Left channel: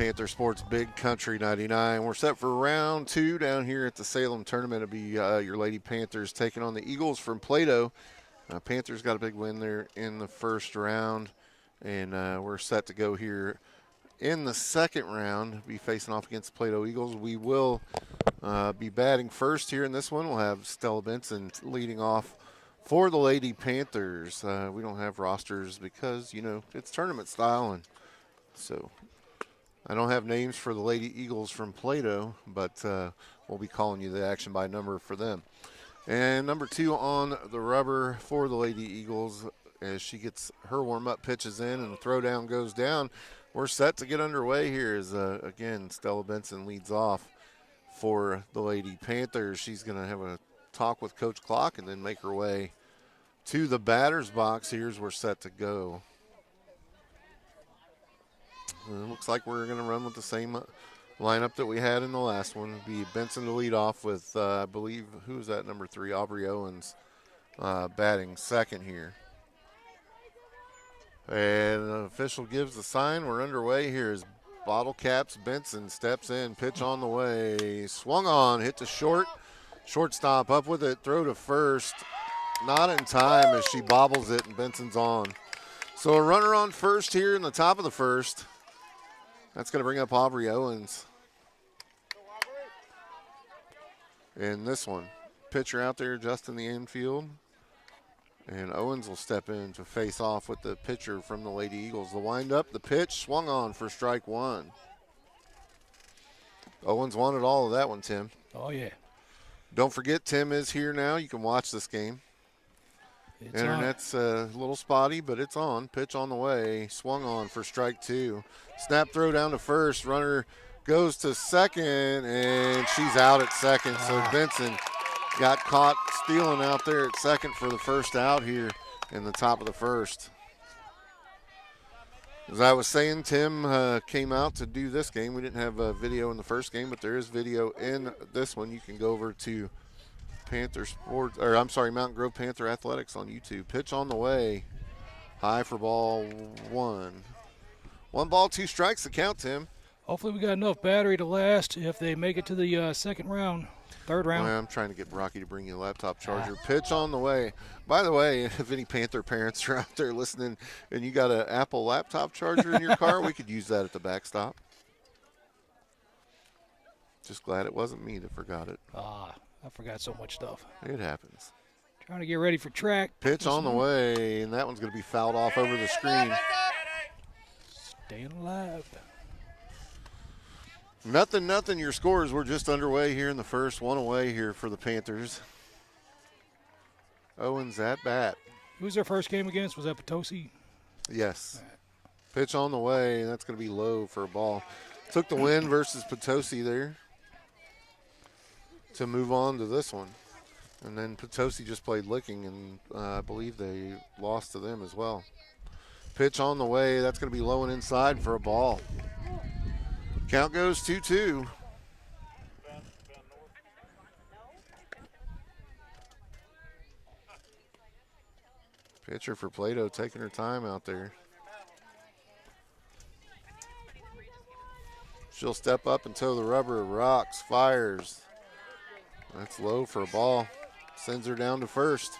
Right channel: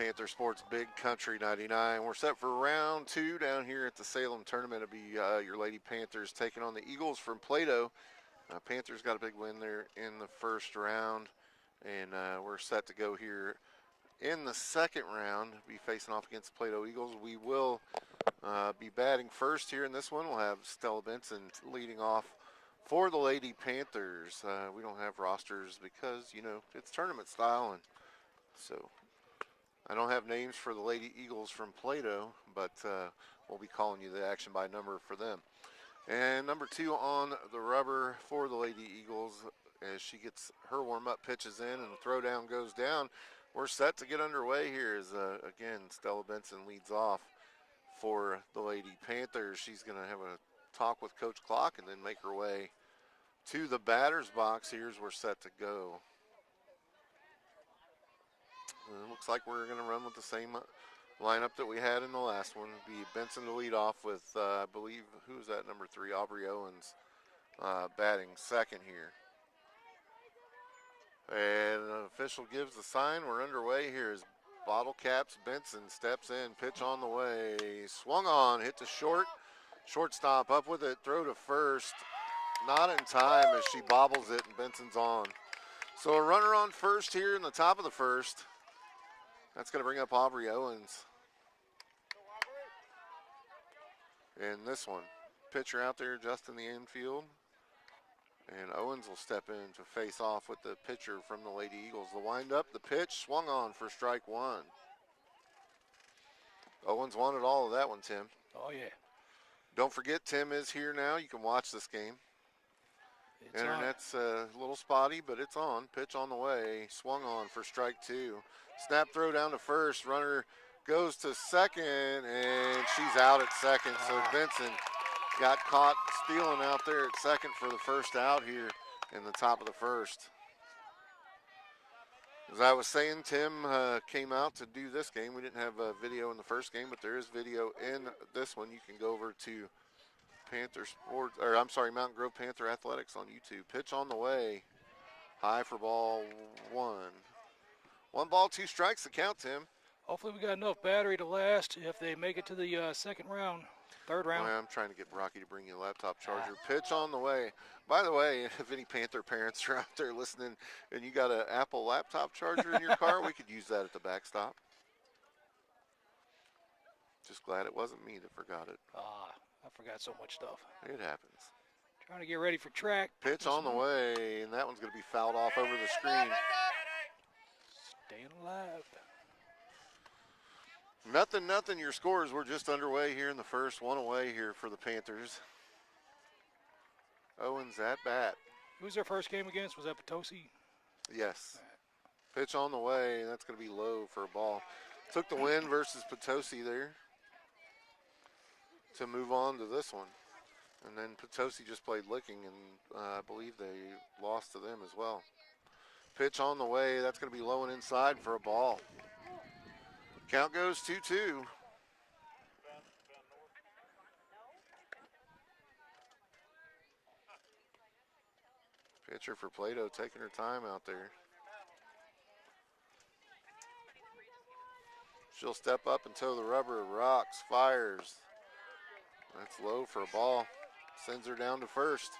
Panther Sports Big Country 99. We're set for round 2 down here at the Salem tournament. It'll be your Lady Panthers taking on the Eagles from Plato. Panthers got a big win there in the first round, and we're set to go here in the second round, be facing off against the Plato Eagles. We will be batting first here in this one. We'll have Stella Benson leading off for the Lady Panthers. We don't have rosters because, it's tournament style, and so I don't have names for the Lady Eagles from Plato, but we'll be calling you the action by number for them. And number 2 on the rubber for the Lady Eagles as she gets her warm-up pitches in and the throwdown goes down. We're set to get underway here as, again, Stella Benson leads off for the Lady Panthers. She's going to have a talk with Coach Clock and then make her way to the batter's box. Here's we're set to go. Looks like we're going to run with the same lineup that we had in the last one. It'll be Benson to lead off with, I believe, who's that, number 3, Aubrey Owens, batting second here. And the official gives the sign. We're underway here as Bottle Caps Benson steps in, pitch on the way, swung on, hit to short. Shortstop up with it, throw to first. Not in time as she bobbles it and Benson's on. So a runner on first here in the top of the first. That's going to bring up Aubrey Owens. And this one, pitcher out there just in the infield. And Owens will step in to face off with the pitcher from the Lady Eagles. The windup, the pitch, swung on for strike 1. Owens wanted all of that one, Tim. Oh, yeah. Don't forget, Tim is here now. You can watch this game. It's Internet's a little spotty, but it's on. Pitch on the way. Swung on for strike 2. Snap throw down to first. Runner goes to second, and she's out at second. So Benson got caught stealing out there at second for the first out here in the top of the first. As I was saying, Tim came out to do this game. We didn't have video in the first game, but there is video in this one. You can go over to Mountain Grove Panther Athletics on YouTube. Pitch on the way. High for ball 1. 1 ball, 2 strikes to count, Tim. Hopefully we got enough battery to last if they make it to the third round. Well, I'm trying to get Rocky to bring you a laptop charger. Pitch on the way. By the way, if any Panther parents are out there listening and you got an Apple laptop charger in your car, we could use that at the backstop. Just glad it wasn't me that forgot it. I forgot so much stuff. It happens. Trying to get ready for track. Pitch on the way, and that one's going to be fouled off over the screen. Staying alive. Nothing. Your scores were just underway here in the first. 1 away here for the Panthers. Owens at bat. Who was their first game against? Was that Potosi? Yes. Pitch on the way. That's going to be low for a ball. Took the win versus Potosi there to move on to this one. And then Potosi just played Licking, and I believe they lost to them as well. Pitch on the way. That's going to be low and inside for a ball. Count goes 2-2. Pitcher for Plato taking her time out there. She'll step up and toe the rubber. Rocks, fires. That's low for a ball. Sends her down to first.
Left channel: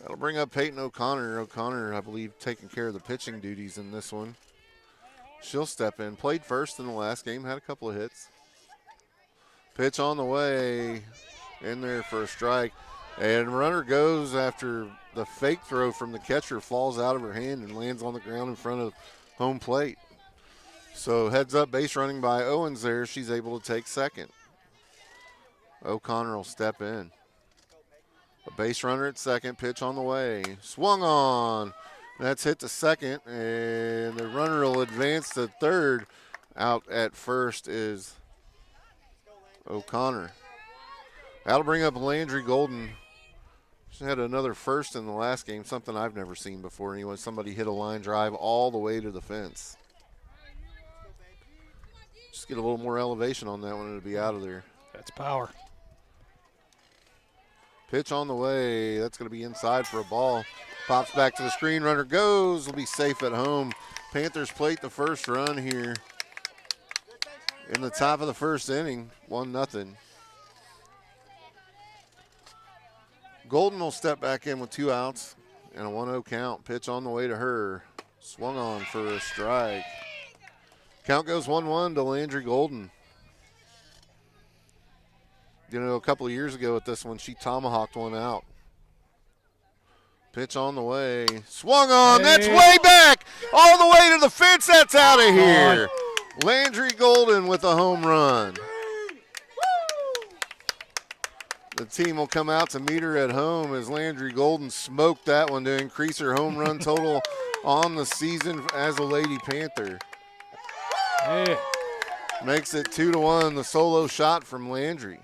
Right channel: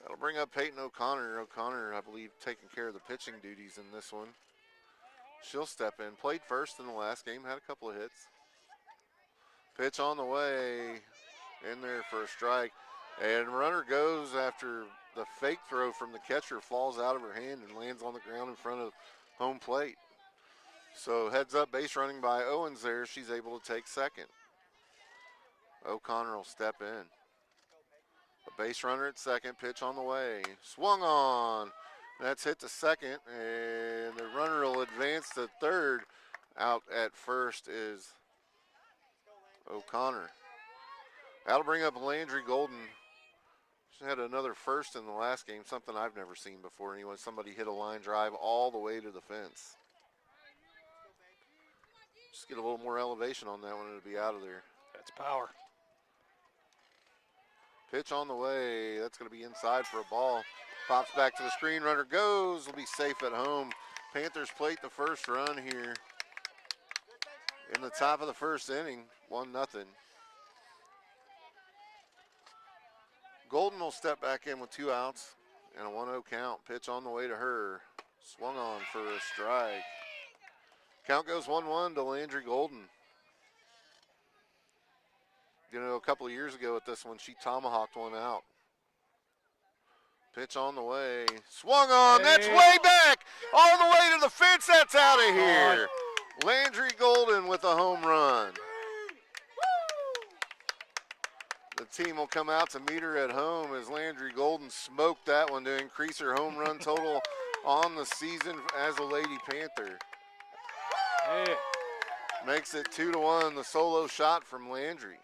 That'll bring up Peyton O'Connor. O'Connor, I believe, taking care of the pitching duties in this one. She'll step in. Played first in the last game. Had a couple of hits. Pitch on the way. In there for a strike. And runner goes after the fake throw from the catcher. Falls out of her hand and lands on the ground in front of home plate. So heads up base running by Owens there. She's able to take second. O'Connor will step in. A base runner at second. Pitch on the way. Swung on. That's hit to second, and the runner will advance to third. Out at first is O'Connor. That'll bring up Landry Golden. She had another first in the last game, something I've never seen before. Anyway, somebody hit a line drive all the way to the fence. Just get a little more elevation on that one, and it'll be out of there. That's power. Pitch on the way. That's going to be inside for a ball. Pops back to the screen. Runner goes. Will be safe at home. Panthers plate the first run here in the top of the first inning, 1-0. Golden will step back in with 2 outs and a 1-0 count. Pitch on the way to her. Swung on for a strike. Count goes 1-1 to Landry Golden. You know, a couple of years ago at this one, she tomahawked one out. Pitch on the way. Swung on. That's way back. All the way to the fence. That's out of here. Landry Golden with a home run. The team will come out to meet her at home as Landry Golden smoked that one to increase her home run total on the season as a Lady Panther. Hey. Makes it 2-1, the solo shot from Landry.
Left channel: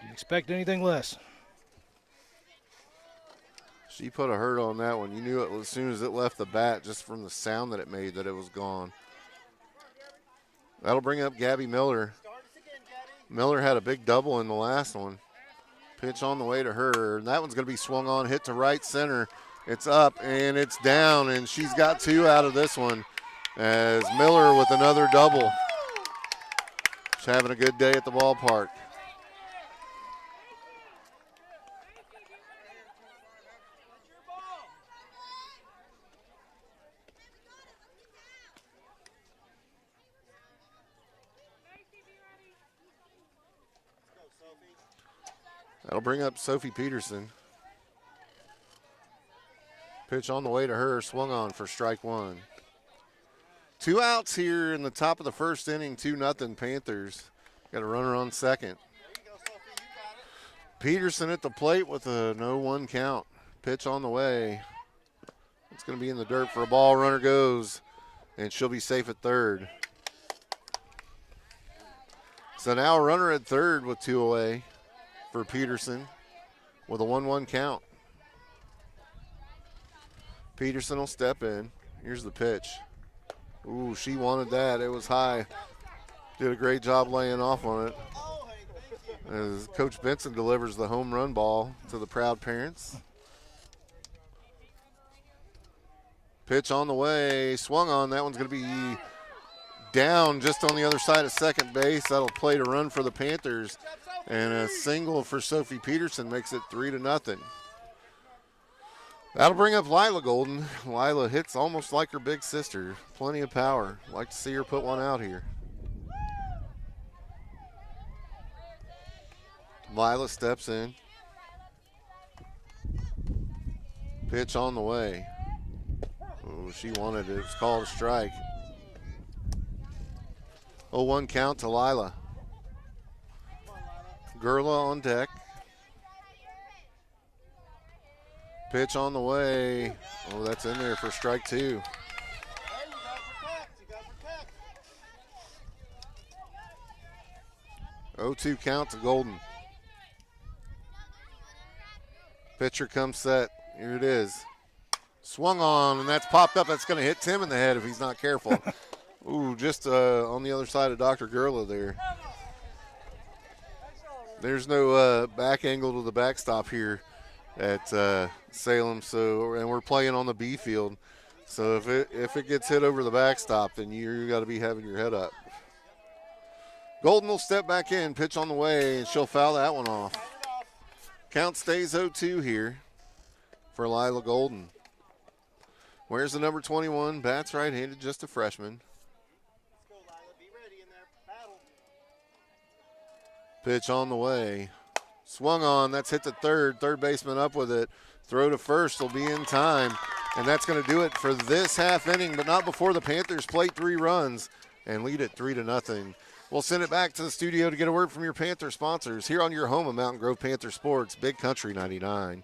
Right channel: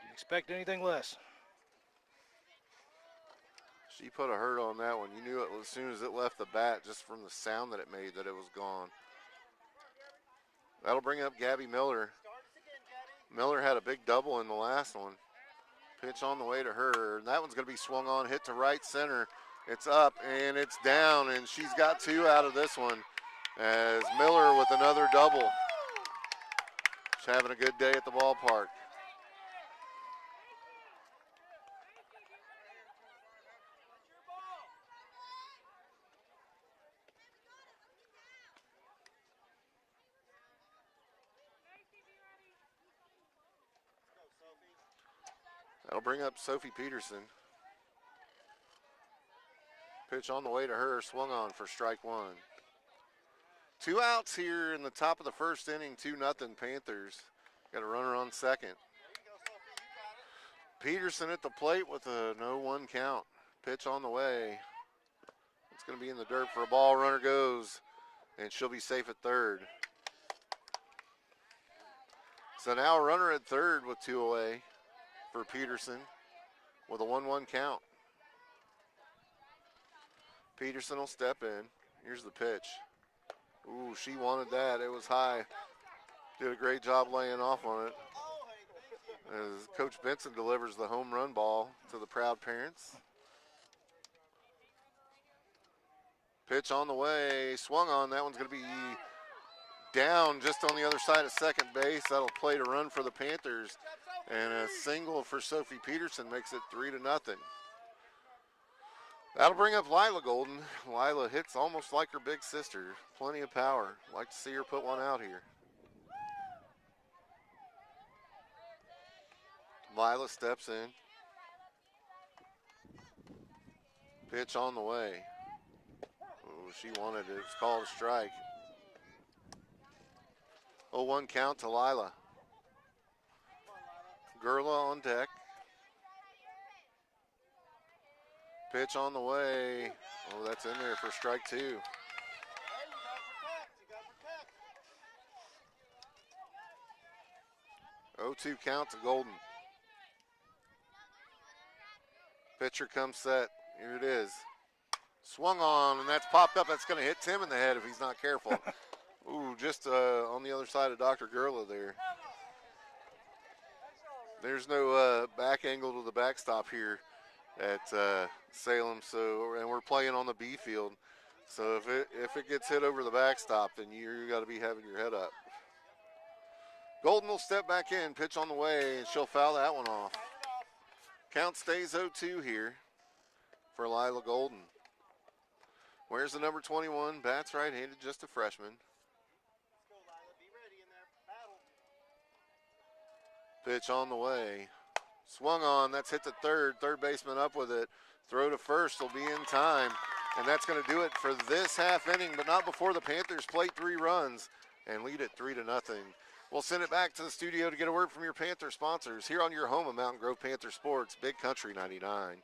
Didn't expect anything less. She put a hurt on that one. You knew it as soon as it left the bat, just from the sound that it made, that it was gone. That'll bring up Gabby Miller. Miller had a big double in the last one. Pitch on the way to her, and that one's going to be swung on, hit to right center. It's up, and it's down, and she's got 2 out of this one as Miller with another double. She's having a good day at the ballpark. That'll bring up Sophie Peterson. Pitch on the way to her, swung on for strike 1. 2 outs here in the top of the first inning, 2-0 Panthers. Got a runner on second. Peterson at the plate with a 0-1 count. Pitch on the way. It's going to be in the dirt for a ball. Runner goes, and she'll be safe at third. So now a runner at third with 2 away for Peterson with a 1-1 count. Peterson will step in. Here's the pitch. Ooh, she wanted that. It was high. Did a great job laying off on it. As Coach Benson delivers the home run ball to the proud parents. Pitch on the way. Swung on. That one's going to be down just on the other side of second base. That'll play to run for the Panthers. And a single for Sophie Peterson makes it 3-0. That'll bring up Lila Golden. Lila hits almost like her big sister. Plenty of power. Like to see her put one out here. Lila steps in. Pitch on the way. Oh, she wanted it. It's called a strike. 0-1 count to Lila. Gerla on deck. Pitch on the way. Oh, that's in there for strike 2. Oh, 2 count to Golden. Pitcher comes set. Here it is. Swung on, and that's popped up. That's going to hit Tim in the head if he's not careful. Ooh, just on the other side of Dr. Gerla there. There's no back angle to the backstop here at Salem, and we're playing on the B field. So if it gets hit over the backstop, then you got to be having your head up. Golden will step back in, pitch on the way, and she'll foul that one off. Count stays 0-2 here for Lila Golden. Where's the number 21? Bats right-handed, just a freshman. Pitch on the way. Swung on. That's hit to third. Third baseman up with it. Throw to first will be in time. And that's going to do it for this half inning, but not before the Panthers plate 3 runs and lead it 3-0. We'll send it back to the studio to get a word from your Panther sponsors here on your home of Mountain Grove Panther Sports, Big Country 99.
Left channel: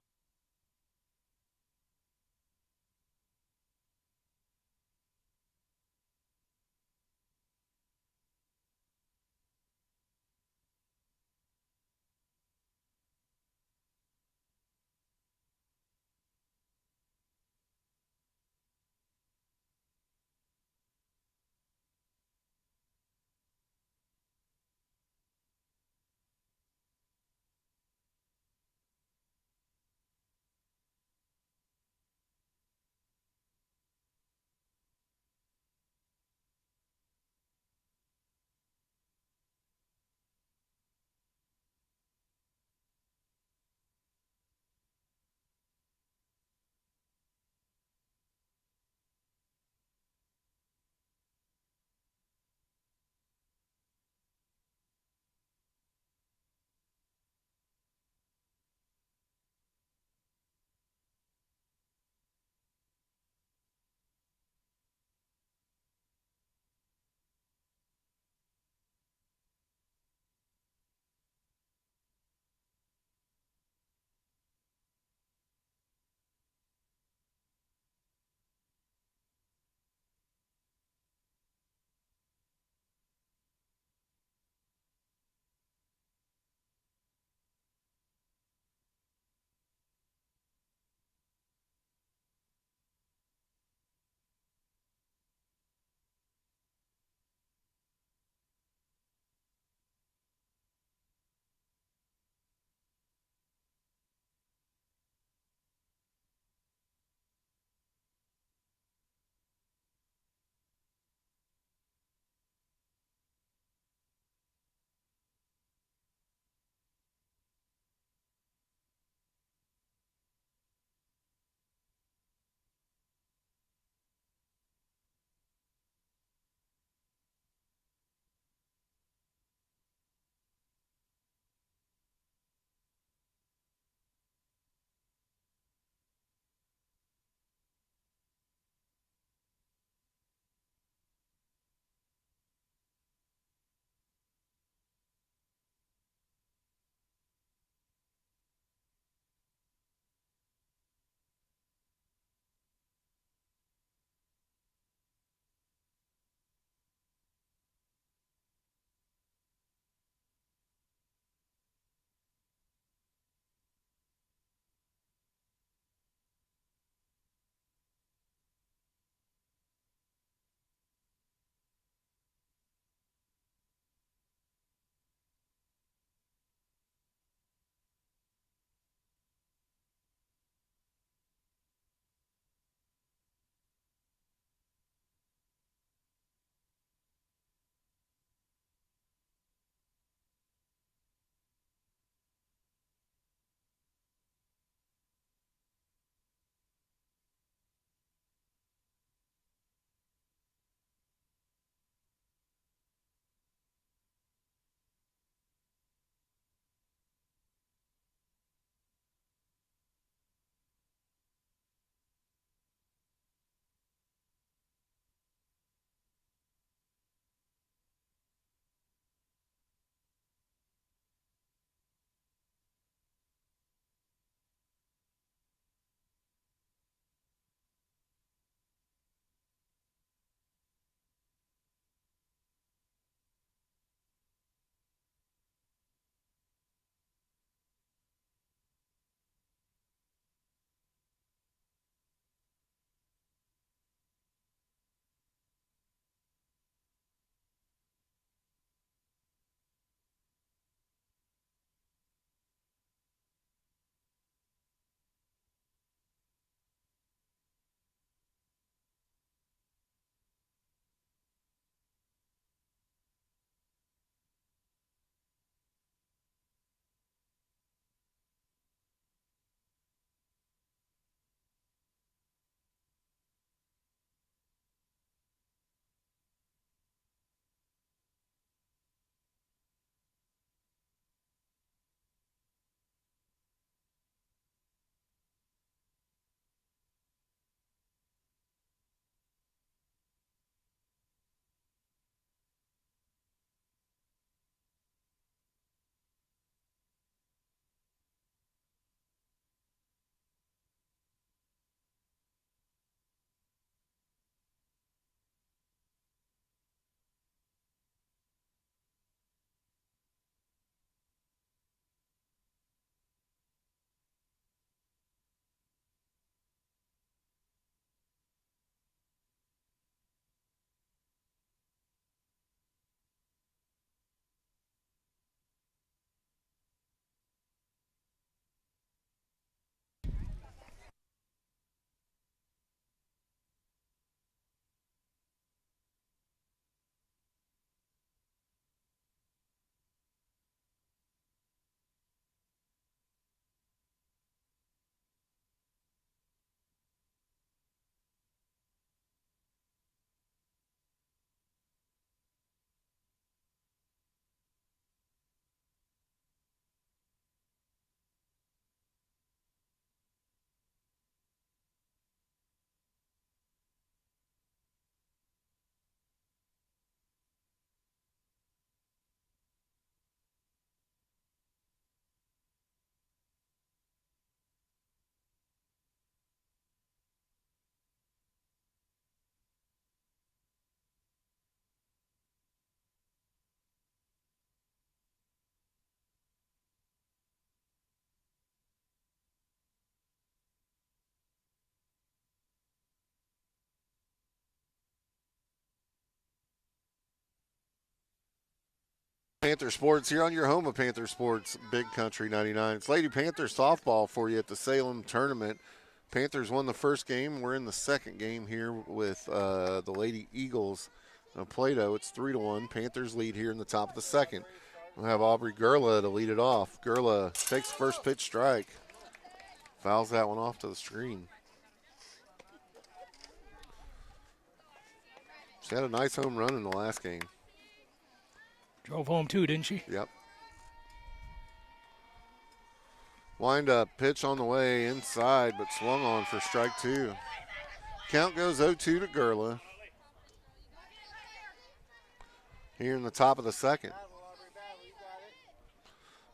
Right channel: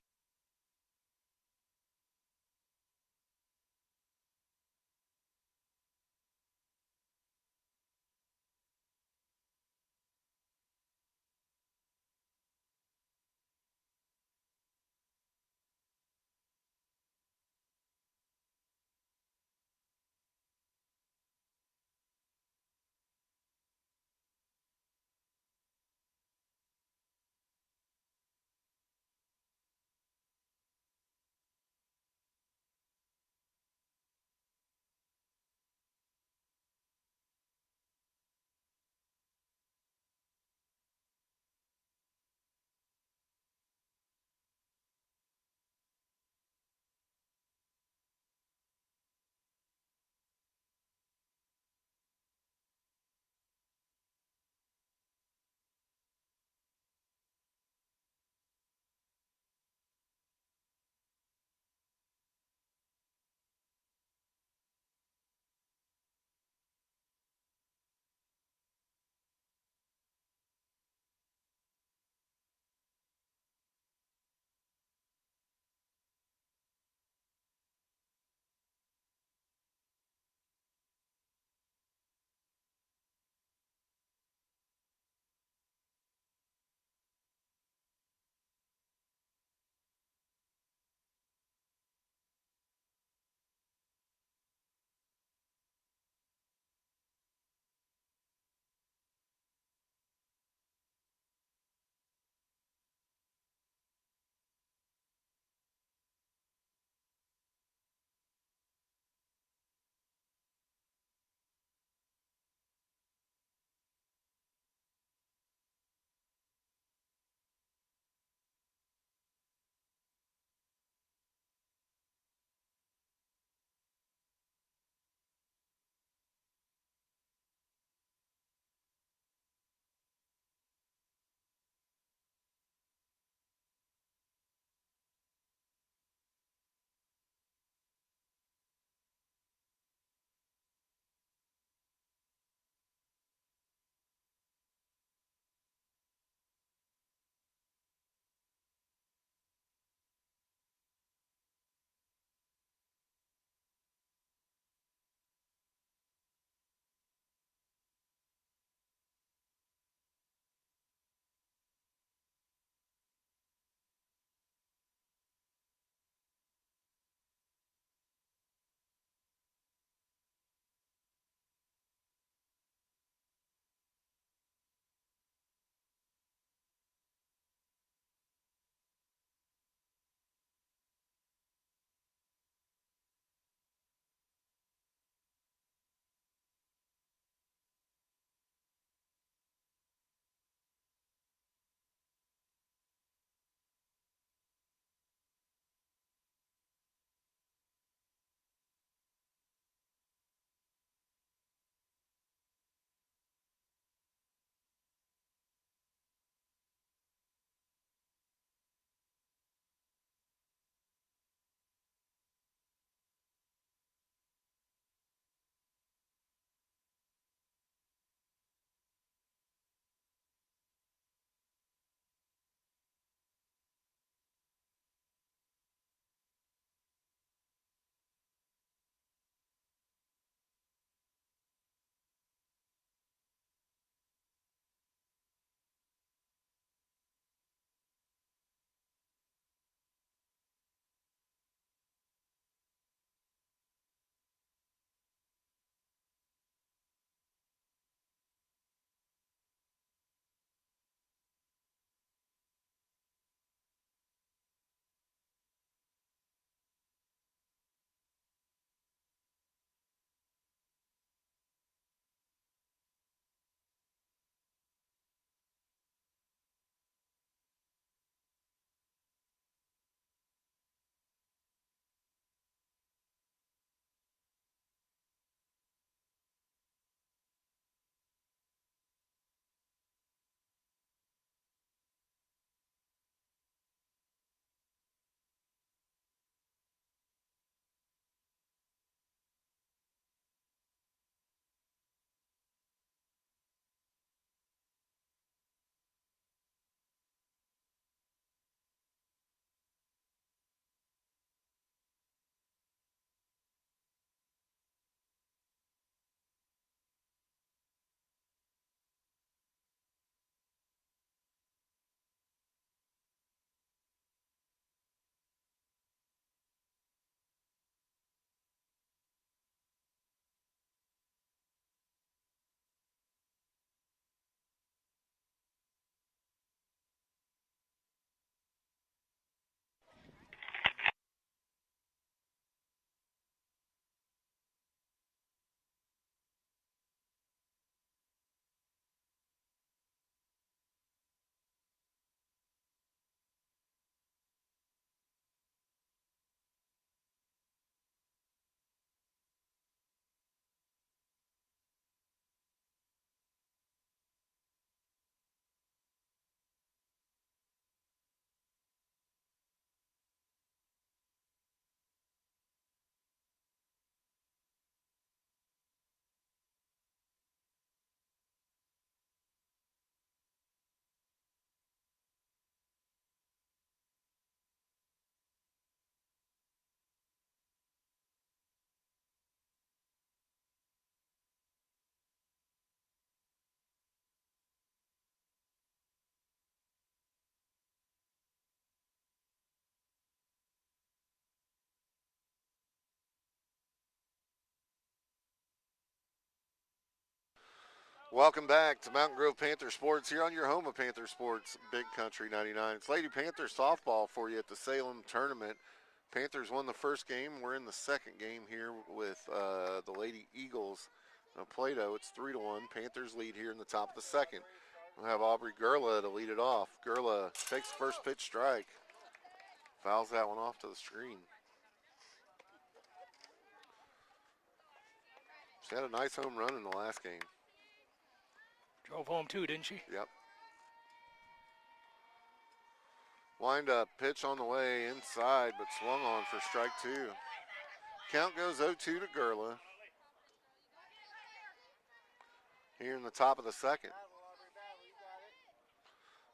Welcome back to Mountain Grove Panther Sports here on your home of Panther Sports, Big Country 99. It's Lady Panther softball for you at the Salem tournament. Panthers won the first game. We're in the second game here with the Lady Eagles of Plato. It's 3-1. Panthers lead here in the top of the second. We'll have Aubrey Gerla to lead it off. Gerla takes first pitch strike. Fouls that one off to the screen. She had a nice home run in the last game. Drove home too, didn't she? Yep. Wind up, pitch on the way inside, but swung on for strike two. Count goes 0-2 to Gerla. Here in the top of the second.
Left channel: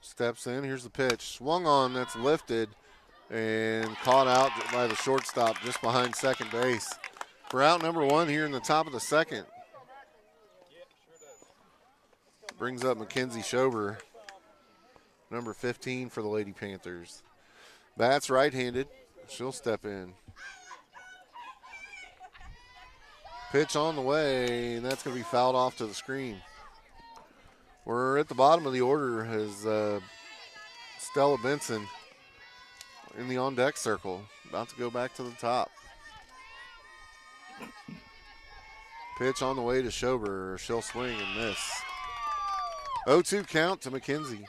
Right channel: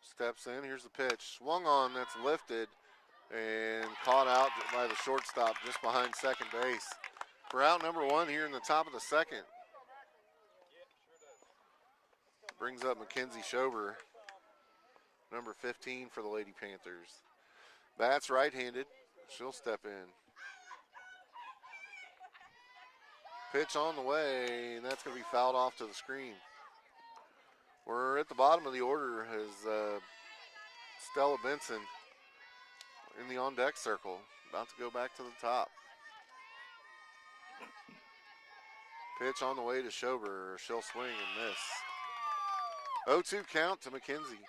Steps in, here's the pitch. Swung on, that's lifted and caught out by the shortstop just behind second base. We're out number one here in the top of the second. Brings up Mackenzie Schober, number 15 for the Lady Panthers. Bats right-handed. She'll step in. Pitch on the way, and that's going to be fouled off to the screen. We're at the bottom of the order as Stella Benson in the on-deck circle, about to go back to the top. Pitch on the way to Schober. She'll swing and miss. 0-2 count to McKenzie.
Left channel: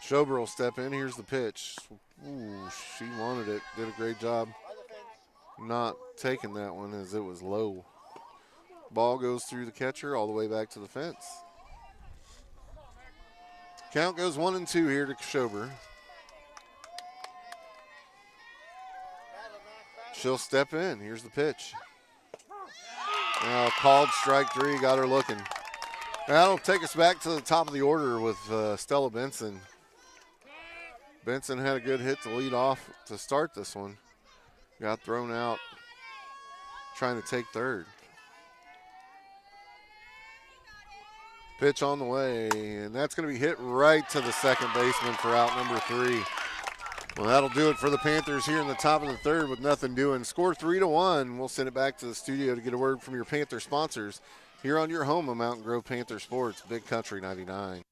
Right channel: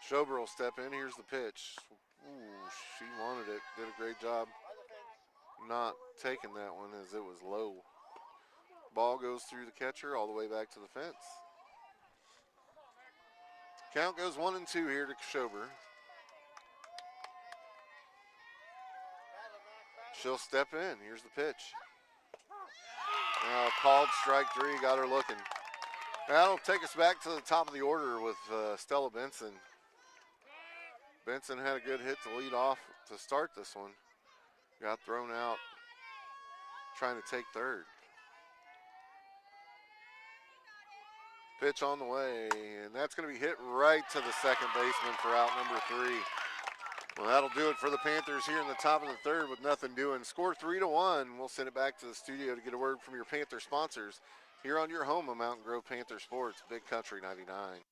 Schober will step in. Here's the pitch. Ooh, she wanted it. Did a great job not taking that one as it was low. Ball goes through the catcher all the way back to the fence. Count goes 1-2 here to Schober. She'll step in. Here's the pitch. Now called strike three, got her looking. That'll take us back to the top of the order with Stella Benson. Benson had a good hit to lead off to start this one. Got thrown out trying to take third. Pitch on the way, and that's going to be hit right to the second baseman for out number 3. Well, that'll do it for the Panthers here in the top of the third with nothing doing. Score 3-1. We'll send it back to the studio to get a word from your Panther sponsors here on your home of Mountain Grove Panther Sports, Big Country 99.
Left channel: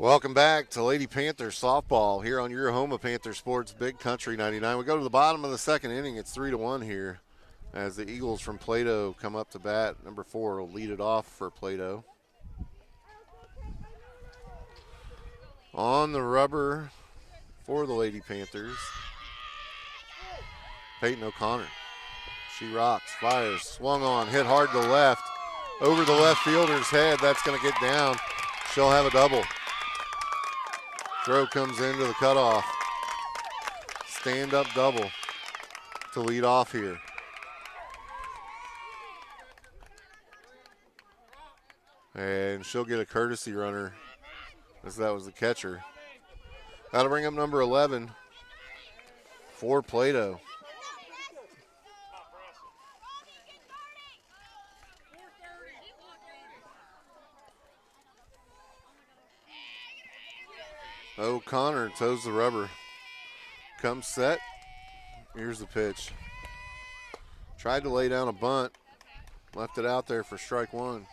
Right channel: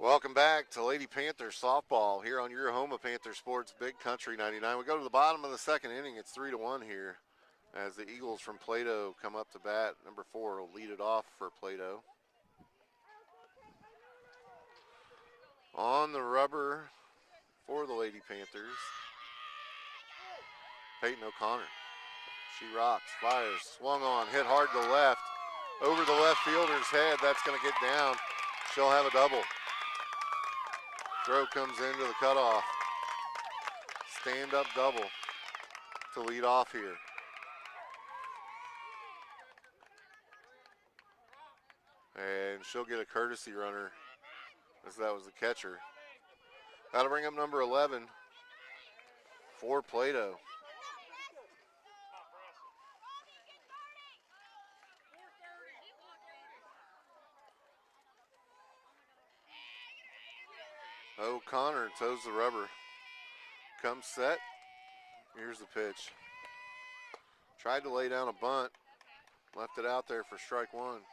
Welcome back to Lady Panther softball here on your home of Panther Sports, Big Country 99. We go to the bottom of the second inning. It's 3-1 here as the Eagles from Plato come up to bat. Number 4 will lead it off for Plato. On the rubber for the Lady Panthers, Peyton O'Connor. She rocks, fires, swung on, hit hard to left. Over the left fielder's head. That's going to get down. She'll have a double. Throw comes into the cutoff. Stand-up double to lead off here. And she'll get a courtesy runner as that was the catcher. That'll bring up number 11 for Plato. O'Connor toes the rubber. Comes set. Here's the pitch. Tried to lay down a bunt. Left it out there for strike one.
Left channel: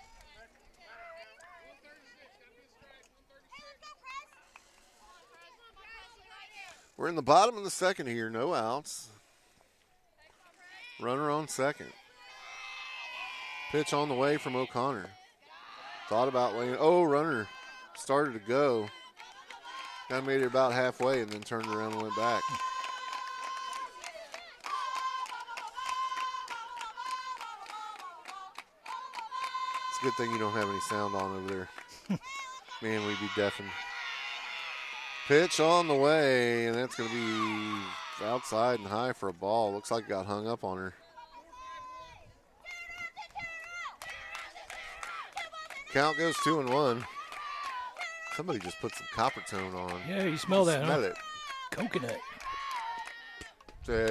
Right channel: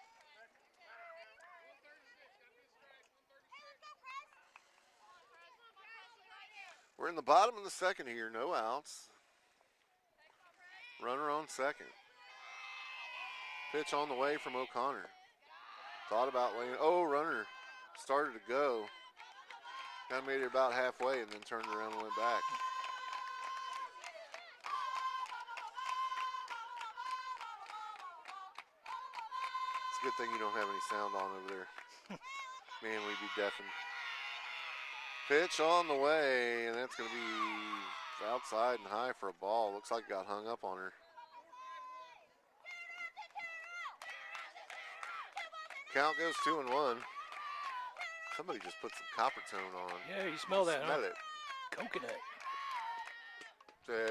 We're in the bottom of the second here. No outs. Runner on second. Pitch on the way from O'Connor. Thought about laying. Oh, runner started to go. Kind of made it about halfway and then turned around and went back. It's a good thing you don't have any sound on over there. Man, we'd be deafened. Pitch on the way, and that's going to be outside and high for a ball. Looks like it got hung up on her. Count goes 2-1. Somebody just put some copper tone on. Yeah, you smell that, Smell huh? it. Coconut.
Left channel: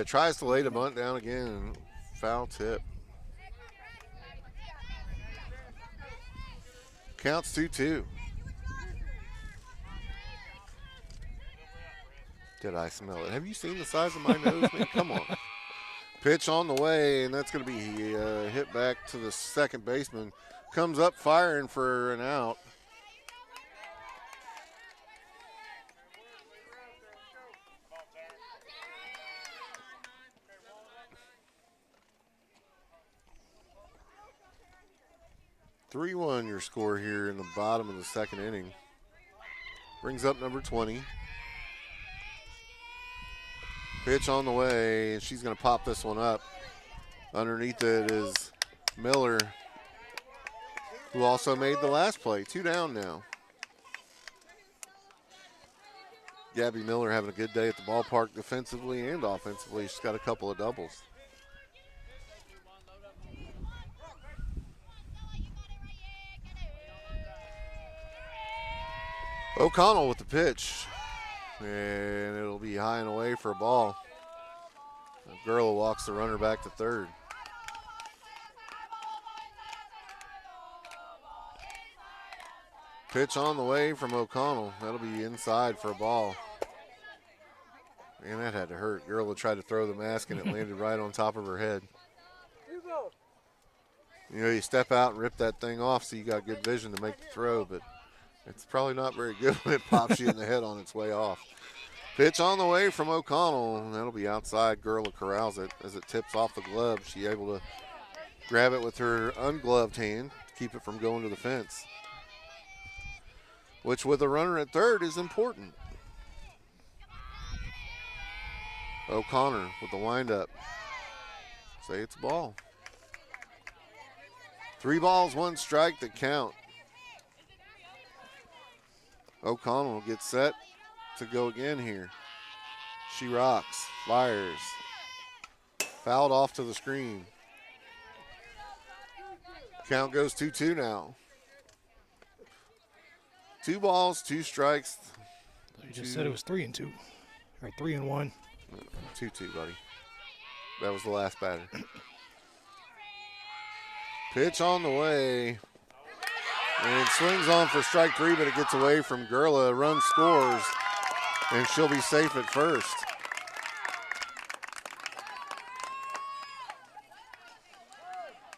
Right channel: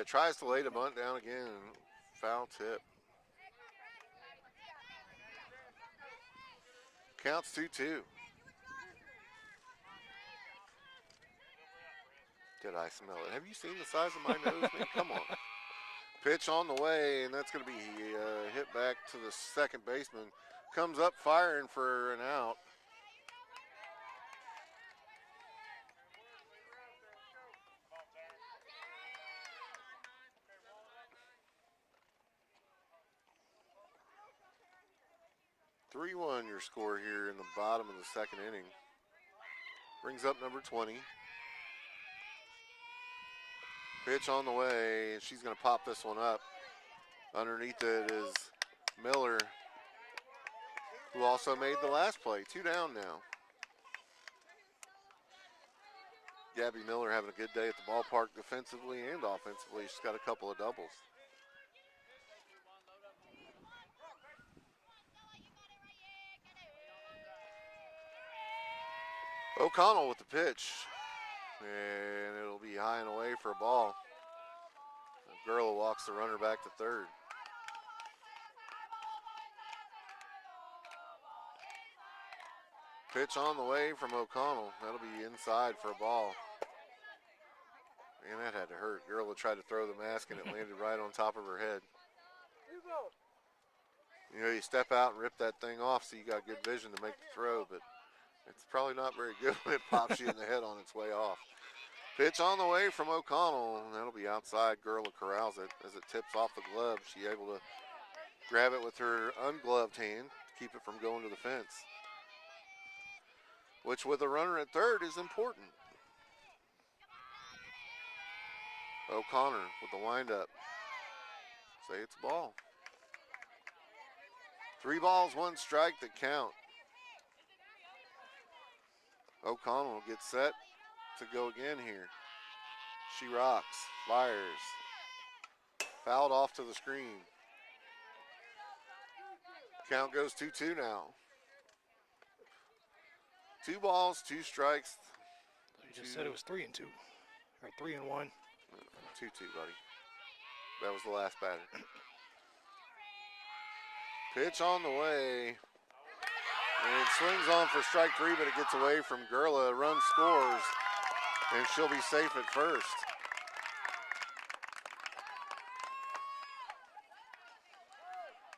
Tries to lay the bunt down again, and foul tip. Counts 2-2. Did I smell it? Have you seen the size of my nose, man? Come on. Pitch on the way, and that's going to be hit back to the second baseman. Comes up firing for an out. (3-1) your score here in the bottom of the second inning. Brings up number 20. Pitch on the way, and she's going to pop this one up. Underneath it is Miller, who also made the last play. 2 down now. Gabby Miller having a good day at the ballpark defensively and offensively. She's got a couple of doubles. O'Connell with the pitch. And it'll be high and away for a ball. Gurla walks the runner back to third. Pitch on the way from O'Connell. That'll be inside for a ball. Man, that had to hurt. Gurla tried to throw the mask and it landed right on top of her head. You know, you step out and rip that thing off so you got good vision to make the throw, but it's probably not very good when it pops you in the head on its way off. Pitch on the way from O'Connell. That'll be outside. Gurla corrals it as it tips off the glove. She able to grab it with her ungloved hand to keep it from going to the fence, which with a runner at third is important. O'Connor with the windup. Say it's a ball. 3 balls, 1 strike that count. O'Connell gets set to go again here. She rocks, fires. Fouled off to the screen. Count goes 2-2 now. 2 balls, 2 strikes. You just said it was 3-2. Or 3-1. 2-2, buddy. That was the last batter. Pitch on the way. And swings on for strike 3, but it gets away from Gurla. Run scores, and she'll be safe at first.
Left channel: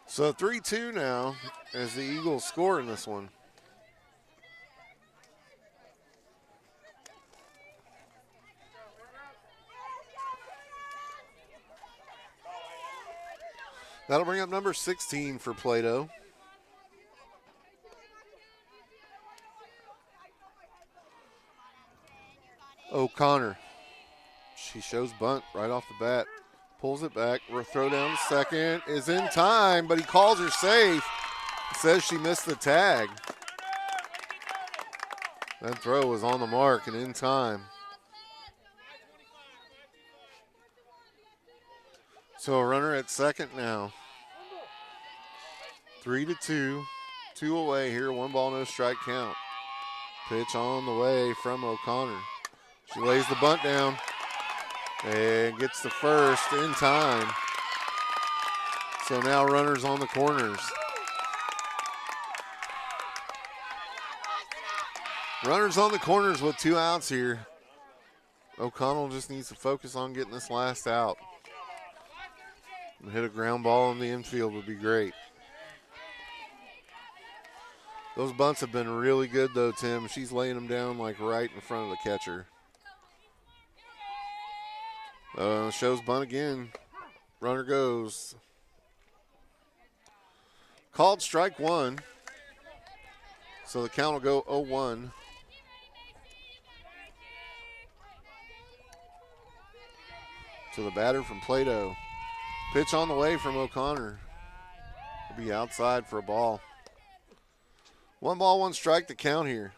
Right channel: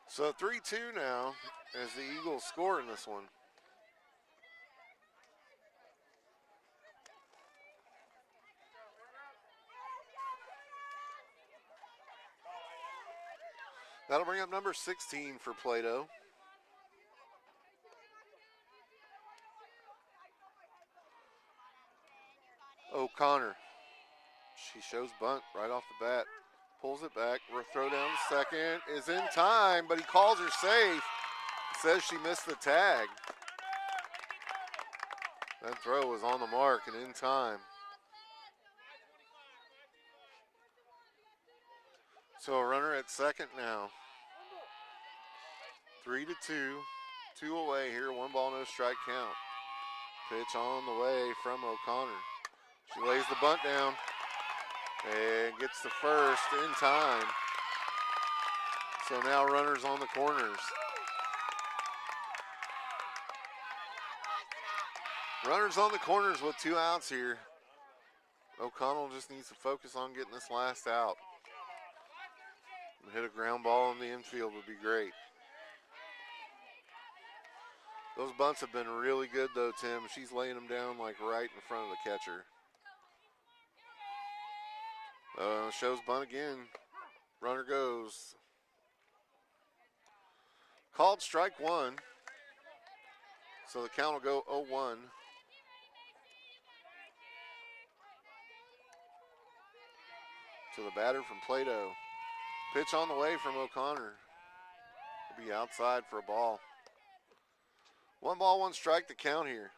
So 3-2 now as the Eagles score in this one. That'll bring up number 16 for Plato. O'Connor. She shows bunt right off the bat. Pulls it back. Throw down to second. Is in time, but he calls her safe. Says she missed the tag. That throw was on the mark and in time. So a runner at second now. 3-2. 2 away here. 1 ball, no strike count. Pitch on the way from O'Connor. She lays the bunt down and gets the first in time. So now runners on the corners. Runners on the corners with 2 outs here. O'Connell just needs to focus on getting this last out. And hit a ground ball in the infield would be great. Those bunts have been really good though, Tim. She's laying them down like right in front of the catcher. Shows bunt again. Runner goes. Called strike one. So the count will go 0-1. To the batter from Plato. Pitch on the way from O'Connor. Will be outside for a ball. 1 ball, 1 strike to count here.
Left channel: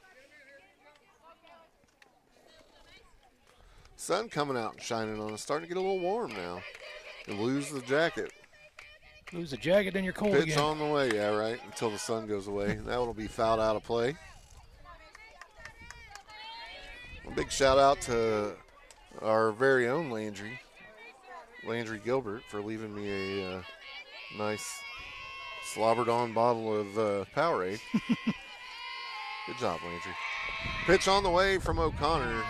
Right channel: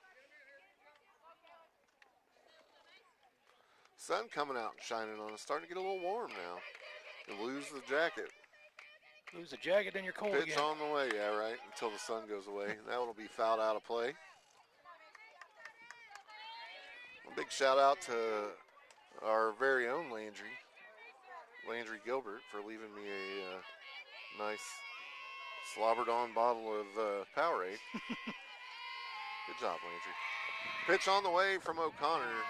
Sun coming out and shining on us. Starting to get a little warm now. You lose the jacket. Lose the jacket, then you're cold Pitch again. on the way, yeah, right, until the sun goes away. That will be fouled out of play. A big shout out to our very own Landry Gilbert, for leaving me a nice slobbered on bottle of Powerade. Good job, Landry. Pitch on the way from O'Connor.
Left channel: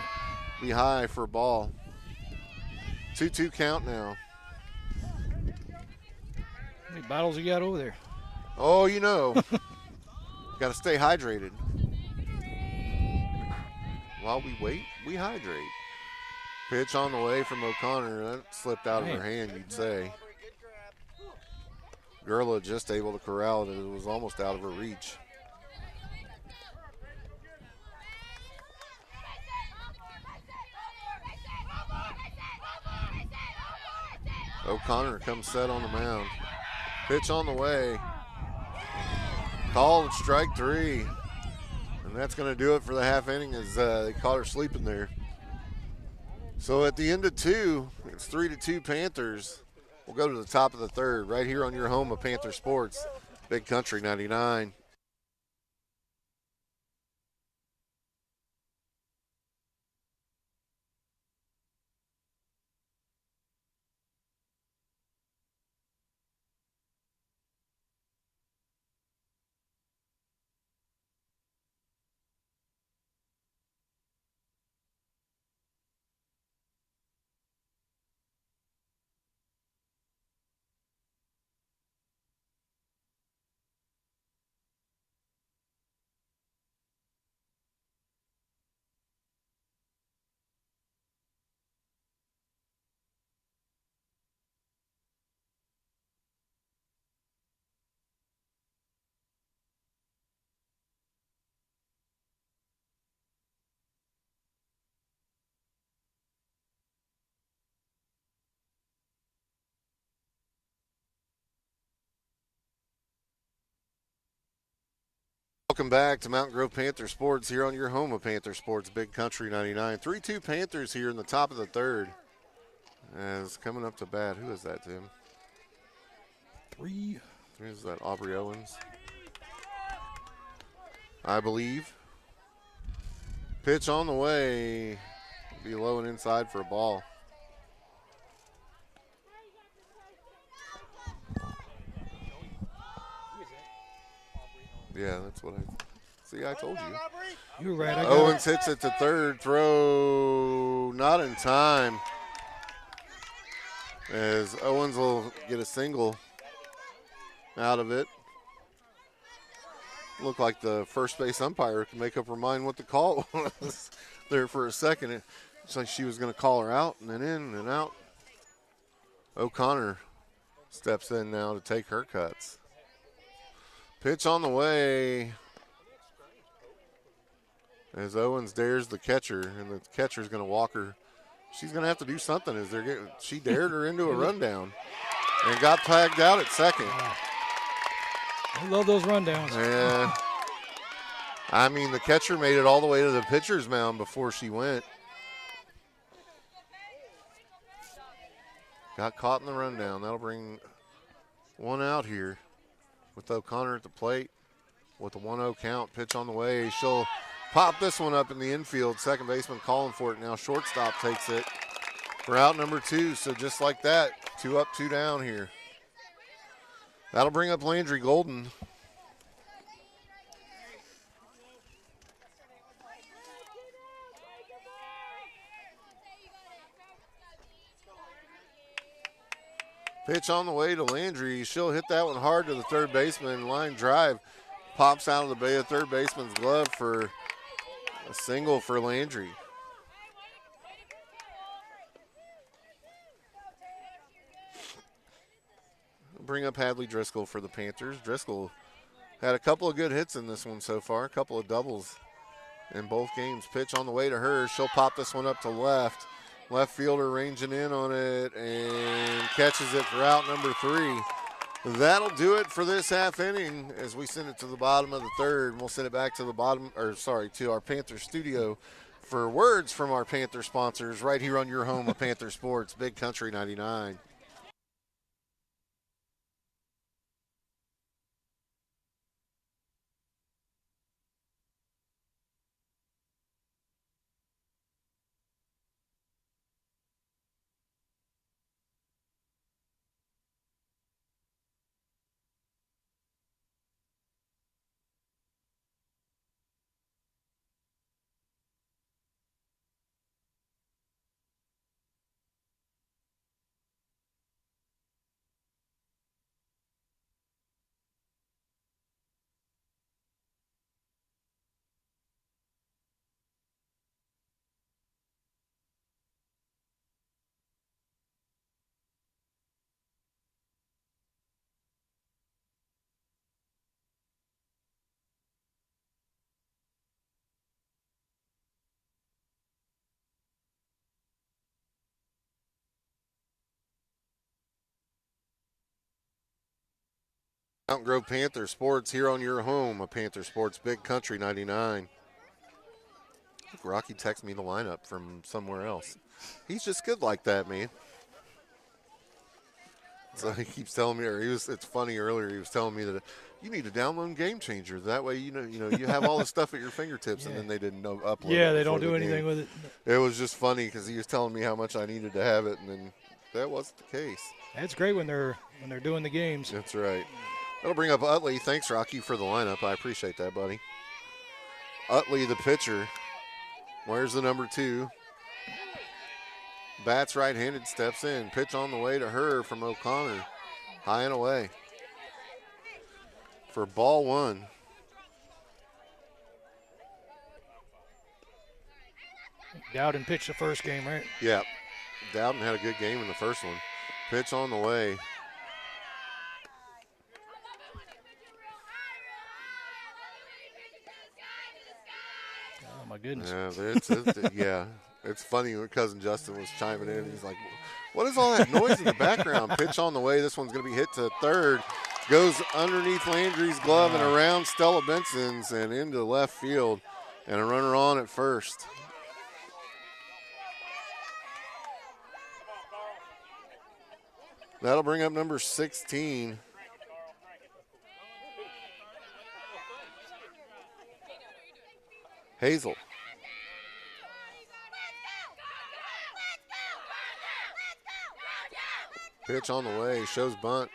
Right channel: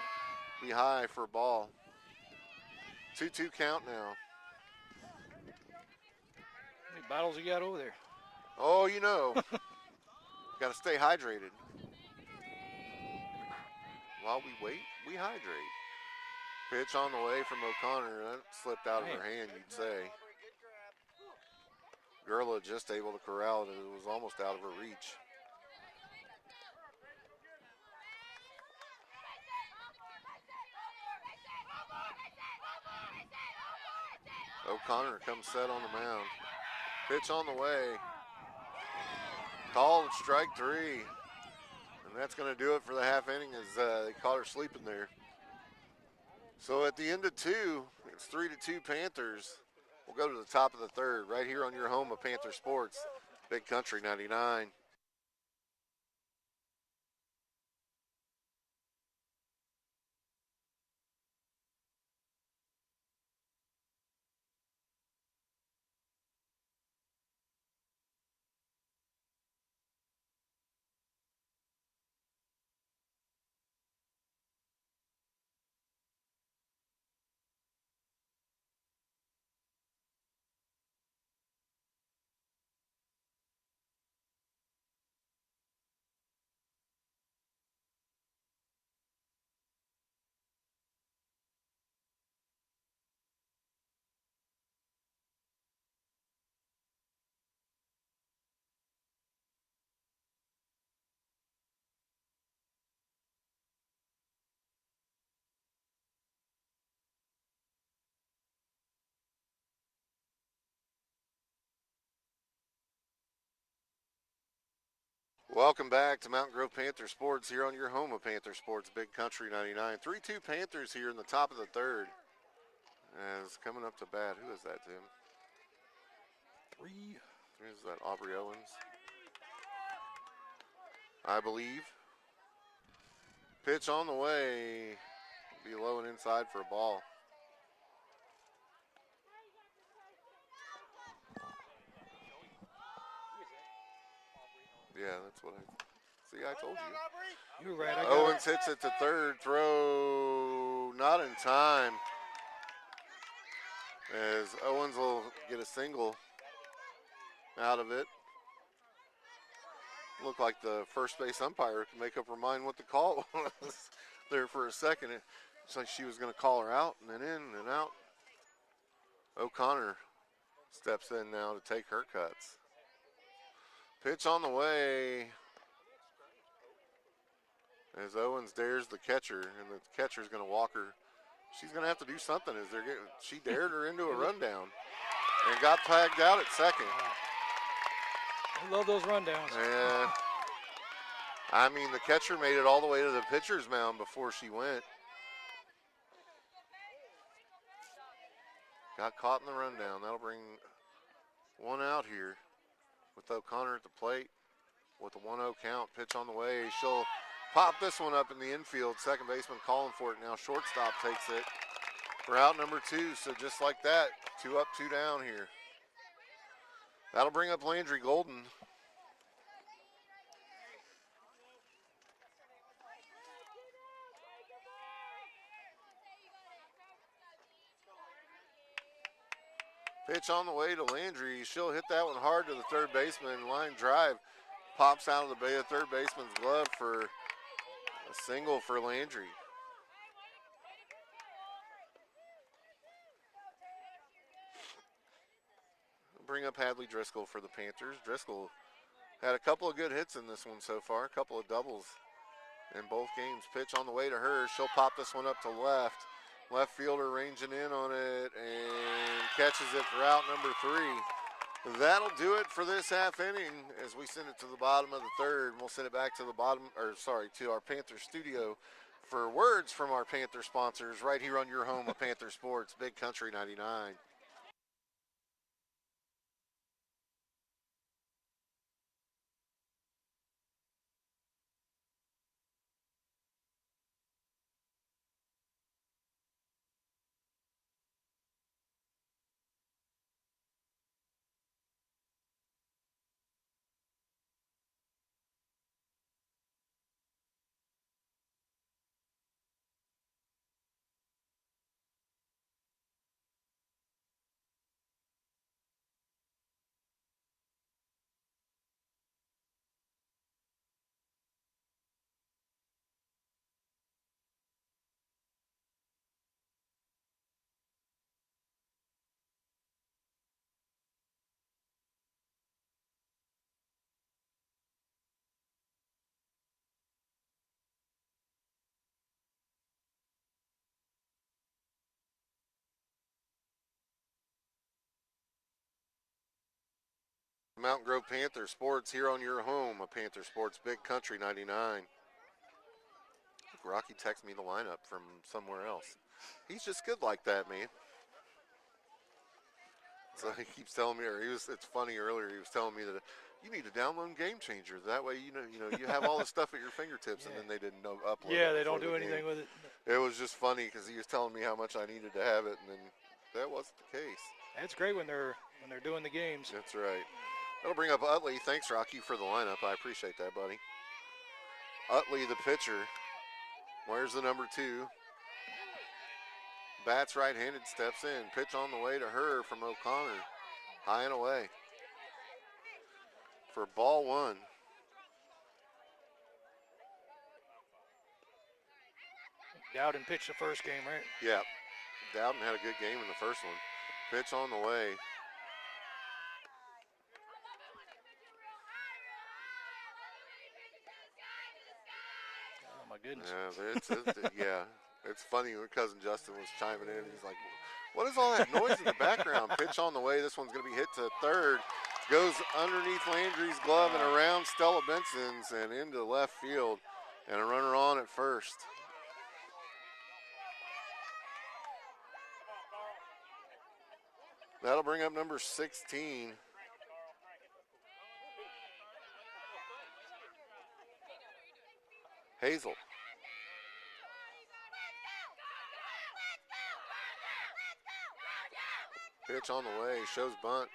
Be high for a ball. 2-2 count now. How many bottles you got over there? Oh, you know. Got to stay hydrated. While we wait, we hydrate. Pitch on the way from O'Connor. That slipped out of her hand, you'd say. Gurla just able to corral it. It was almost out of her reach. O'Connor comes set on the mound. Pitch on the way. Called strike 3. And that's going to do it for the half inning, as they caught her sleeping there. So at the end of 2, it's 3-2 Panthers. We'll go to the top of the 3rd right here on your home of Panther Sports, Big Country 99. Welcome back to Mountain Grove Panther Sports here on your home of Panther Sports, Big Country 99. 3-2 Panthers here in the top of the 3rd. As coming up to bat, who is that, Tim? 3. Is that Aubrey Owens? I believe. Pitch on the way. Be low and inside for a ball. Yeah, that's what I see. I told you. You're right. Owens hits it to 3rd. Throw not in time. As Owens will get a single out of it. Looked like the first base umpire could make up her mind what the call was there for a second. It's like she was going to call her out and then in and out. O'Connor steps in now to take her cuts. Pitch on the way as Owens dares the catcher, and the catcher's going to walk her. She's going to have to do something as they're getting. She dared her into a rundown and got tagged out at second. I love those rundowns. Yeah. I mean, the catcher made it all the way to the pitcher's mound before she went. Got caught in the rundown. That'll bring one out here with O'Connor at the plate with a 1-0 count. Pitch on the way. She'll pop this one up in the infield. Second baseman calling for it now. Shortstop takes it for out number 2. So just like that, 2 up, 2 down here. That'll bring up Landry Golden. Pitch on the way to Landry. She'll hit that one hard to the third baseman. Line drive pops out of the bay of third baseman's glove for a single for Landry. bring up Hadley Driscoll for the Panthers. Driscoll had a couple of good hits in this one so far, a couple of doubles in both games. Pitch on the way to her. She'll pop this one up to left. Left fielder ranging in on it and catches it for out number 3. That'll do it for this half inning as we send it to the bottom of the third. We'll send it back to to our Panther studio for words from our Panther sponsors right here on your home of Panther Sports, Big Country 99. Mountain Grove Panther Sports here on your home of Panther Sports, Big Country 99. I think Rocky texted me the lineup from somewhere else. He's just good like that, man. So he keeps telling me, it's funny earlier, he was telling me that you need to download Game Changer. That way, you have all the stuff at your fingertips, and then they didn't upload it. Yeah, they don't do anything with it. It was just funny because he was telling me how much I needed to have it, and then that wasn't the case. It's great when they're doing the games. That's right. That'll bring up Utley. Thanks, Rocky, for the lineup. I appreciate that, buddy. Utley, the pitcher. Where's the number 2? Bats right-handed, steps in. Pitch on the way to her from O'Connor. High and away. For ball 1. Dowden pitched the first game, right? Yeah. Dowden had a good game in the first one. Pitch on the way. Oh, my goodness. Yeah, it's funny when Cousin Justin was chiming in. He's like, what is all that noise in the background? Pitch on the way. This one's going to be hit to third. Goes underneath Landry's glove and around Stella Benson's and into left field. And a runner on at first. That'll bring up number 16. Hazel. Pitch on the way, shows bunt.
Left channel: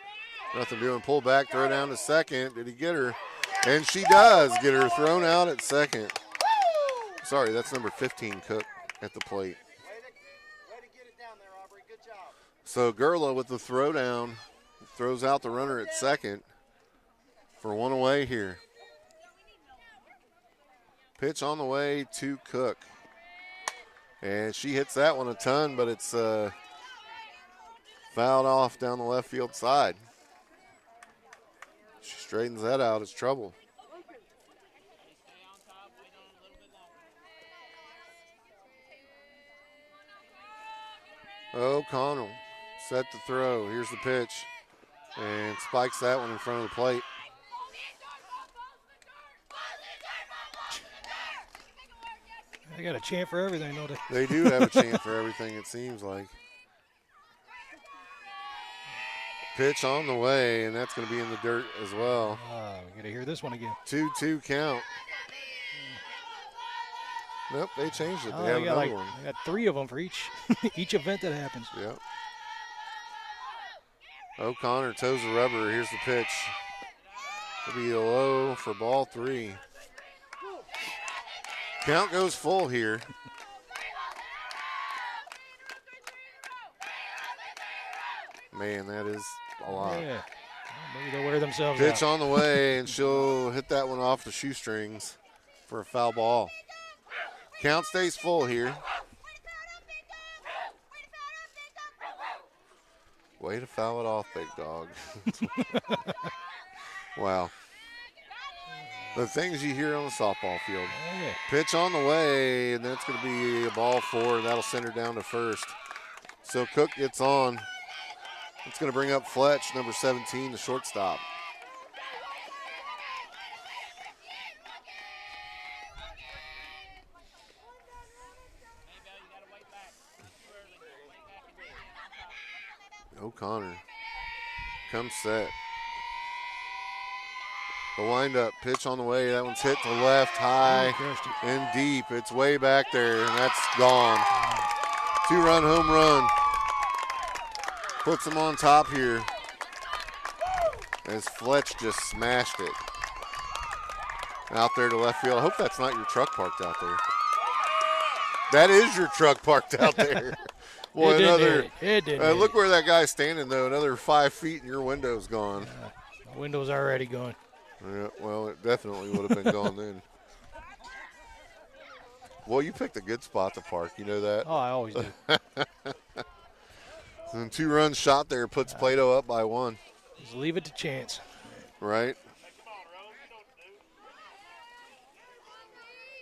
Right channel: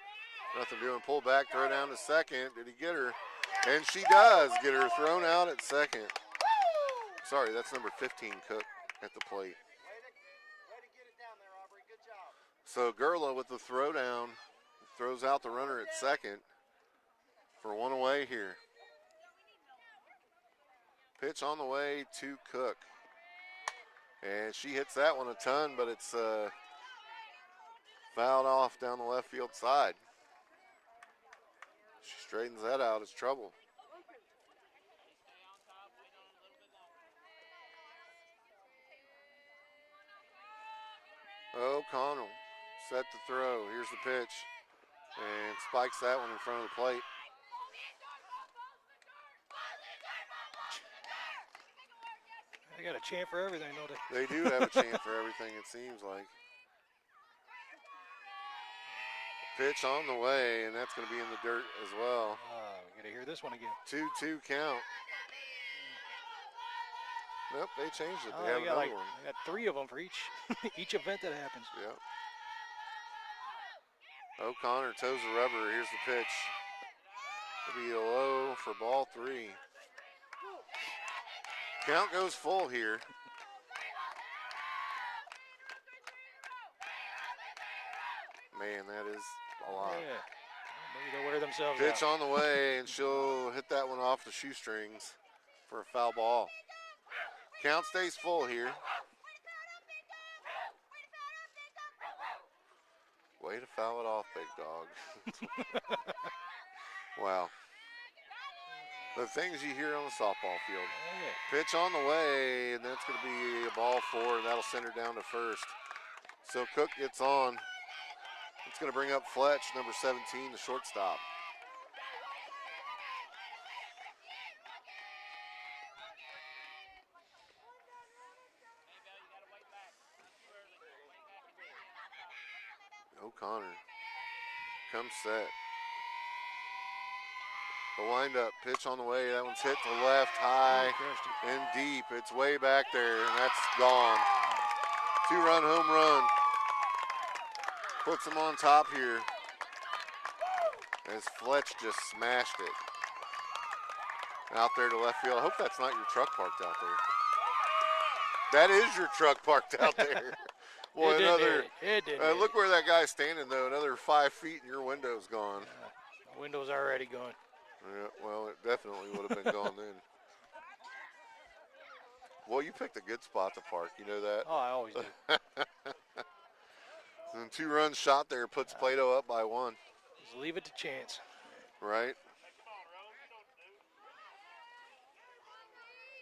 Nothing doing, pull back, throw down to second. Did he get her? And she does get her thrown out at second. Sorry, that's number 15, Cook, at the plate. So Gerla with the throw down, throws out the runner at second for one away here. Pitch on the way to Cook. And she hits that one a ton, but it's fouled off down the left field side. She straightens that out. It's trouble. O'Connell set the throw. Here's the pitch. And spikes that one in front of the plate. They got a chant for everything, don't they? They do have a chant for everything, it seems like. Pitch on the way, and that's going to be in the dirt as well. We got to hear this one again. 2-2 count. Nope, they changed it. They have another one. They got 3 of them for each event that happens. Yep. O'Connor toes the rubber. Here's the pitch. It'll be a low for ball 3. Count goes full here. Man, that is a lot. Yeah. Well, maybe they'll wear themselves Pitch out. on the way, and she'll hit that one off the shoestrings for a foul ball. Count stays full here. Way to foul it off, big dog. Wow. The things you hear on the softball field. Yeah. Pitch on the way, and that's going to be a ball 4, and that'll send her down to first. So Cook gets on. It's going to bring up Fletch, number 17, the shortstop. O'Connor comes set. The windup, pitch on the way. That one's hit to left, high and deep. It's way back there, and that's gone. 2-run home run. Puts them on top here as Fletch just smashed it out there to left field. I hope that's not your truck parked out there. That is your truck parked out there. Boy, look where that guy's standing, though. Another 5 feet and your window's gone. My window's already gone. Yeah, well, it definitely would have been gone then. Well, you picked a good spot to park. You know that? Oh, I always do. And 2 runs shot there puts Plato up by 1. Just leave it to chance. Right.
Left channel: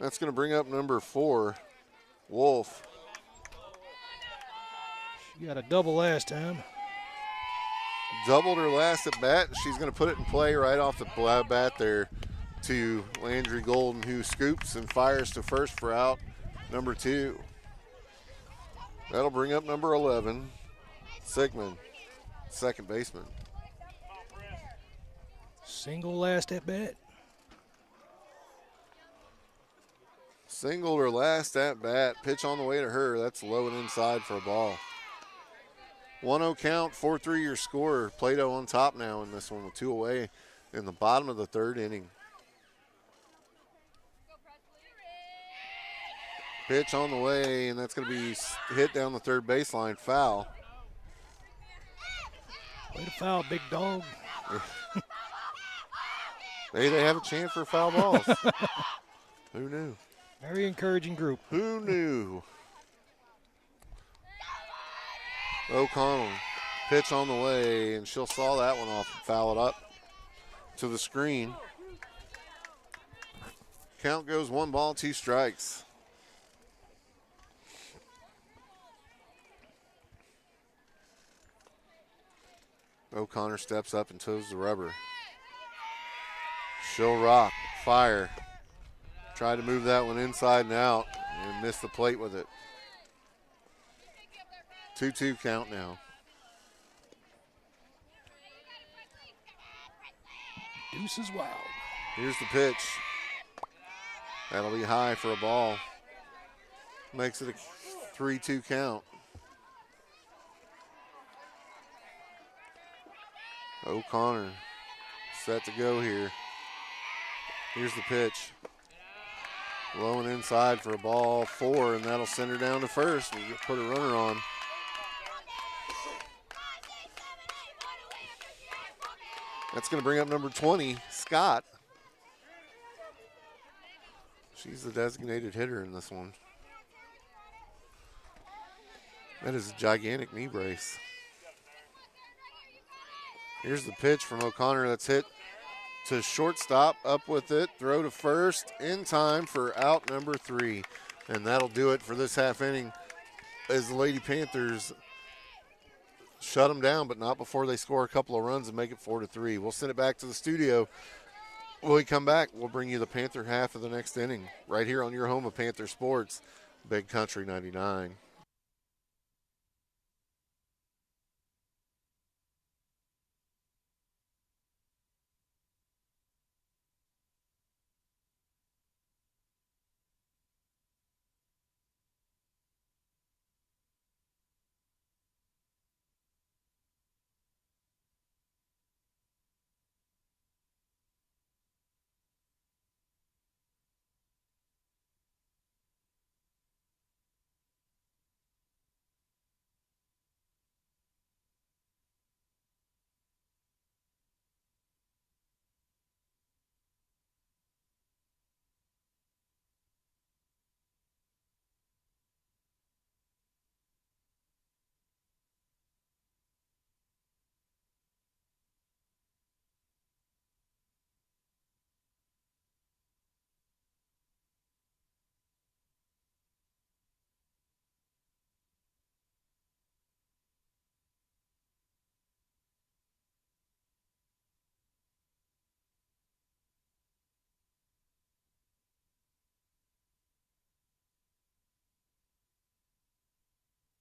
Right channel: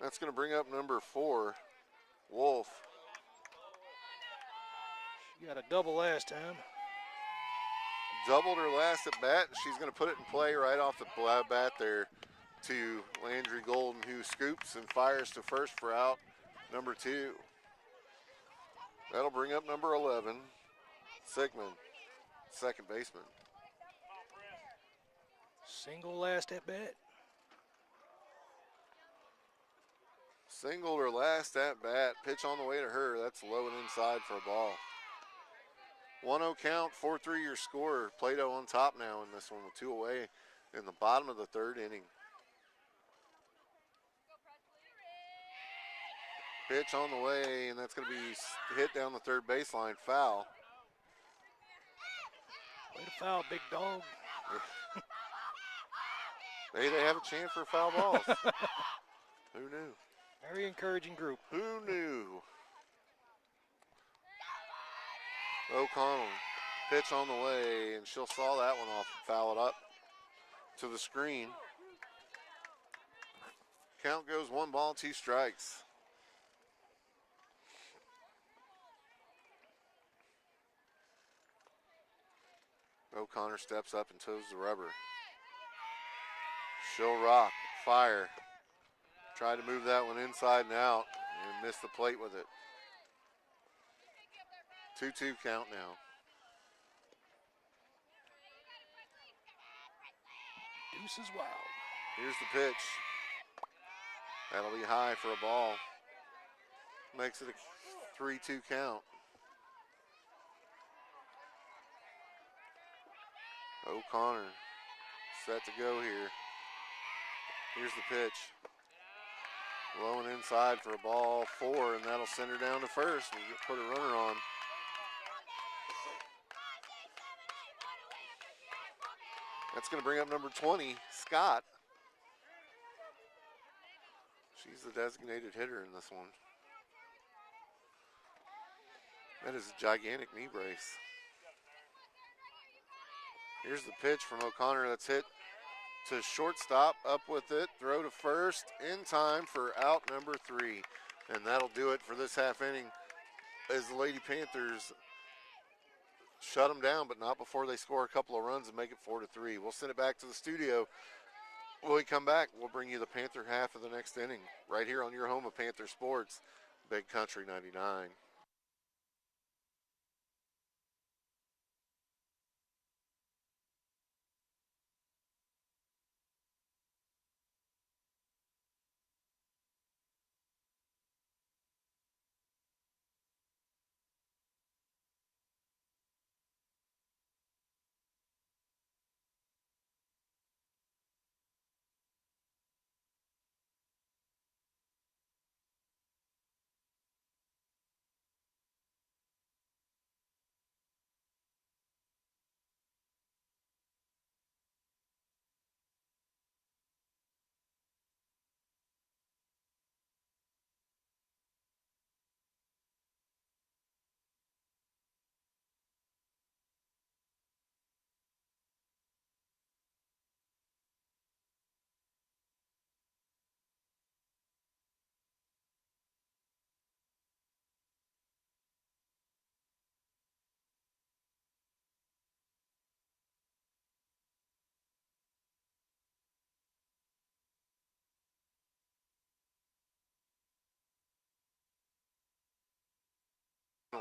That's going to bring up number 4, Wolf. She got a double last time. Doubled her last at bat. She's going to put it in play right off the bat there to Landry Golden, who scoops and fires to first for out number 2. That'll bring up number 11, Sigmund, second baseman. Single last at bat. Singled her last at bat. Pitch on the way to her. That's low and inside for a ball. 1-0 count, 4-3 your score. Plato on top now in this one with 2 away in the bottom of the 3rd inning. Pitch on the way, and that's going to be hit down the 3rd baseline. Foul. Way to foul, big dog. Hey, they have a chance for foul balls. Who knew? Very encouraging group. Who knew? O'Connell, pitch on the way, and she'll saw that one off and foul it up to the screen. Count goes 1 ball, 2 strikes. O'Connor steps up and toes the rubber. She'll rock, fire. Tried to move that one inside and out and missed the plate with it. 2-2 count now. Deuces wild. Here's the pitch. That'll be high for a ball. Makes it a 3-2 count. O'Connor set to go here. Here's the pitch. Low and inside for a ball 4, and that'll send her down to first. We'll put a runner on. That's going to bring up number 20, Scott. She's the designated hitter in this one. That is a gigantic knee brace. Here's the pitch from O'Connor that's hit to shortstop, up with it, throw to first, in time for out number 3. And that'll do it for this half inning as the Lady Panthers shut them down, but not before they score a couple of runs and make it 4-3. We'll send it back to the studio. When we come back, we'll bring you the Panther half of the next inning right here on your home of Panther Sports, Big Country 99.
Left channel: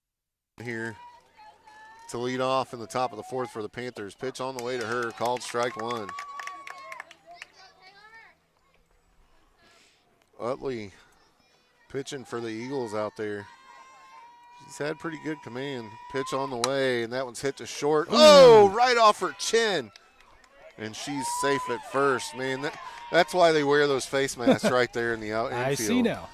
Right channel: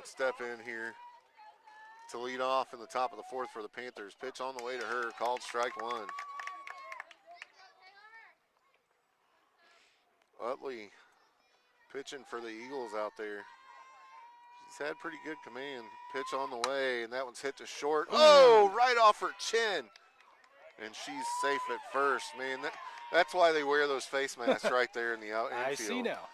Step in here to lead off in the top of the fourth for the Panthers. Pitch on the way to her, called strike one. Utley pitching for the Eagles out there. She's had pretty good command. Pitch on the way, and that one's hit to short. Oh, right off her chin. And she's safe at first. Man, that's why they wear those face masks right there in the infield. I see now.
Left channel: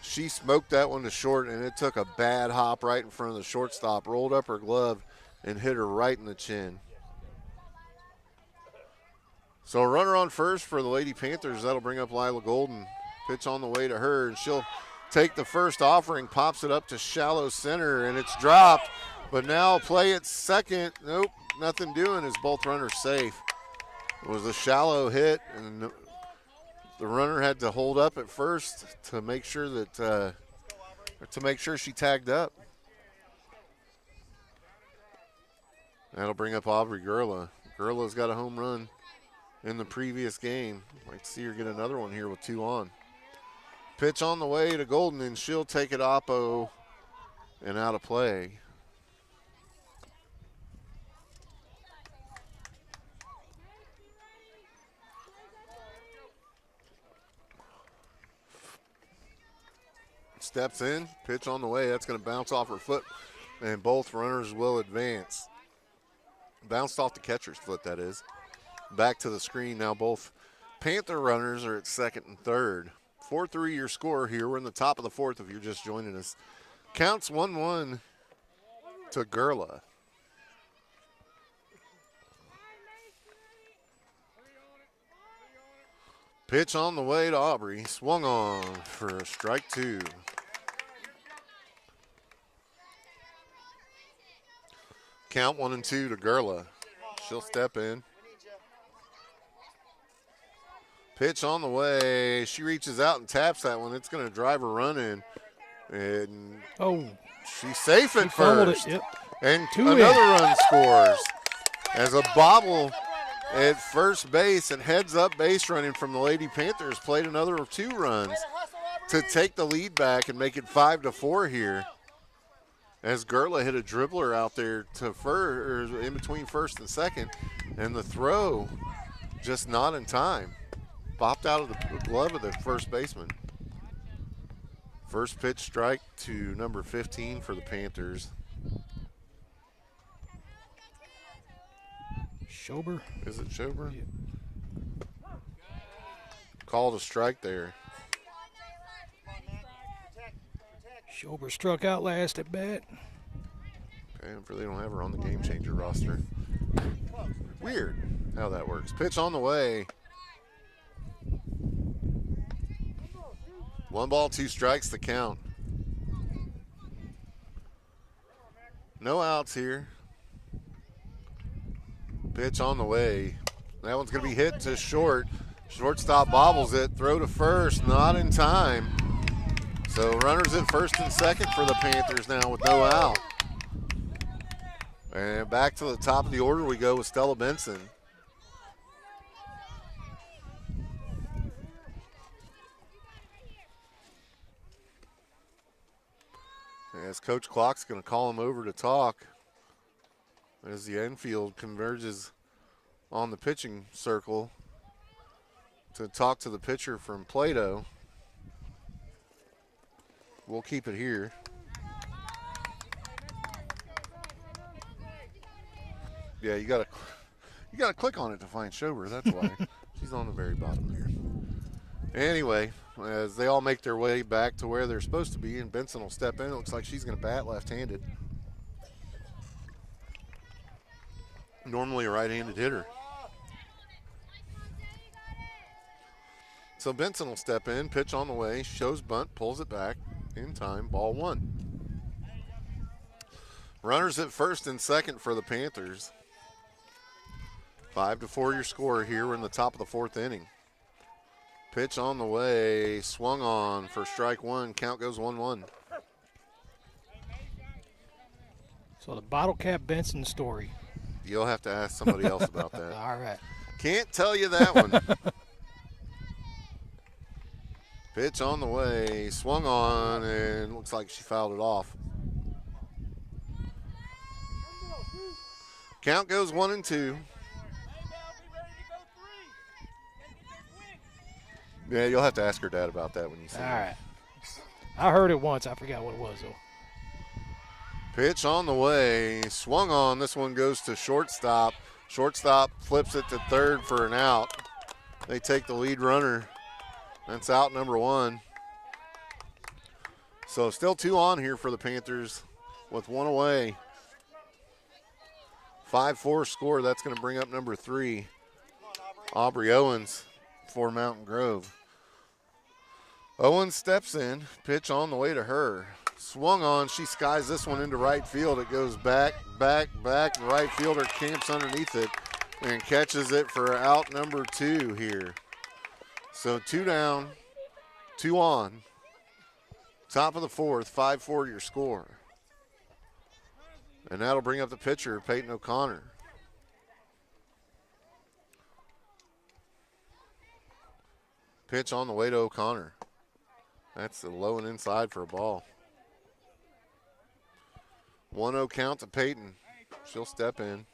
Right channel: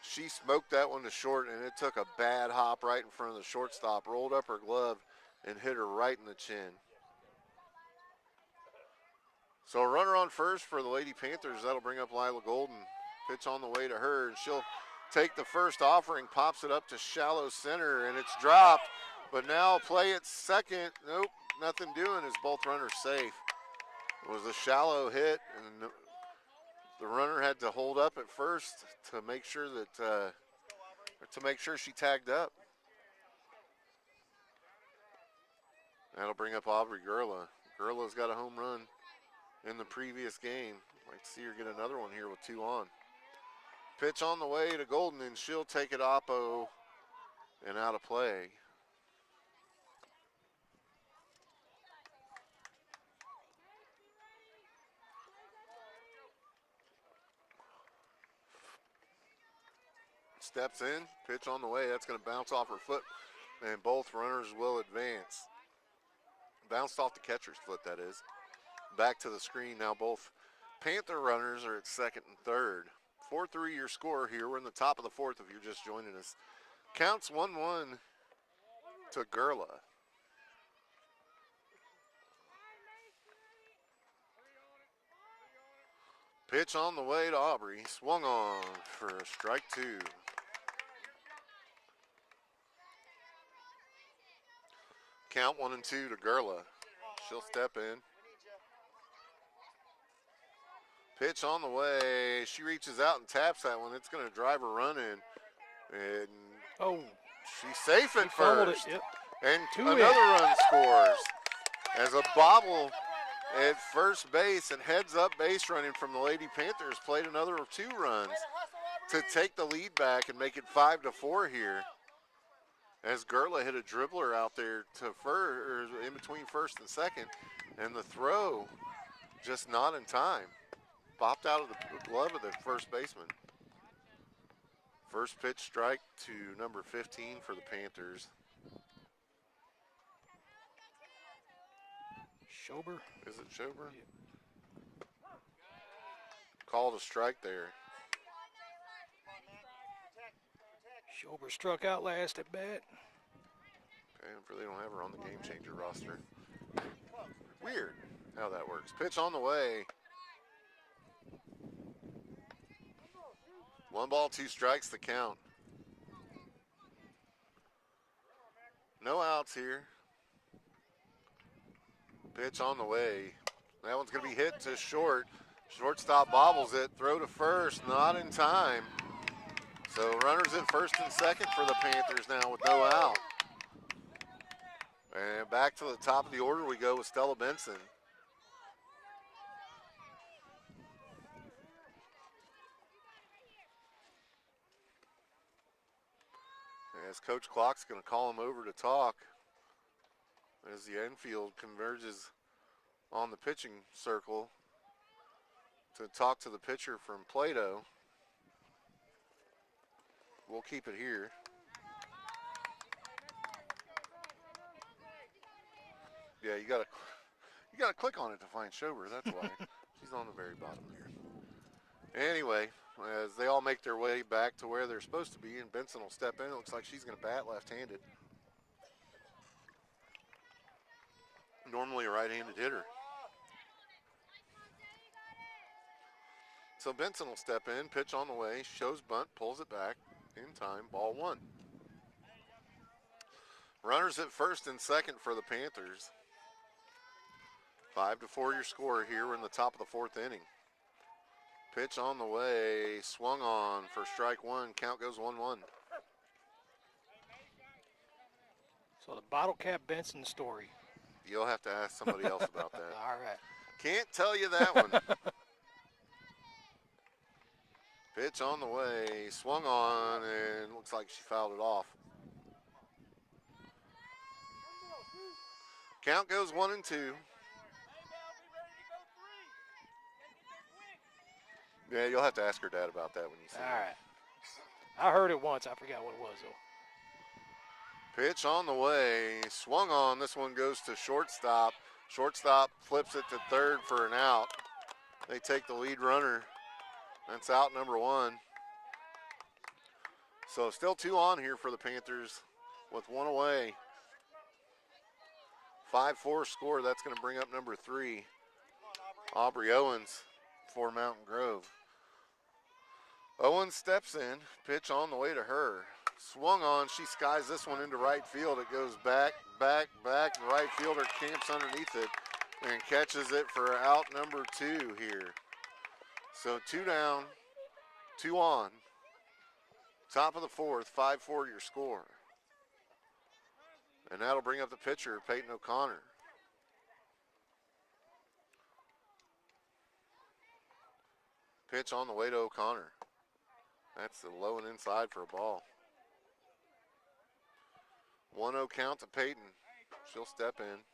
She smoked that one to short, and it took a bad hop right in front of the shortstop, rolled up her glove, and hit her right in the chin. So a runner on first for the Lady Panthers. That'll bring up Lila Golden. Pitch on the way to her, and she'll take the first offering, pops it up to shallow center, and it's dropped. But now play at second. Nope, nothing doing as both runners safe. It was a shallow hit, and the runner had to hold up at first to make sure that she tagged up. That'll bring up Aubrey Gurla. Gurla's got a home run in the previous game. Might see her get another one here with two on. Pitch on the way to Golden, and she'll take it oppo and out of play. Steps in, pitch on the way. That's going to bounce off her foot, and both runners will advance. Bounced off the catcher's foot, that is. Back to the screen now. Both Panther runners are at second and third. 4-3 your score here. We're in the top of the fourth if you're just joining us. Counts 1-1 to Gurla. Pitch on the way to Aubrey. Swung on for a strike two. Count 1-2 to Gurla. She'll step in. Pitch on the way. She reaches out and taps that one. It's going to drive a run in. And she's safe at first. Yep. And another run scores as a bobble at first base, and heads up base running from the Lady Panthers played another 2 runs to take the lead back and make it 5-4 here. As Gurla hit a dribbler out there to first, or in between first and second, and the throw just not in time. Bopped out of the glove of the first baseman. First pitch strike to number 15 for the Panthers. Schober. Is it Schober? Yeah. Called a strike there. Schober struck out last at bat. Okay, I'm sure they don't have her on the game changer roster. Weird how that works. Pitch on the way. 1 ball, 2 strikes to count. No outs here. Pitch on the way. That one's going to be hit to short. Shortstop bobbles it. Throw to first. Not in time. So runners at first and second for the Panthers now with no out. And back to the top of the order we go with Stella Benson. As Coach Clock's going to call him over to talk as the infield converges on the pitching circle to talk to the pitcher from Plato. We'll keep it here. Yeah, you gotta click on it to find Schober. That's why. She's on the very bottom there. Anyway, as they all make their way back to where they're supposed to be, and Benson will step in. It looks like she's going to bat left-handed. Normally a right-handed hitter. So Benson will step in, pitch on the way, shows bunt, pulls it back in time, ball 1. Runners at first and second for the Panthers. 5-4 your score here. We're in the top of the 4th inning. Pitch on the way, swung on for strike 1. Count goes 1-1. So the bottle cap Benson story. You'll have to ask somebody else about that. All right. Can't tell you that one. Pitch on the way, swung on, and looks like she fouled it off. Count goes 1-2. Yeah, you'll have to ask her dad about that when you see All him. right. I heard it once. I forgot what it was, though. Pitch on the way. Swung on. This one goes to shortstop. Shortstop flips it to third for an out. They take the lead runner. That's out number 1. So still 2 on here for the Panthers with 1 away. 5-4 score. That's going to bring up number 3, Aubrey Owens for Mountain Grove. Owens steps in. Pitch on the way to her. Swung on. She skies this one into right field. It goes back. The right fielder camps underneath it and catches it for out number 2 here. So 2 down, 2 on. Top of the 4th, 5-4 your score. And that'll bring up the pitcher, Peyton O'Connor. Pitch on the way to O'Connor. That's a low and inside for a ball. 1-0 count to Peyton. She'll step in.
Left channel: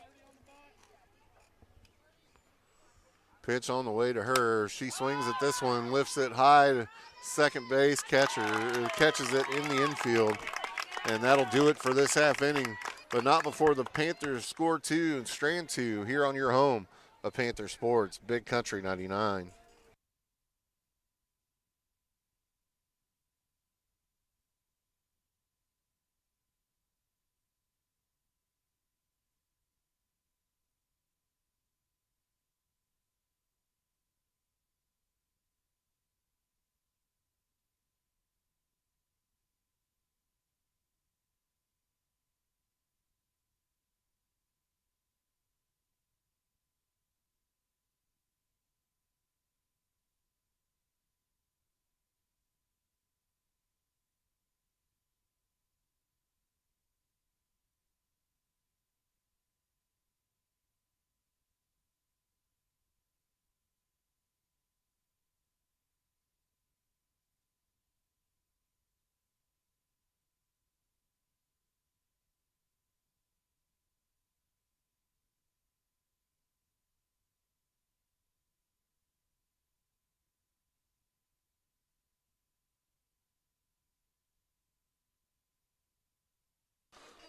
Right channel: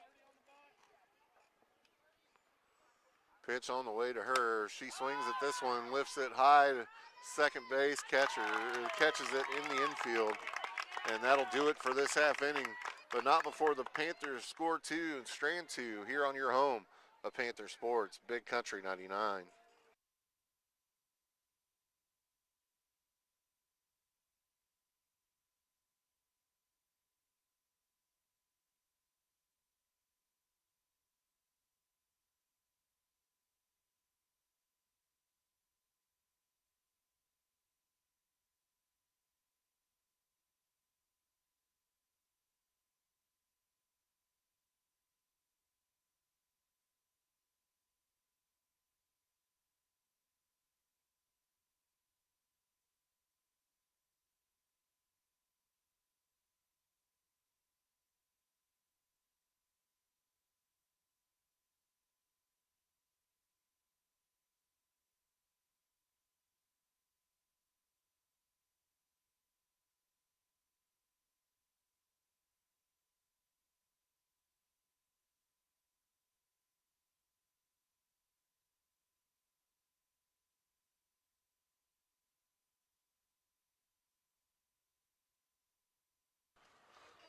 Pitch on the way to her. She swings at this one, lifts it high to second base. Catches it in the infield. And that'll do it for this half inning. But not before the Panthers score 2 and strand 2 here on your home of Panther Sports, Big Country 99.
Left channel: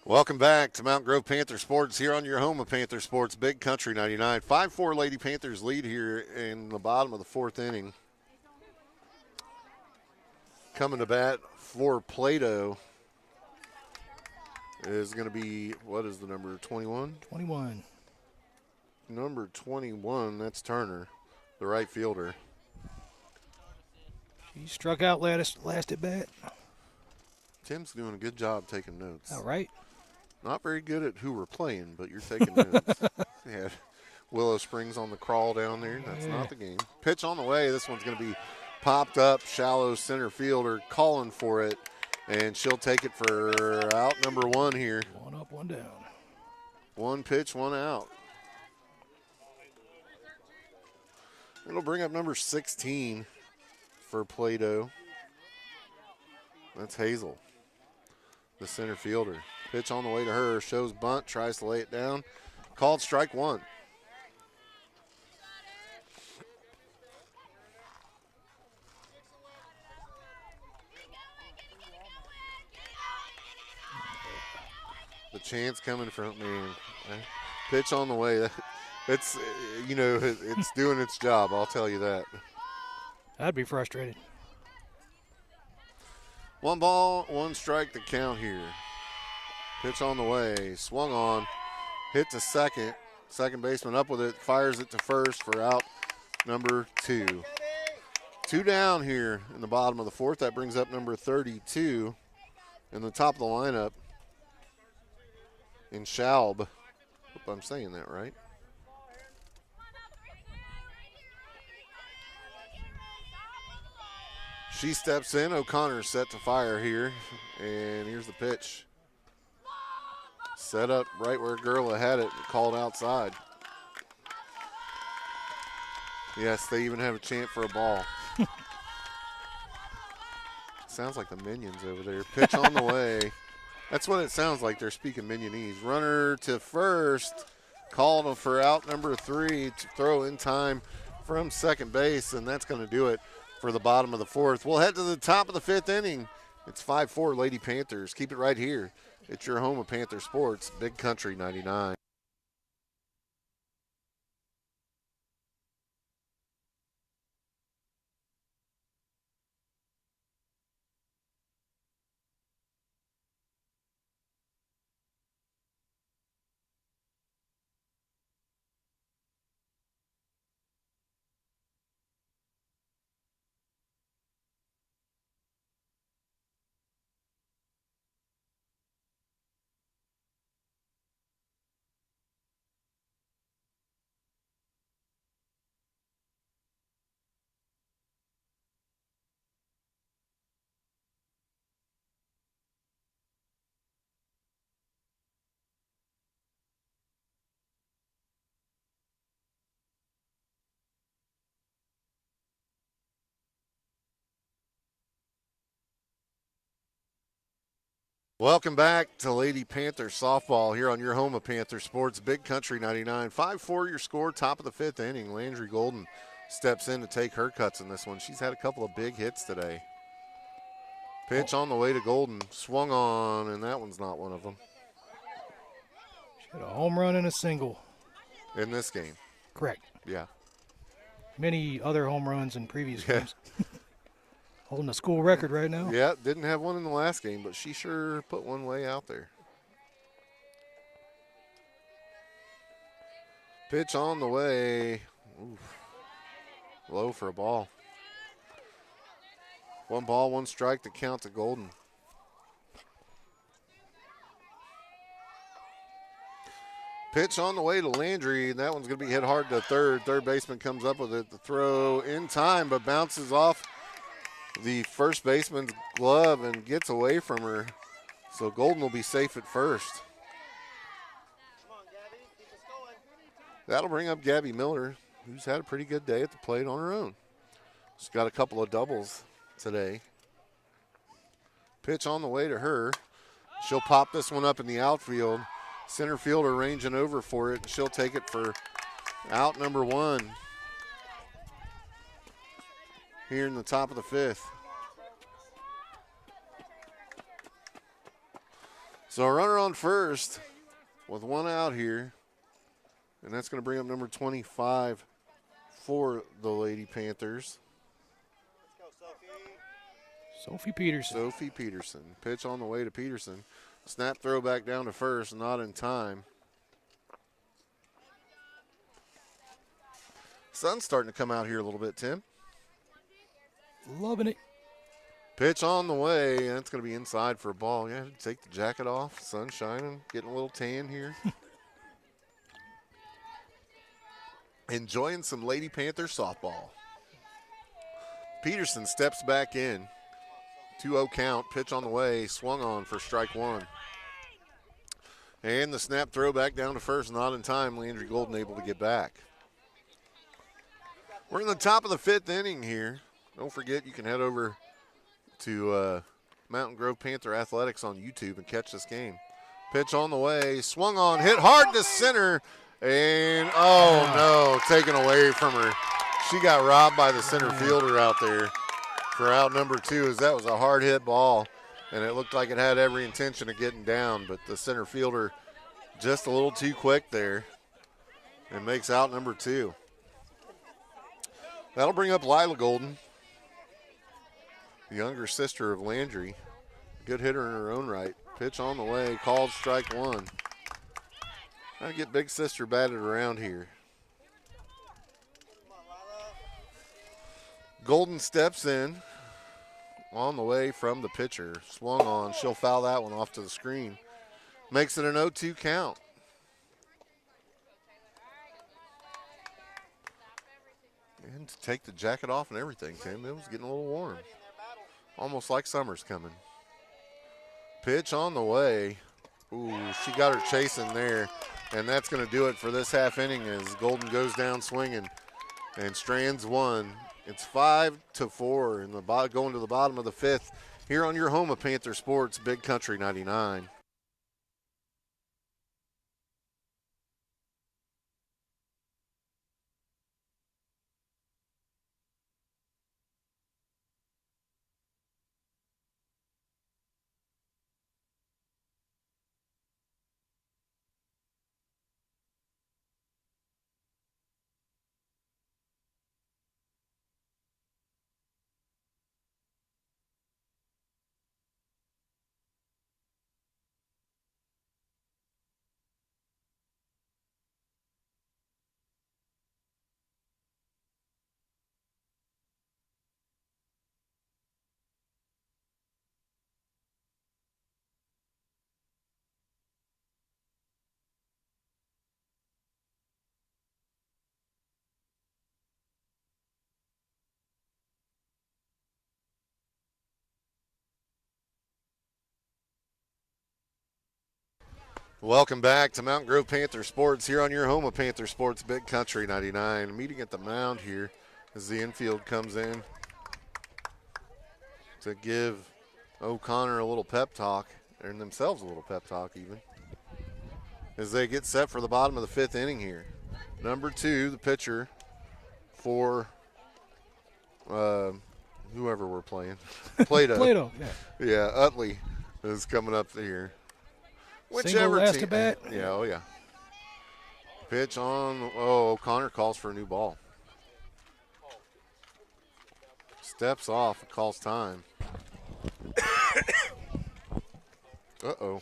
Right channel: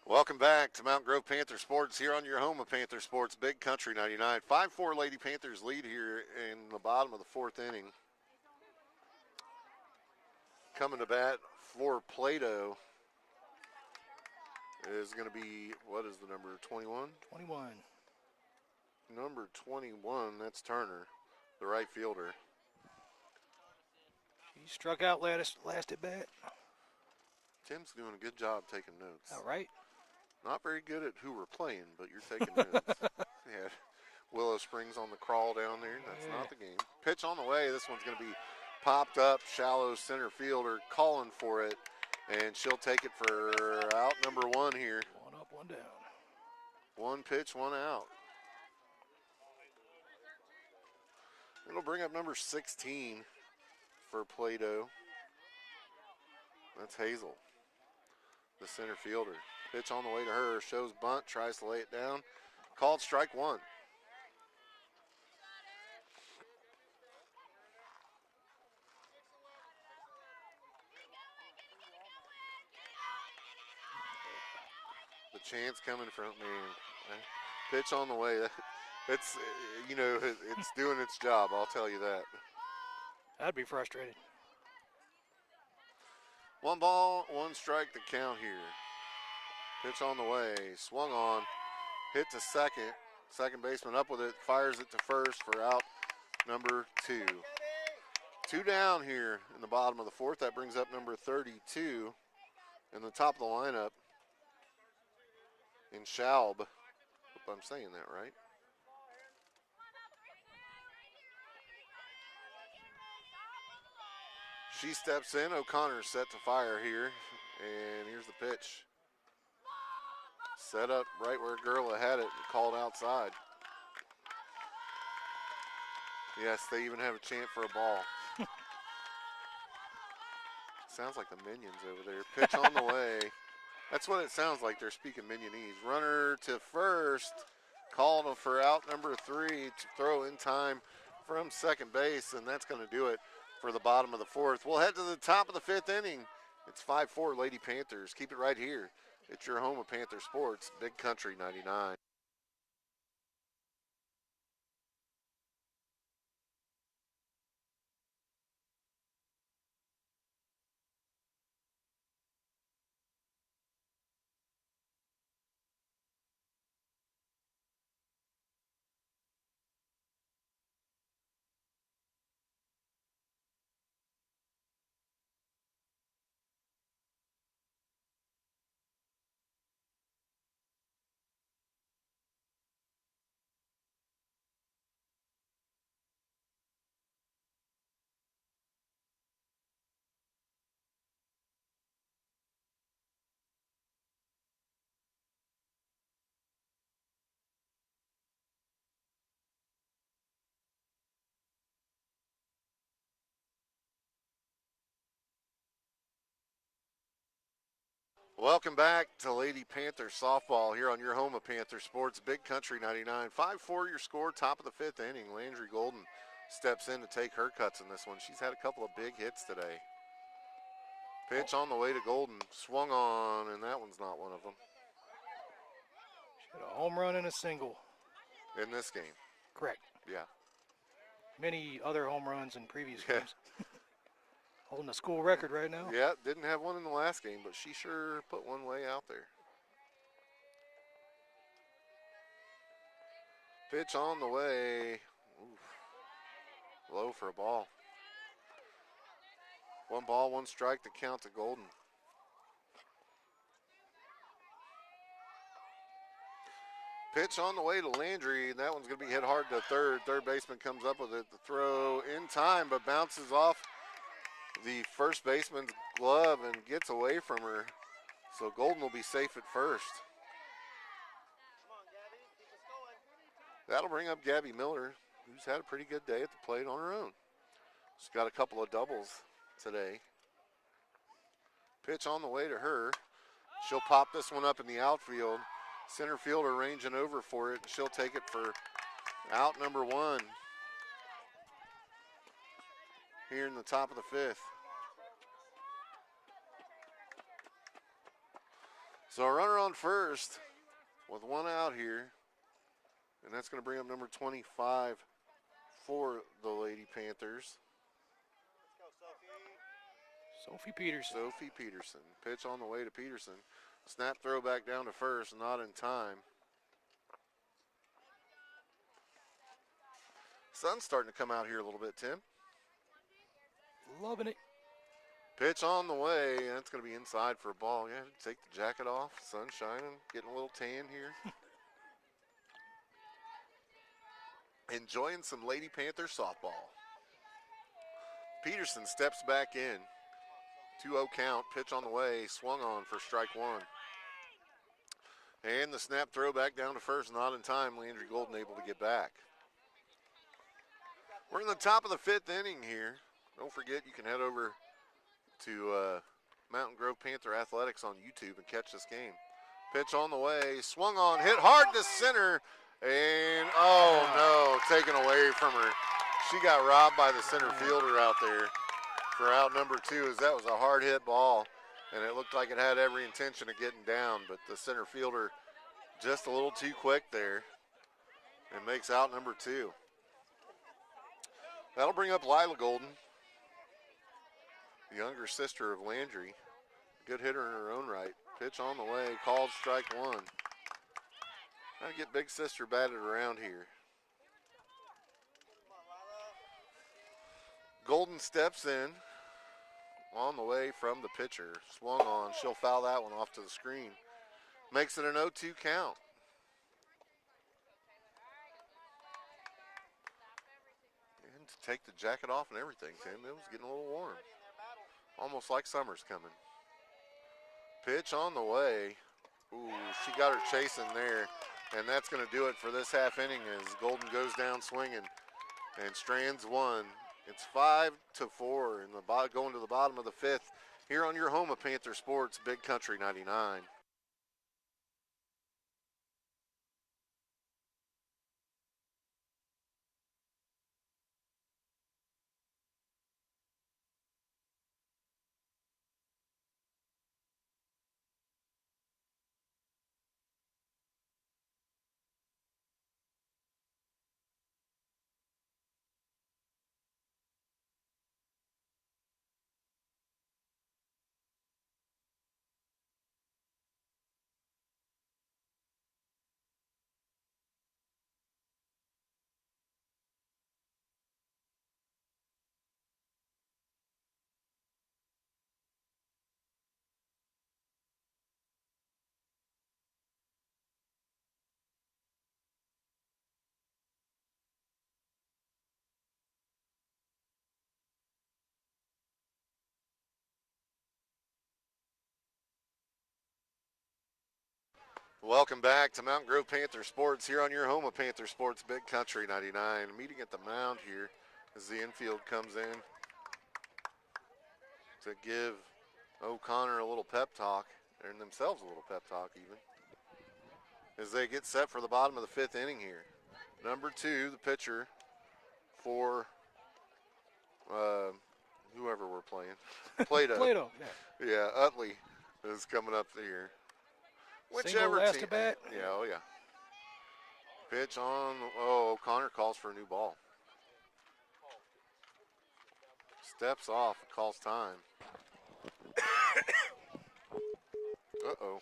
Welcome back to Mount Grove Panther Sports here on your home of Panther Sports, Big Country 99. 5-4 Lady Panthers lead here in the bottom of the 4th inning. Coming to bat for Plato is going to be, what is the number, 21? 21. Number 21, that's Turner, the right fielder. He struck out last at bat. Tim's doing a good job taking notes. All right. Not very good at who we're playing, but you're taking notes. Yeah, Willow Springs on the crawl down there. That's not the game. Pitch on the way. This one's going to be popped up, shallow center fielder calling for it, and she'll take it for out number 1 here. 1 up, 1 down. 1 pitch, 1 out. It'll bring up number 16 for Plato. That's Hazel, the center fielder. Pitch on the way to her, shows bunt, tries to lay it down. Called strike 1. The chance coming from me. Pitch on the way. It's, it's doing its job, I'll tell you that. I'd be frustrated. 1 ball, 1 strike to count here. Pitch on the way, swung on, hit to second. Second baseman up with it, fires it to first for out number 2. 2 down here in the bottom of the 4th. That brings up number 32 in the top of the lineup in Schaub. Hope I'm saying that right. She steps in. O'Connor's set to fire here. And here's the pitch. Set up right where Gerla had it, called outside. Yes, they even have a chant for a ball. Sounds like the Minions over there. Pitch on the way. That's what it sounds like. They're speaking Minionese. Runner to first. called for out number 3 to throw in time from second base, and that's going to do it for the bottom of the fourth. We'll head to the top of the fifth inning. It's 5-4 Lady Panthers. Keep it right here. It's your home of Panther Sports, Big Country 99. Welcome back to Lady Panther Softball here on your home of Panther Sports, Big Country 99. 5-4 your score, top of the fifth inning. Landry Golden steps in to take her cuts in this one. She's had a couple of big hits today. Pitch on the way to Golden, swung on, and that one's not one of them. She had a home run and a single. In this game. Correct. Yeah. Many other home runs in previous games. Holding a school record right now. Yeah, didn't have one in the last game, but she sure put one way out there. Pitch on the way. Oof. Low for a ball. 1 ball, 1 strike to count to Golden. Pitch on the way to Landry. That one's going to be hit hard to third. Third baseman comes up with it. The throw in time, but bounces off the first baseman's glove and gets away from her. So Golden will be safe at first. That'll bring up Gabby Miller, who's had a pretty good day at the plate on her own. She's got a couple of doubles today. Pitch on the way to her. She'll pop this one up in the outfield. Center fielder ranging over for it, and she'll take it for out number 1 here in the top of the fifth. So a runner on first with 1 out here, and that's going to bring up number 25 for the Lady Panthers. Sophie Peterson. Sophie Peterson. Pitch on the way to Peterson. Snap throw back down to first, not in time. Sun's starting to come out here a little bit, Tim. Loving it. Pitch on the way, and it's going to be inside for a ball. Yeah, take the jacket off. Sun shining, getting a little tan here. Enjoying some Lady Panther softball. Peterson steps back in. 2-0 count. Pitch on the way. Swung on for strike 1. And the snap throw back down to first. Not in time. Landry Golden able to get back. We're in the top of the fifth inning here. Don't forget you can head over to Mountain Grove Panther Athletics on YouTube and catch this game. Pitch on the way. Swung on. Hit hard to center. And, oh, no, taken away from her. She got robbed by the center fielder out there for out number 2, as that was a hard hit ball, and it looked like it had every intention of getting down, but the center fielder just a little too quick there and makes out number 2. That'll bring up Lila Golden, the younger sister of Landry. Good hitter in her own right. Pitch on the way, called strike 1. Trying to get big sister batted around here. Golden steps in on the way from the pitcher. Swung on. She'll foul that one off to the screen. Makes it an 0-2 count. And to take the jacket off and everything, Tim, it was getting a little warm. Almost like summer's coming. Pitch on the way. Ooh, she got her chasing there. And that's going to do it for this half inning as Golden goes down swinging and strands 1. It's 5-4 in the going to the bottom of the fifth here on your home of Panther Sports, Big Country 99. Welcome back to Mountain Grove Panther Sports here on your home of Panther Sports, Big Country 99. Meeting at the mound here as the infield comes in to give O'Connor a little pep talk, and themselves a little pep talk even, as they get set for the bottom of the fifth inning here. Number 2, the pitcher for whoever we're playing. Plato. Plato, yeah. Yeah, Utley is coming up here. Single last at bat. Yeah, oh yeah. Pitch on. Oh, O'Connor calls for a new ball. Steps off, calls time. Uh-oh.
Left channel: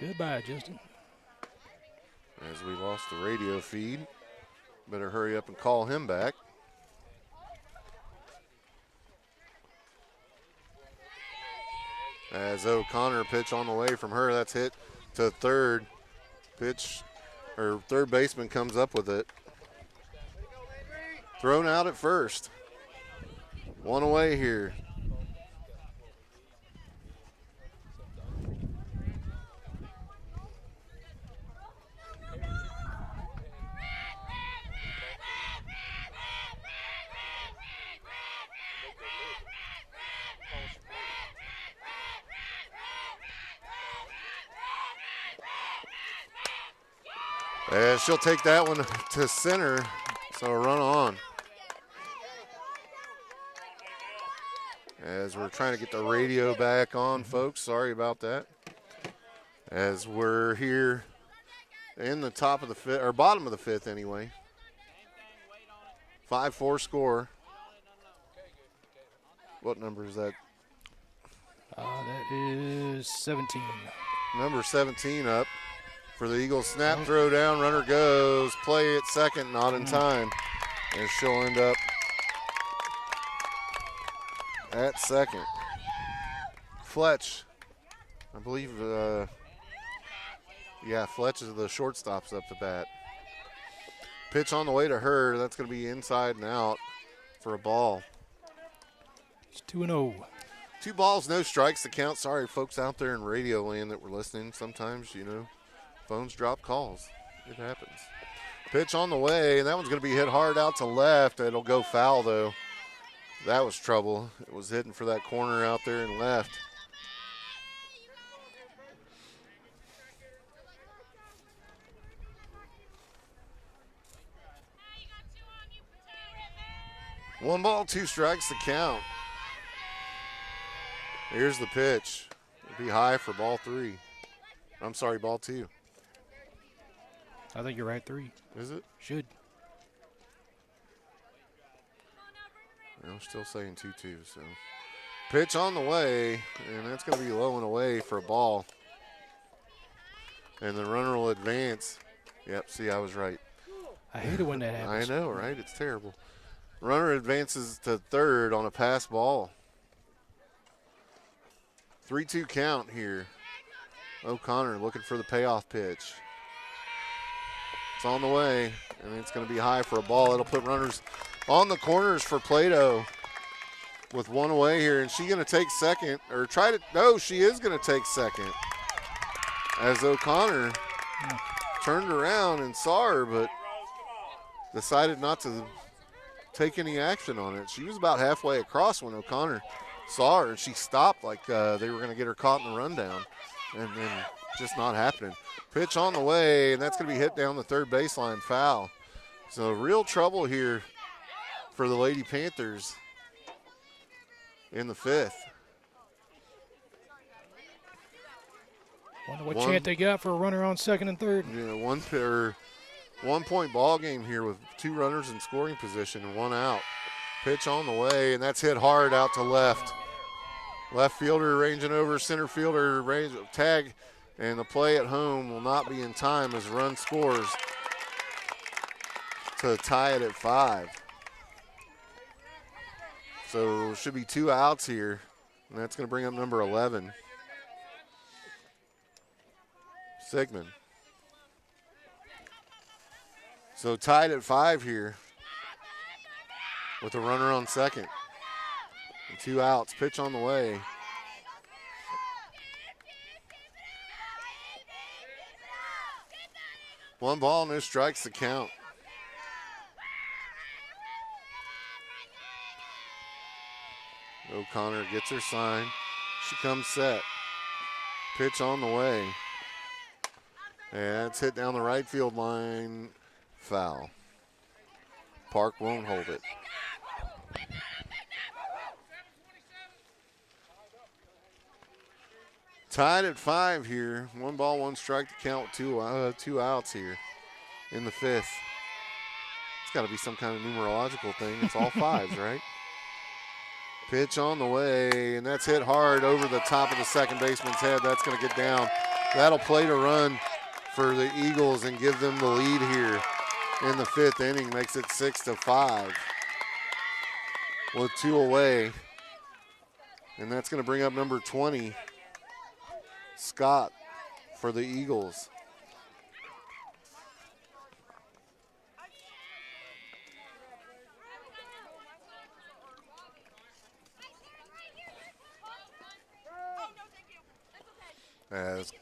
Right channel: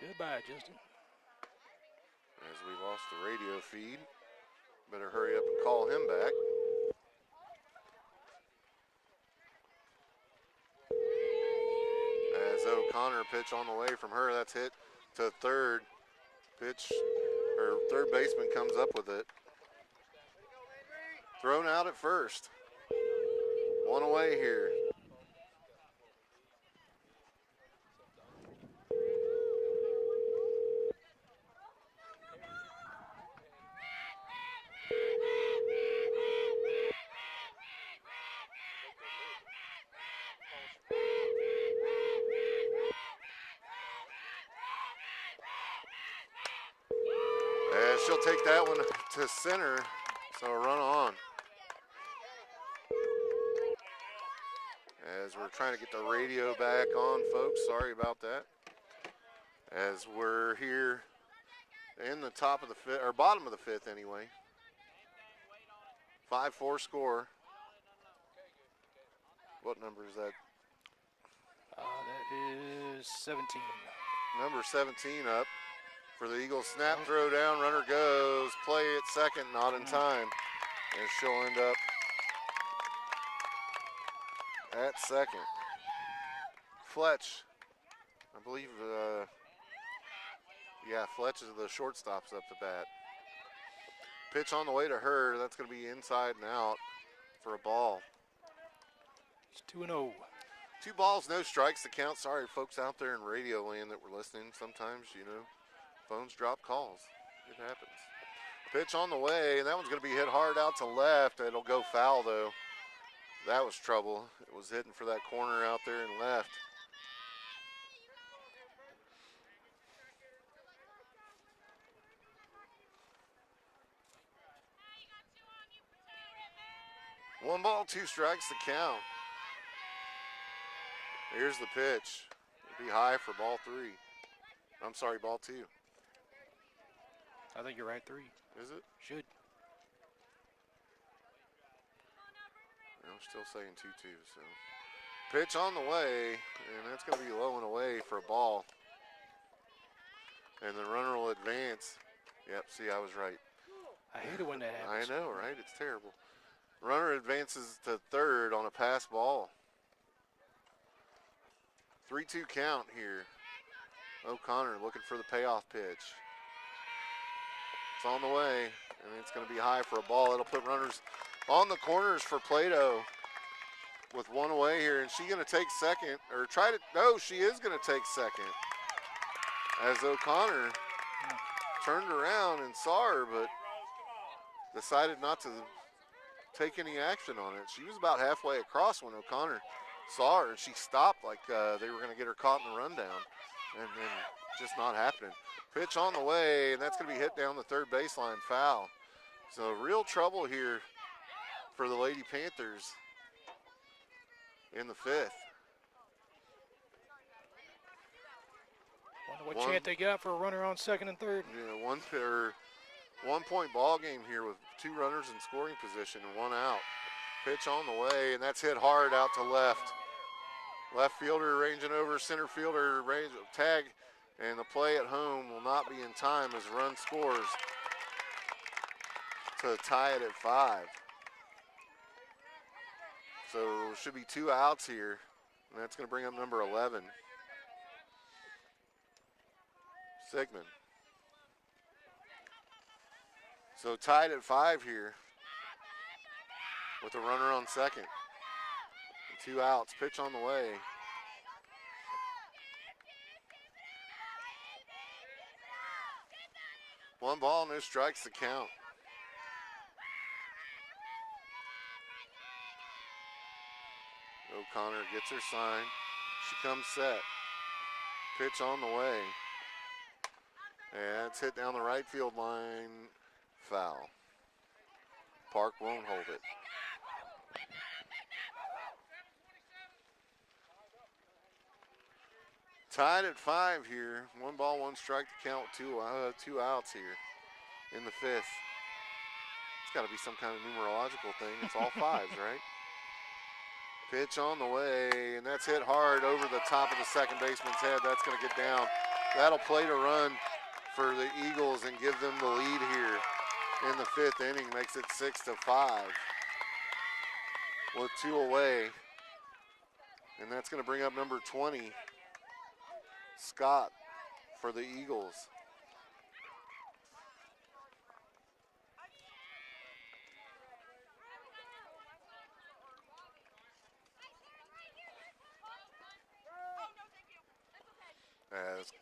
Goodbye, Justin. As we lost the radio feed. Better hurry up and call him back. As O'Connor pitch on the way from her, that's hit to third. Pitch, or third baseman comes up with it. Thrown out at first. One away here. And she'll take that one to center, so a run on. As we're trying to get the radio back on, folks, sorry about that. As we're here in the top of the fifth, or bottom of the fifth anyway. 5-4 score. What number is that? That is 17. Number 17 up for the Eagles. Snap, throw down, runner goes. Play at second, not in time. And she'll end up at second. Fletch, I believe, Fletch is the shortstop's up to bat. Pitch on the way to her. That's going to be inside and out for a ball. It's 2-0. 2 balls, no strikes to count. Sorry, folks out there in radio land that were listening. Sometimes, phones drop calls. It happens. Pitch on the way, and that one's going to be hit hard out to left. It'll go foul, though. That was trouble. It was hitting for that corner out there and left. One ball, 2 strikes to count. Here's the pitch. It'll be high for ball 3. I'm sorry, ball 2. I think you're right, 3. Is it? Should. I'm still saying 2-2, so. Pitch on the way, and that's going to be low and away for a ball. And the runner will advance. Yep, see, I was right. I hate it when that happens. I know, right? It's terrible. Runner advances to third on a pass ball. 3-2 count here. O'Connor looking for the payoff pitch. It's on the way, and it's going to be high for a ball. It'll put runners on the corners for Plato with one away here. And she's going to take second, or try to, no, she is going to take second. As O'Connor turned around and saw her, but decided not to take any action on it. She was about halfway across when O'Connor saw her, and she stopped like they were going to get her caught in the rundown, and then just not happening. Pitch on the way, and that's going to be hit down the third baseline, foul. So real trouble here for the Lady Panthers in the fifth. Wonder what chant they got for a runner on second and third. Yeah, 1 point ball game here with 2 runners in scoring position and 1 out. Pitch on the way, and that's hit hard out to left. Left fielder ranging over, center fielder range tag, and the play at home will not be in time as run scores to tie it at 5. So should be 2 outs here, and that's going to bring up number 11, Sigmund. So tied at 5 here with a runner on second. And 2 outs. Pitch on the way. One ball, no strikes to count. O'Connor gets her sign. She comes set. Pitch on the way. And it's hit down the right field line. Foul. Park won't hold it. Tied at 5 here. One ball, one strike to count with two outs here in the 5th. It's got to be some kind of numerological thing. It's all 5s, right? Pitch on the way, and that's hit hard over the top of the second baseman's head. That's going to get down. That'll play to run for the Eagles and give them the lead here in the 5th inning. Makes it 6-5 with 2 away. And that's going to bring up number 20, Scott, for the Eagles. As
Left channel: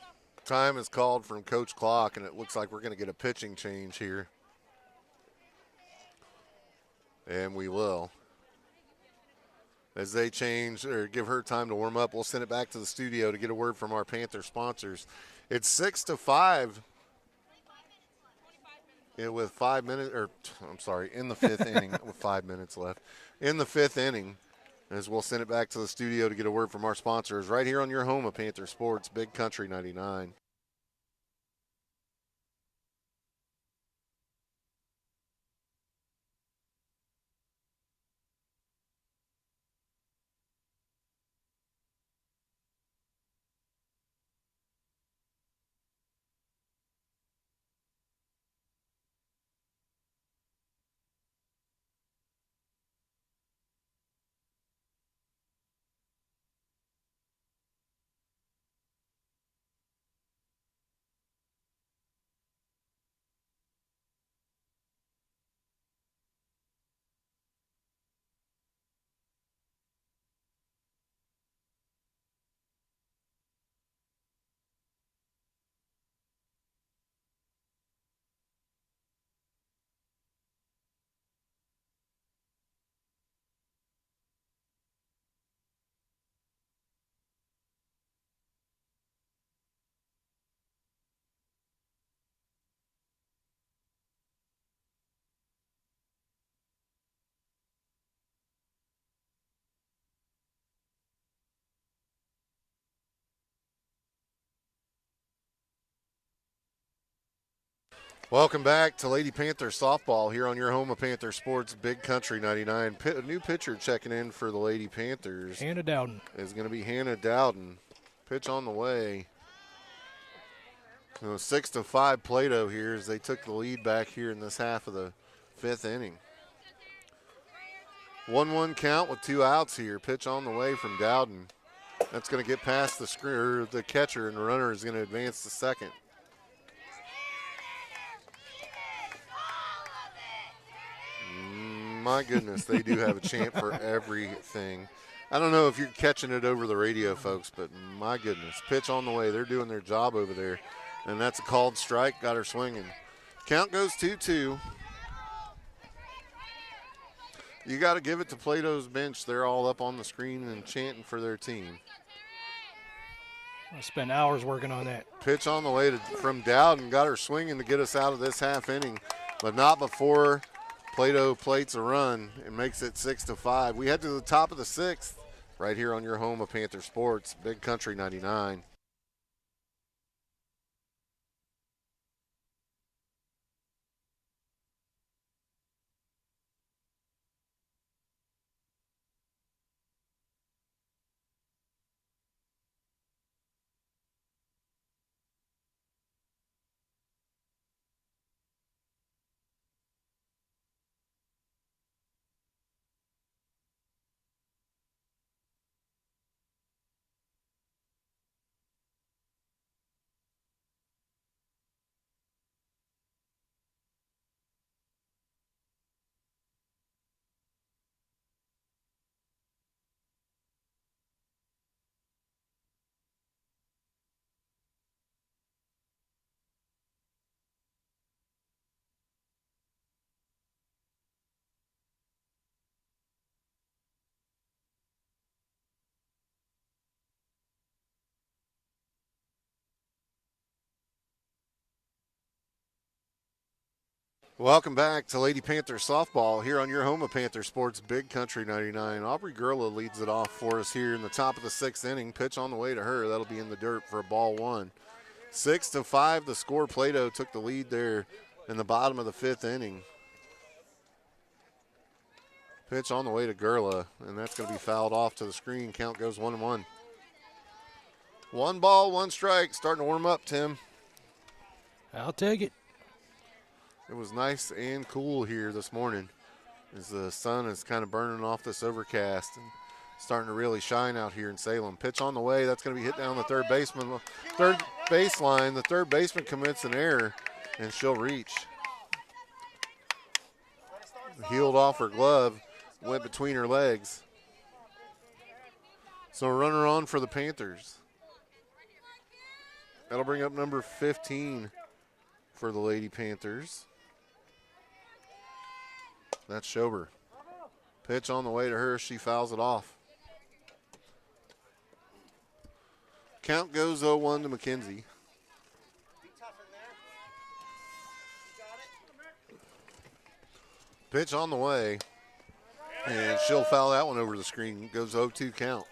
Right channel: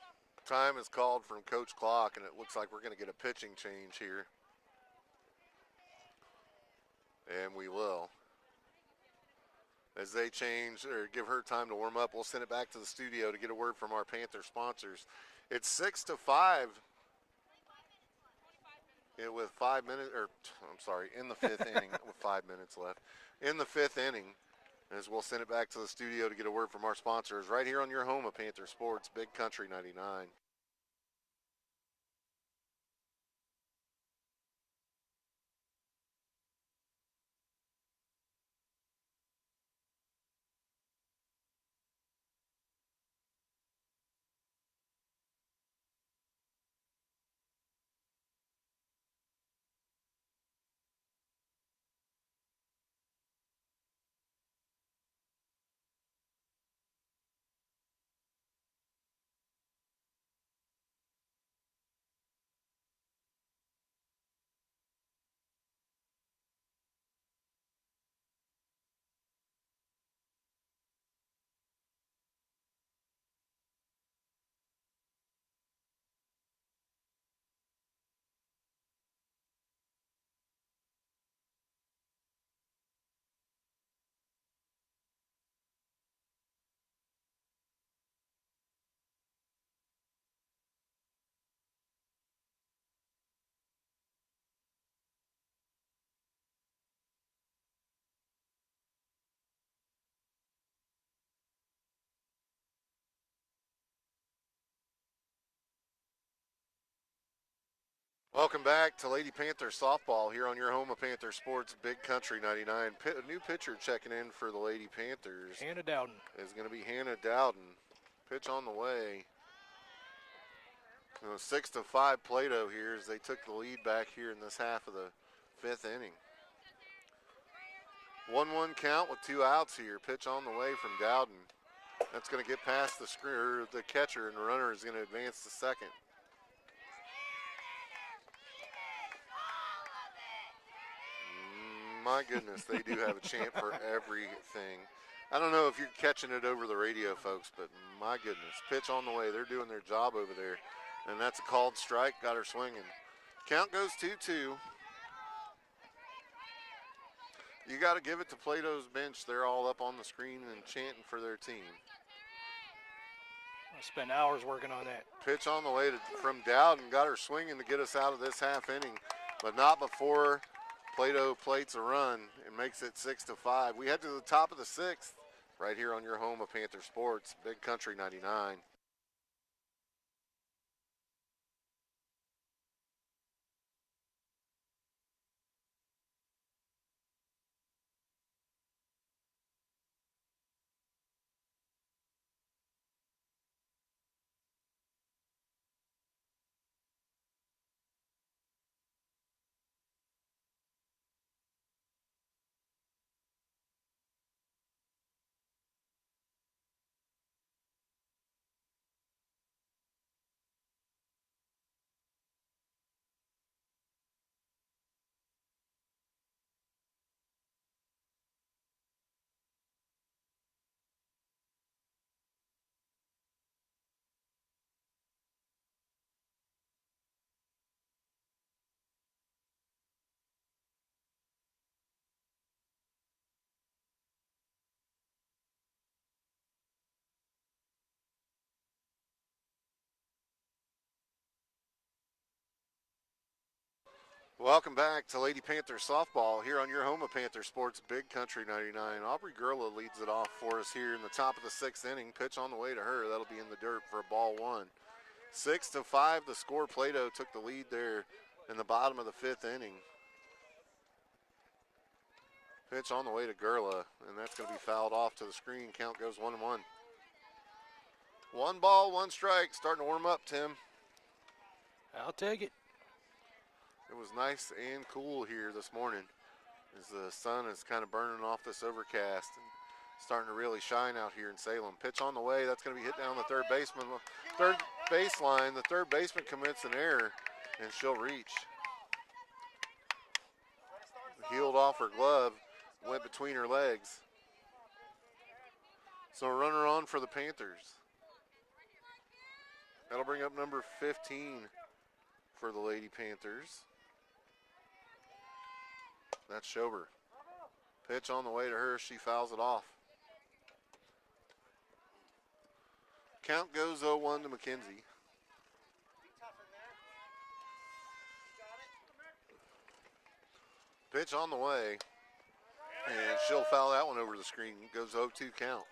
time is called from Coach Clock, and it looks like we're going to get a pitching change here. And we will. As they change or give her time to warm up, we'll send it back to the studio to get a word from our Panther sponsors. It's 6-5 with 5 minutes, or I'm sorry, in the 5th inning with 5 minutes left. In the 5th inning, as we'll send it back to the studio to get a word from our sponsors right here on your home of Panther Sports, Big Country 99. Welcome back to Lady Panther Softball here on your home of Panther Sports, Big Country 99. A new pitcher checking in for the Lady Panthers Hannah Dowden. is going to be Hannah Dowden. Pitch on the way. 6-5 Plato here as they took the lead back here in this half of the 5th inning. 1-1 count with 2 outs here. Pitch on the way from Dowden. That's going to get past the catcher, and the runner is going to advance to second. My goodness, they do have a chant for everything. I don't know if you're catching it over the radio, folks, but my goodness. Pitch on the way. They're doing their job over there. And that's a called strike. Got her swinging. Count goes 2-2. You got to give it to Plato's bench. They're all up on the screen and chanting for their team. I spent hours working on that. Pitch on the way from Dowden. Got her swinging to get us out of this half inning, but not before Plato plates a run and makes it 6-5. We head to the top of the 6th right here on your home of Panther Sports, Big Country 99. Welcome back to Lady Panthers softball here on your home of Panther Sports, Big Country 99. Aubrey Gurla leads it off for us here in the top of the 6th inning. Pitch on the way to her. That'll be in the dirt for a ball 1. 6-5 the score. Plato took the lead there in the bottom of the 5th inning. Pitch on the way to Gurla, and that's going to be fouled off to the screen. Count goes 1-1. 1 ball, 1 strike. Starting to warm up, Tim. I'll take it. It was nice and cool here this morning as the sun is kind of burning off this overcast and starting to really shine out here in Salem. Pitch on the way. That's going to be hit down the third baseline. The third baseman commits an error, and she'll reach. Healed off her glove, went between her legs. So a runner on for the Panthers. That'll bring up number 15 for the Lady Panthers. That's Schober. Pitch on the way to her. She fouls it off. Count goes 0-1 to McKenzie. Pitch on the way. And she'll foul that one over the screen. Goes 0-2 count.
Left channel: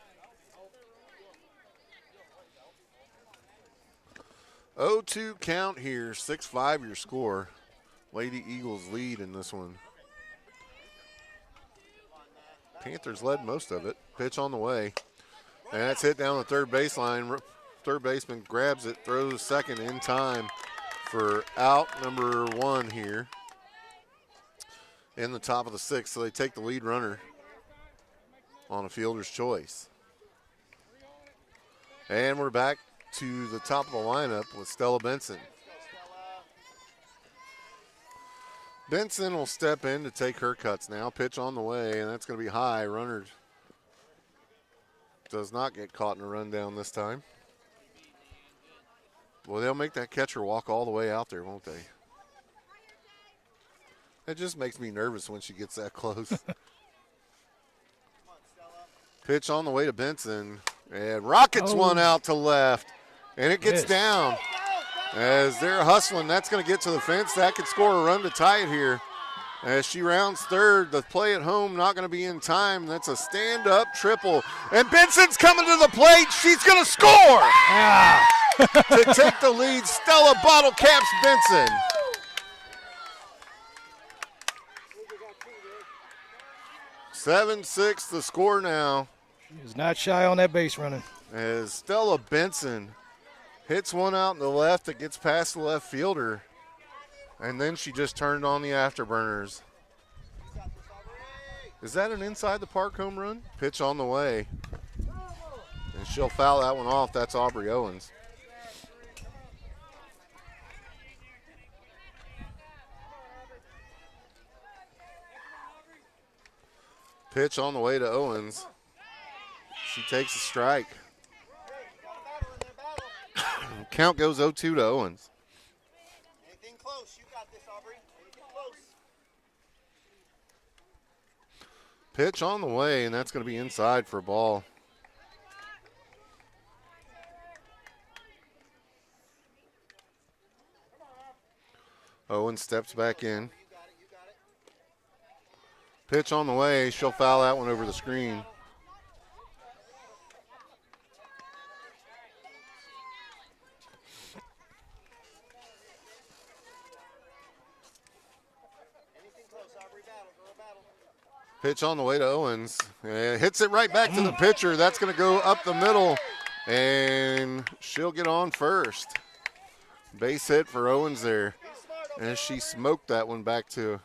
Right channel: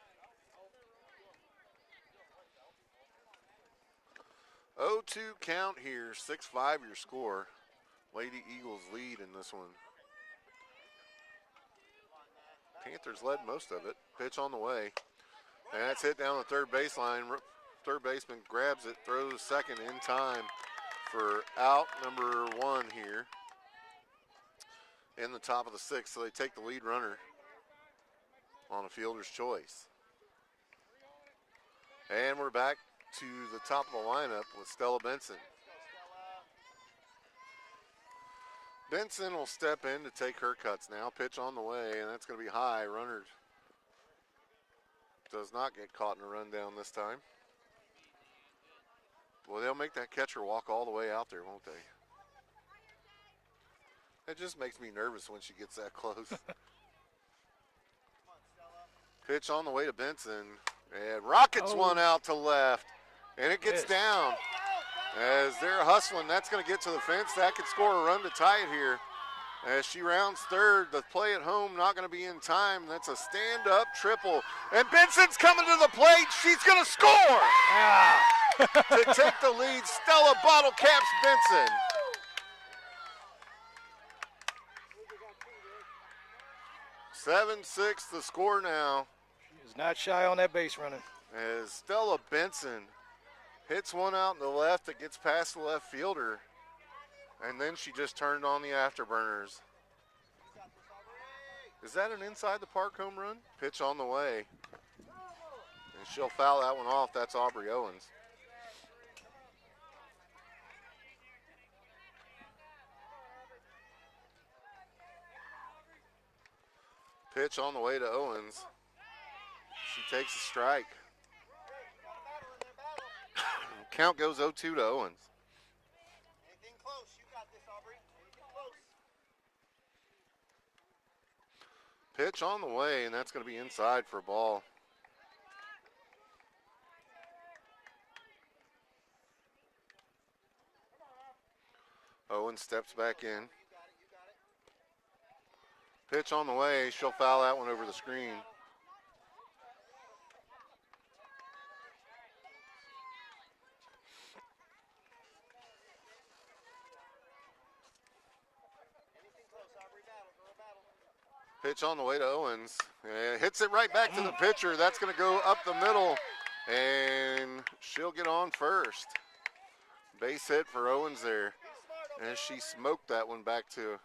0-2 count here. 6-5 your score. Lady Eagles lead in this one. Panthers led most of it. Pitch on the way. And that's hit down the third baseline. Third baseman grabs it, throws second in time for out number 1 here in the top of the 6th. So they take the lead runner on a fielder's choice. And we're back to the top of the lineup with Stella Benson. Benson will step in to take her cuts now. Pitch on the way, and that's going to be high. Runner does not get caught in a rundown this time. Well, they'll make that catcher walk all the way out there, won't they? It just makes me nervous when she gets that close. Pitch on the way to Benson, and rockets one out to left, and it gets down. As they're hustling, that's going to get to the fence. That could score a run to tie it here. As she rounds third, the play at home not going to be in time. That's a stand-up triple. And Benson's coming to the plate. She's going to score! To take the lead, Stella bottle caps Benson. (7-6) the score now. She is not shy on that base running. As Stella Benson hits one out in the left that gets past the left fielder. And then she just turned on the afterburners. Is that an inside the park home run? Pitch on the way. And she'll foul that one off. That's Aubrey Owens. Pitch on the way to Owens. She takes a strike. Count goes 0-2 to Owens. Anything close, you got this, Aubrey. Anything close. Pitch on the way, and that's going to be inside for a ball. Owens steps back in. Pitch on the way. She'll foul that one over the screen. Pitch on the way to Owens. Hits it right back to the pitcher. That's going to go up the middle, and she'll get on first. Base hit for Owens there. And she smoked that one back to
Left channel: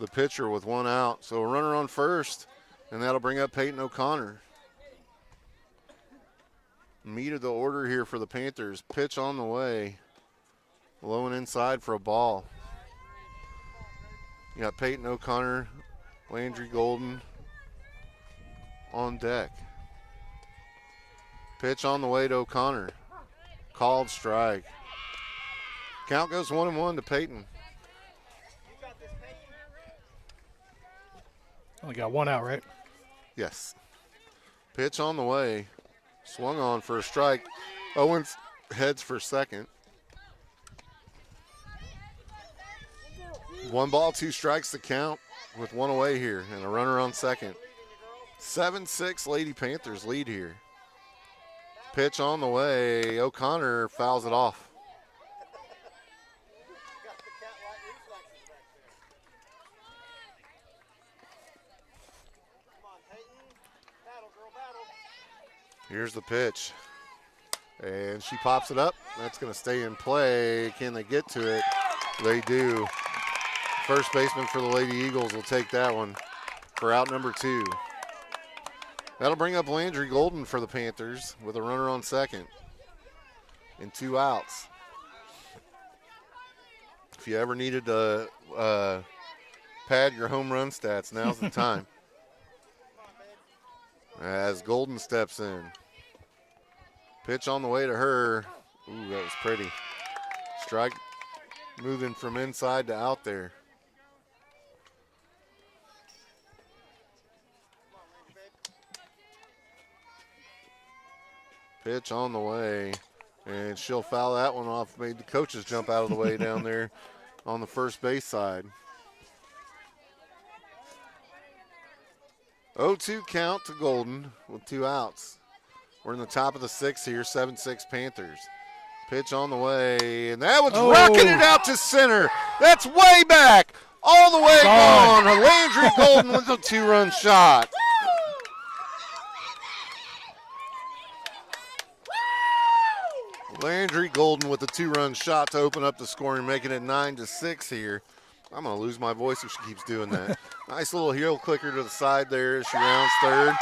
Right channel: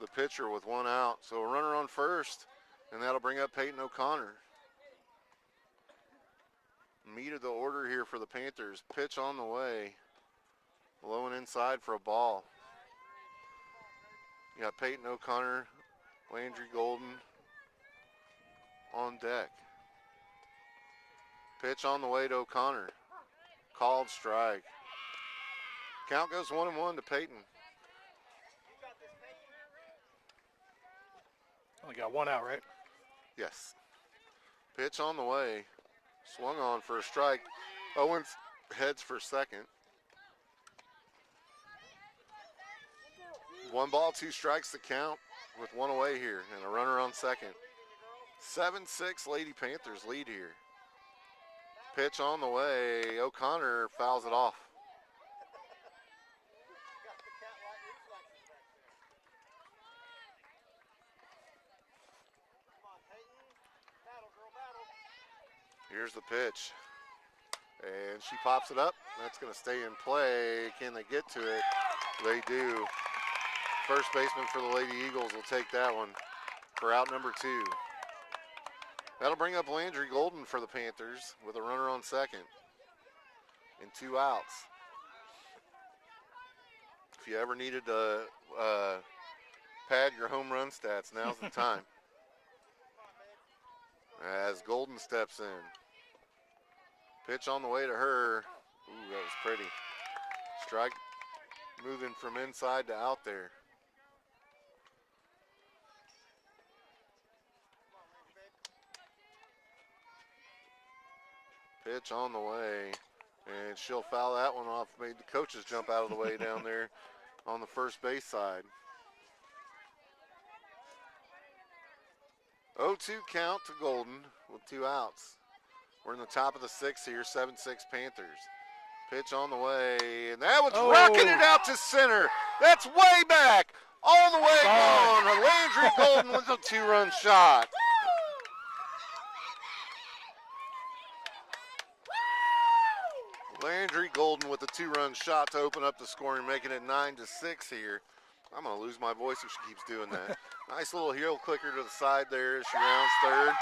the pitcher with one out. So a runner on first, and that'll bring up Peyton O'Connor. Meat of the order here for the Panthers. Pitch on the way. Low and inside for a ball. You got Peyton O'Connor, Landry Golden on deck. Pitch on the way to O'Connor. Called strike. Count goes 1-1 to Peyton. Only got one out, right? Yes. Pitch on the way. Swung on for a strike. Owens heads for second. 1 ball, 2 strikes to count with 1 away here and a runner on second. 7-6 Lady Panthers lead here. Pitch on the way. O'Connor fouls it off. Here's the pitch. And she pops it up. That's going to stay in play. Can they get to it? They do. First baseman for the Lady Eagles will take that one for out number 2. That'll bring up Landry Golden for the Panthers with a runner on second and 2 outs. If you ever needed to pad your home run stats, now's the time. As Golden steps in. Pitch on the way to her. Ooh, that was pretty. Strike moving from inside to out there. Pitch on the way. And she'll foul that one off. Made the coaches jump out of the way down there on the first base side. 0-2 count to Golden with 2 outs. We're in the top of the 6th here, 7-6 Panthers. Pitch on the way, and that one's rocketed out to center. That's way back, all the way gone. Landry Golden with a 2-run shot. Landry Golden with a 2-run shot to open up the scoring, making it 9-6 here. I'm going to lose my voice if she keeps doing that. Nice little heel clicker to the side there as she rounds third.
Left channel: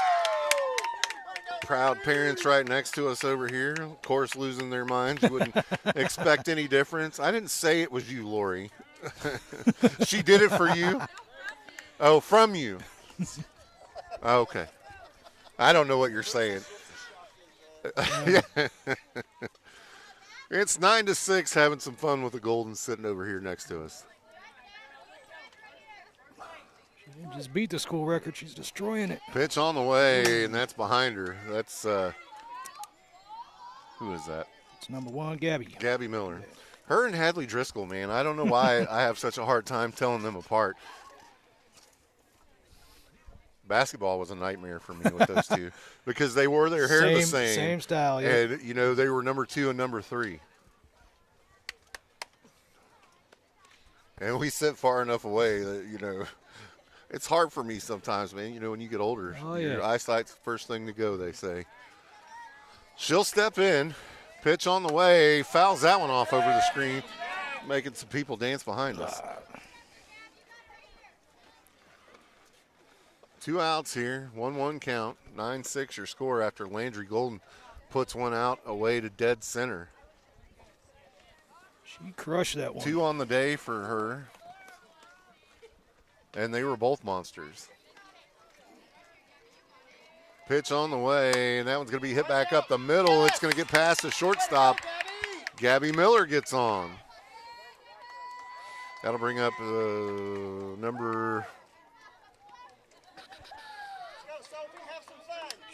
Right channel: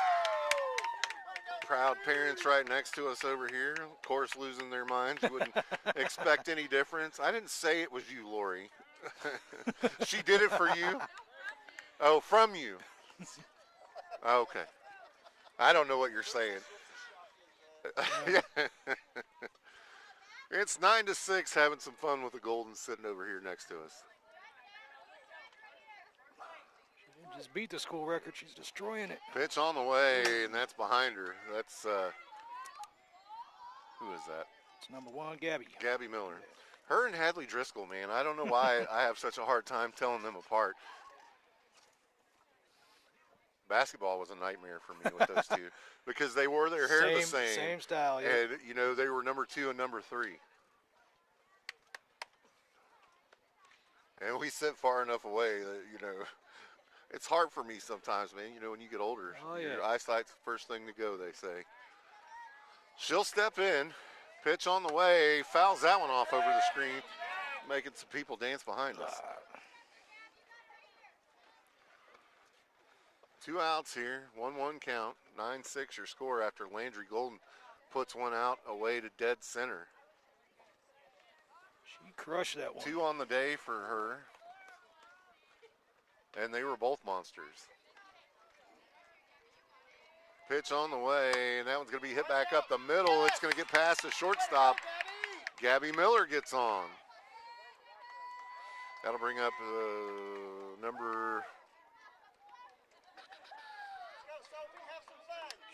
Proud parents right next to us over here, of course, losing their minds. You wouldn't expect any difference. I didn't say it was you, Lori. She did it for you? Oh, from you. Okay. I don't know what you're saying. Yeah. It's 9-6, having some fun with the Golden sitting over here next to us. She just beat the school record. She's destroying it. Pitch on the way, and that's behind her. That's, who is that? It's number 1, Gabby. Gabby Miller. Her and Hadley Driscoll, man. I don't know why I have such a hard time telling them apart. Basketball was a nightmare for me with those two because they wore their hair the same. Same style, yeah. And, you know, they were number 2 and number 3. And we sit far enough away that, you know, it's hard for me sometimes, man. You know, when you get older, your eyesight's the first thing to go, they say. She'll step in, pitch on the way, fouls that one off over the screen, making some people dance behind us. 2 outs here, 1-1 count, 9-6 your score after Landry Golden puts one out away to dead center. She crushed that one. 2 on the day for her. And they were both monsters. Pitch on the way, and that one's going to be hit back up the middle. It's going to get past the shortstop. Gabby Miller gets on. That'll bring up number...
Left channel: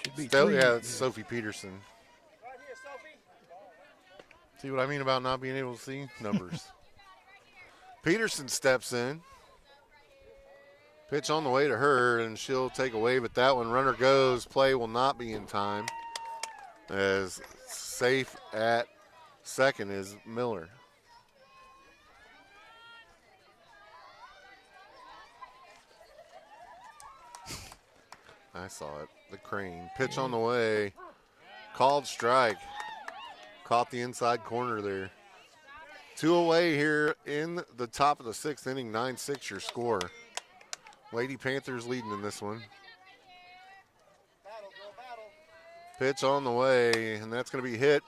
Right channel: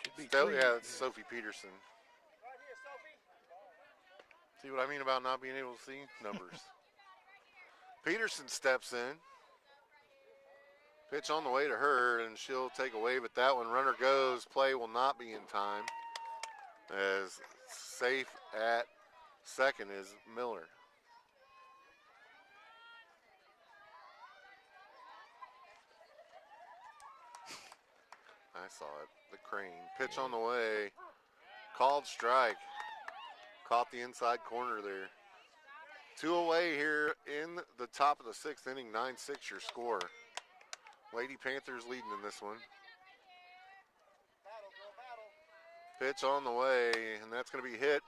Should be yeah, it's Sophie Peterson. See what I mean about not being able to see numbers? Peterson steps in. Pitch on the way to her, and she'll take a wave at that one. Runner goes. Play will not be in time. As safe at second is Miller. I saw it. The crane. Pitch on the way. Called strike. Caught the inside corner there. 2 away here in the top of the 6th inning. 9-6 your score. Lady Panthers leading in this one. Pitch on the way, and that's going to be hit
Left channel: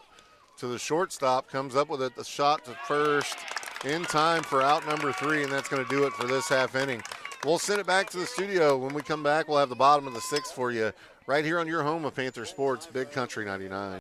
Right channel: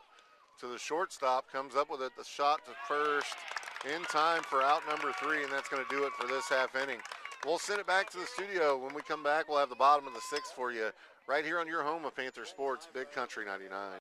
to the shortstop. Comes up with it. The shot to first in time for out number 3, and that's going to do it for this half inning. We'll send it back to the studio. When we come back, we'll have the bottom of the 6th for you right here on your home of Panther Sports, Big Country 99.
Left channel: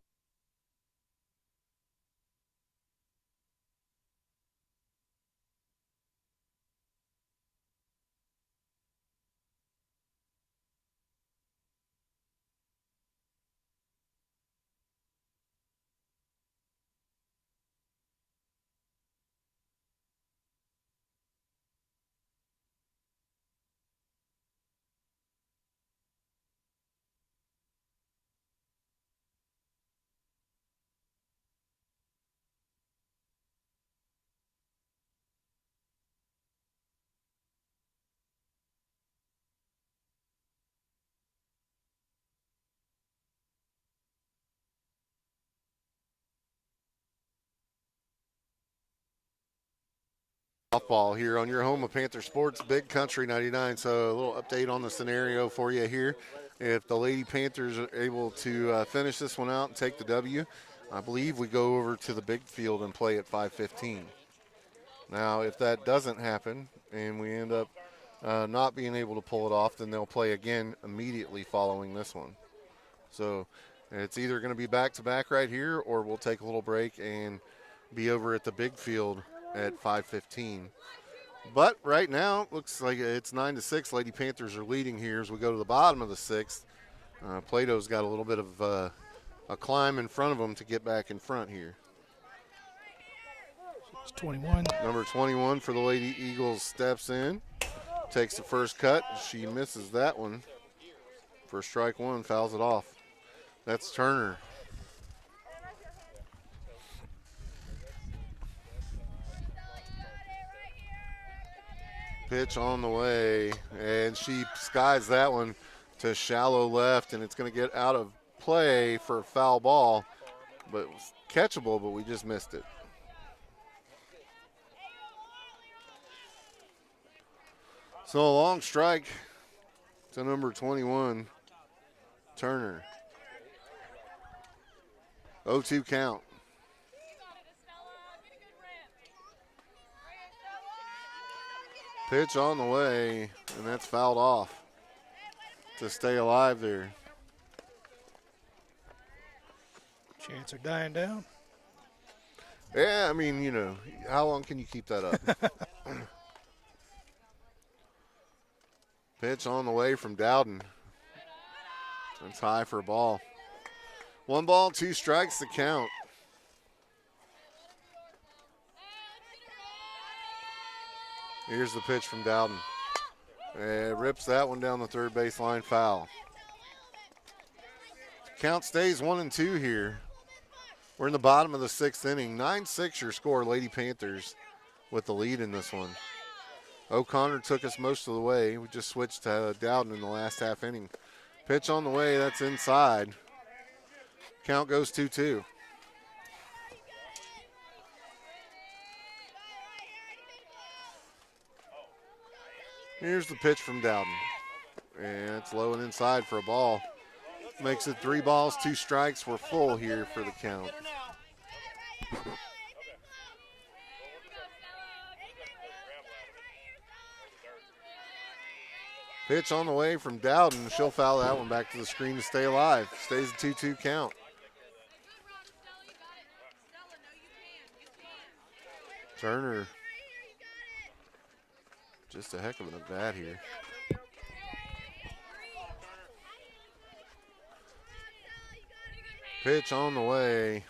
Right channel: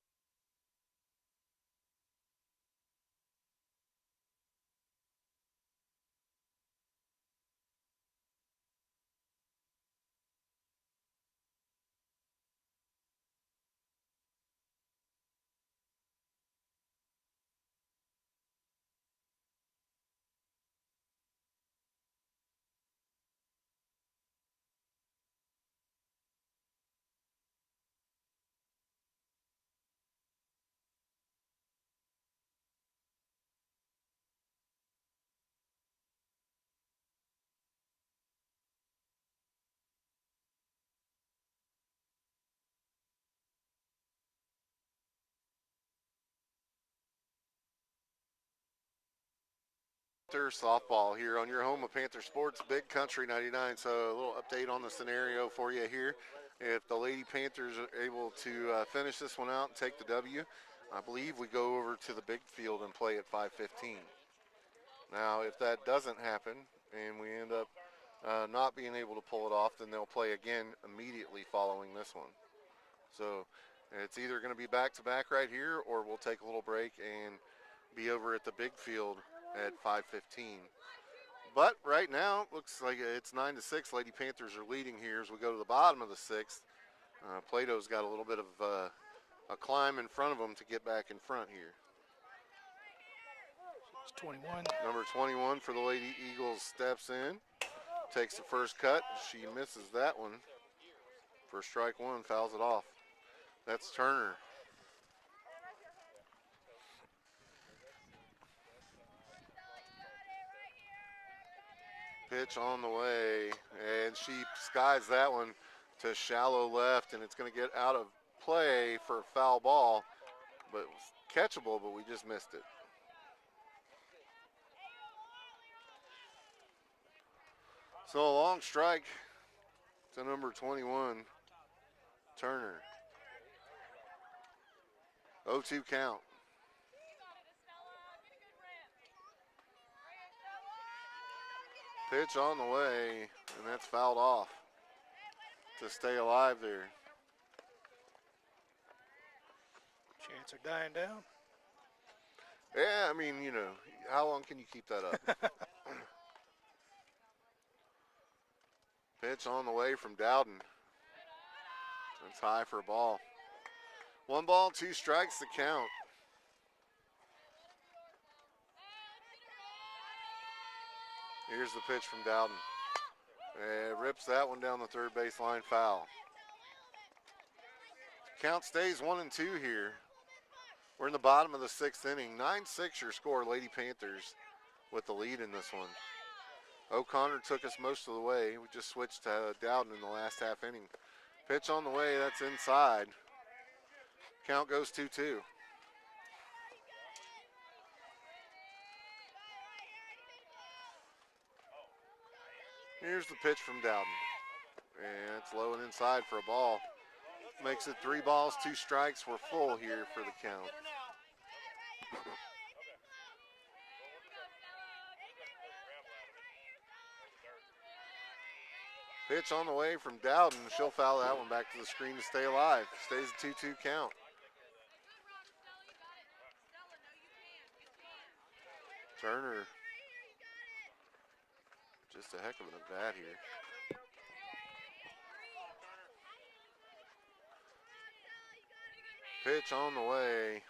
Panther softball here on your home of Panther Sports, Big Country 99. So a little update on the scenario for you here. If the Lady Panthers are able to finish this one out and take the W, I believe we go over to the big field and play at 5:15. Now, if that doesn't happen and we end up not being able to pull it off, then they'll play again immediately following this one. So it's either going to be back-to-back right here, or we'll take a little break and be over at the big field at 5:15. But right now, it looks like it's 9-6. Lady Panthers are leading here as we go to the bottom of the sixth. Plato's got a little bit of a climb in front of them to get back in front here. It's 21. Number 21 for the Lady Eagles steps in, takes the first cut. She misses that one for strike one, fouls it off. That's Turner. Pitch on the way, and she skies that one to shallow left, and it's going to get out of play for a foul ball, but it was catchable, but we just missed it. So a long strike to number 21, Turner. 0-2 count. Pitch on the way, and that's fouled off to stay alive there. Chants are dying down. Yeah, I mean, you know, how long can you keep that up? Pitch on the way from Dowden. That's high for a ball. 1 ball, 2 strikes to count. Here's the pitch from Dowden. And rips that one down the third baseline, foul. Count stays 1-2 here. We're in the bottom of the sixth inning. 9-6 your score, Lady Panthers with the lead in this one. O'Connor took us most of the way. We just switched to Dowden in the last half inning. Pitch on the way, that's inside. Count goes 2-2. Here's the pitch from Dowden. And it's low and inside for a ball. Makes it 3 balls, 2 strikes. We're full here for the count. Pitch on the way from Dowden. She'll foul that one back to the screen to stay alive. Stays a 2-2 count. Turner. Just a heck of an at-bat here. Pitch on the way.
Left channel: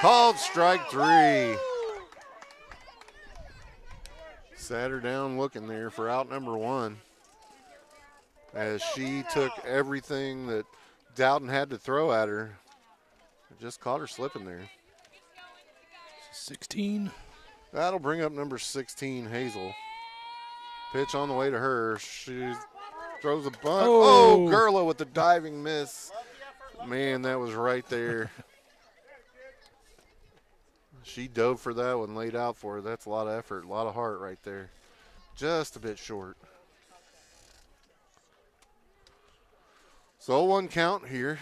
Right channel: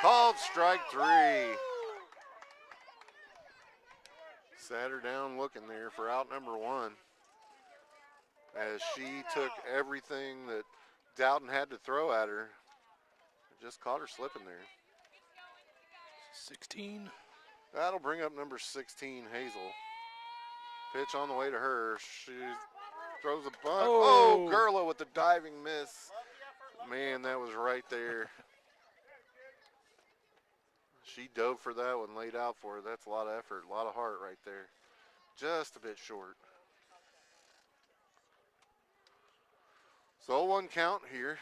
Called strike 3. Sat her down looking there for out number 1. As she took everything that Dowden had to throw at her. Just caught her slipping there. 16. That'll bring up number 16, Hazel. Pitch on the way to her. She throws a bunt. Oh, Gerla with the diving miss. Man, that was right there. She dove for that one, laid out for her. That's a lot of effort, a lot of heart right there. Just a bit short. So 1 count here.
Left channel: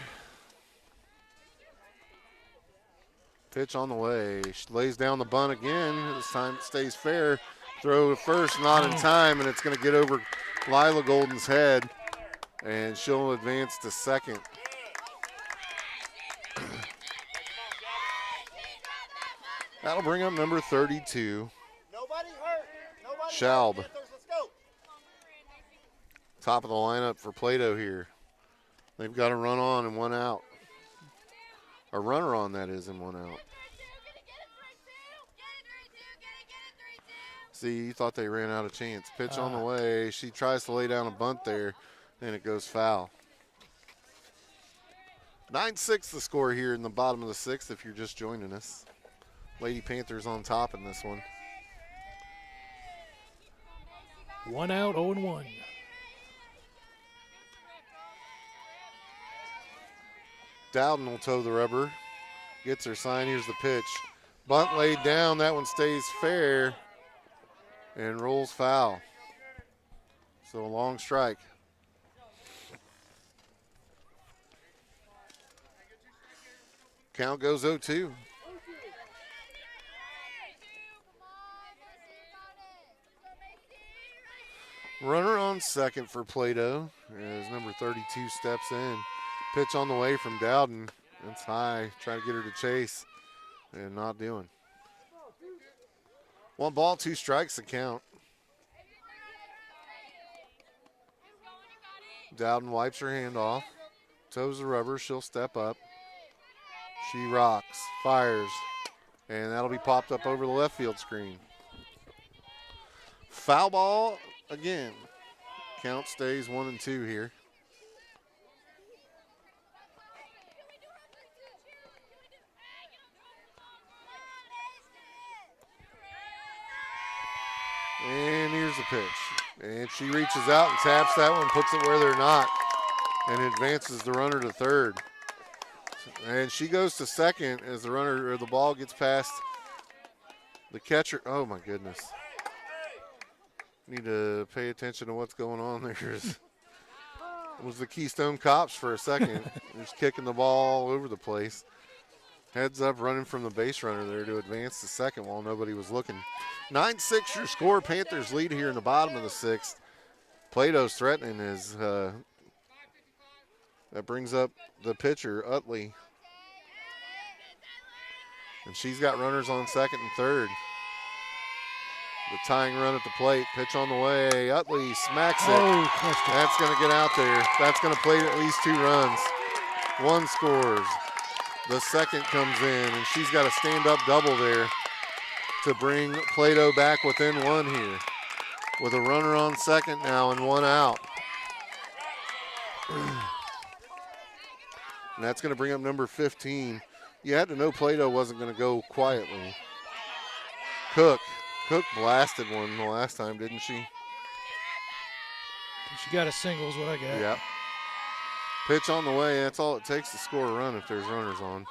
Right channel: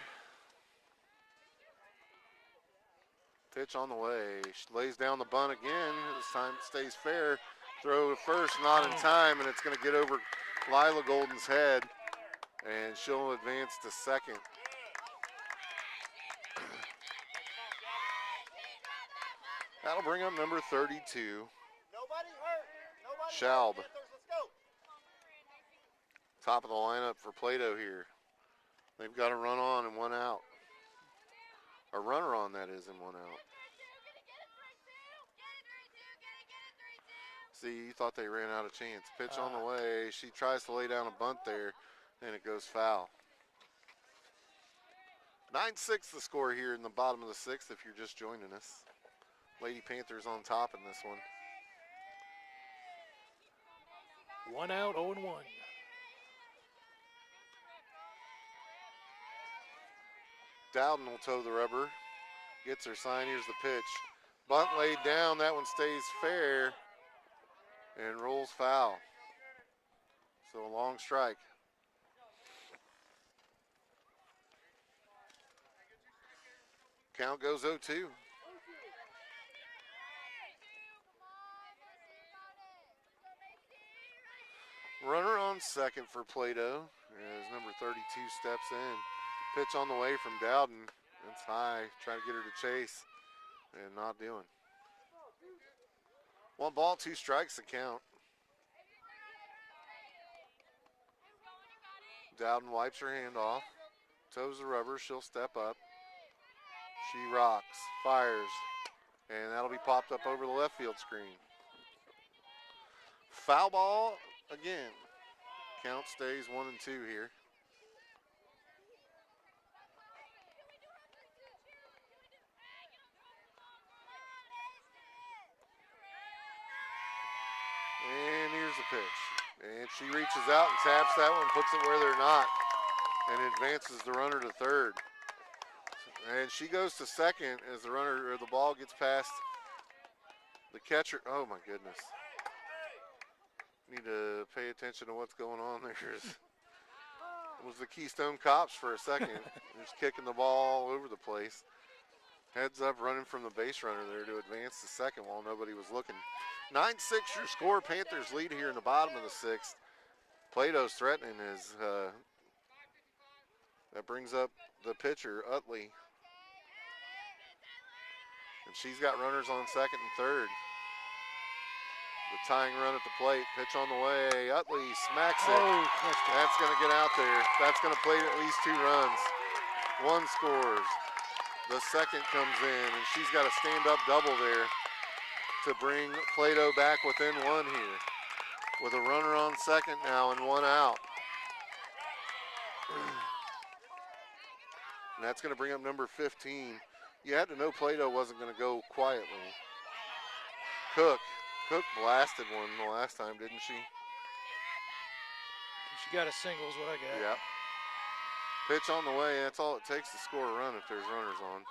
Pitch on the way. She lays down the bunt again. This time it stays fair. Throw to first, not in time, and it's going to get over Lila Golden's head, and she'll advance to second. That'll bring up number 32, Schaub. Top of the lineup for Plato here. They've got a run on and 1 out. A runner on, that is, and 1 out. See, you thought they ran out of chance. Pitch on the way. She tries to lay down a bunt there, and it goes foul. 9-6 the score here in the bottom of the sixth if you're just joining us. Lady Panthers on top in this one. 1 out, 0-1. Dowden will toe the rubber. Gets her sign. Here's the pitch. Bunt laid down. That one stays fair and rolls foul. So a long strike. Count goes 0-2. Runner on second for Plato as number 32 steps in. Pitch on the way from Dowden. It's high. Try to get her to chase and not doing. 1 ball, 2 strikes to count. Dowden wipes her hand off. Toes the rubber. She'll step up. She rocks, fires, and that'll be popped up over the left field screen. Foul ball again. Count stays 1-2 here. And here's the pitch. And she reaches out and taps that one, puts it where they're not, and advances the runner to third. And she goes to second as the runner or the ball gets past the catcher. Oh my goodness. Need to pay attention to what's going on there. It was the Keystone Cops for a second. Just kicking the ball all over the place. Heads up, running from the base runner there to advance to second while nobody was looking. 9-6 your score. Panthers lead here in the bottom of the sixth. Plato's threatening as that brings up the pitcher, Utley. And she's got runners on second and third. The tying run at the plate. Pitch on the way. Utley smacks it. Oh, that's going to get out there. That's going to plate at least 2 runs. 1 scores. The second comes in, and she's got a stand-up double there to bring Plato back within 1 here. With a runner on second now and 1 out. And that's going to bring up number 15. You had to know Plato wasn't going to go quietly. Cook blasted one the last time, didn't she? She got a single is what I got. Yep. Pitch on the way. That's all it takes to score a run if there's runners on.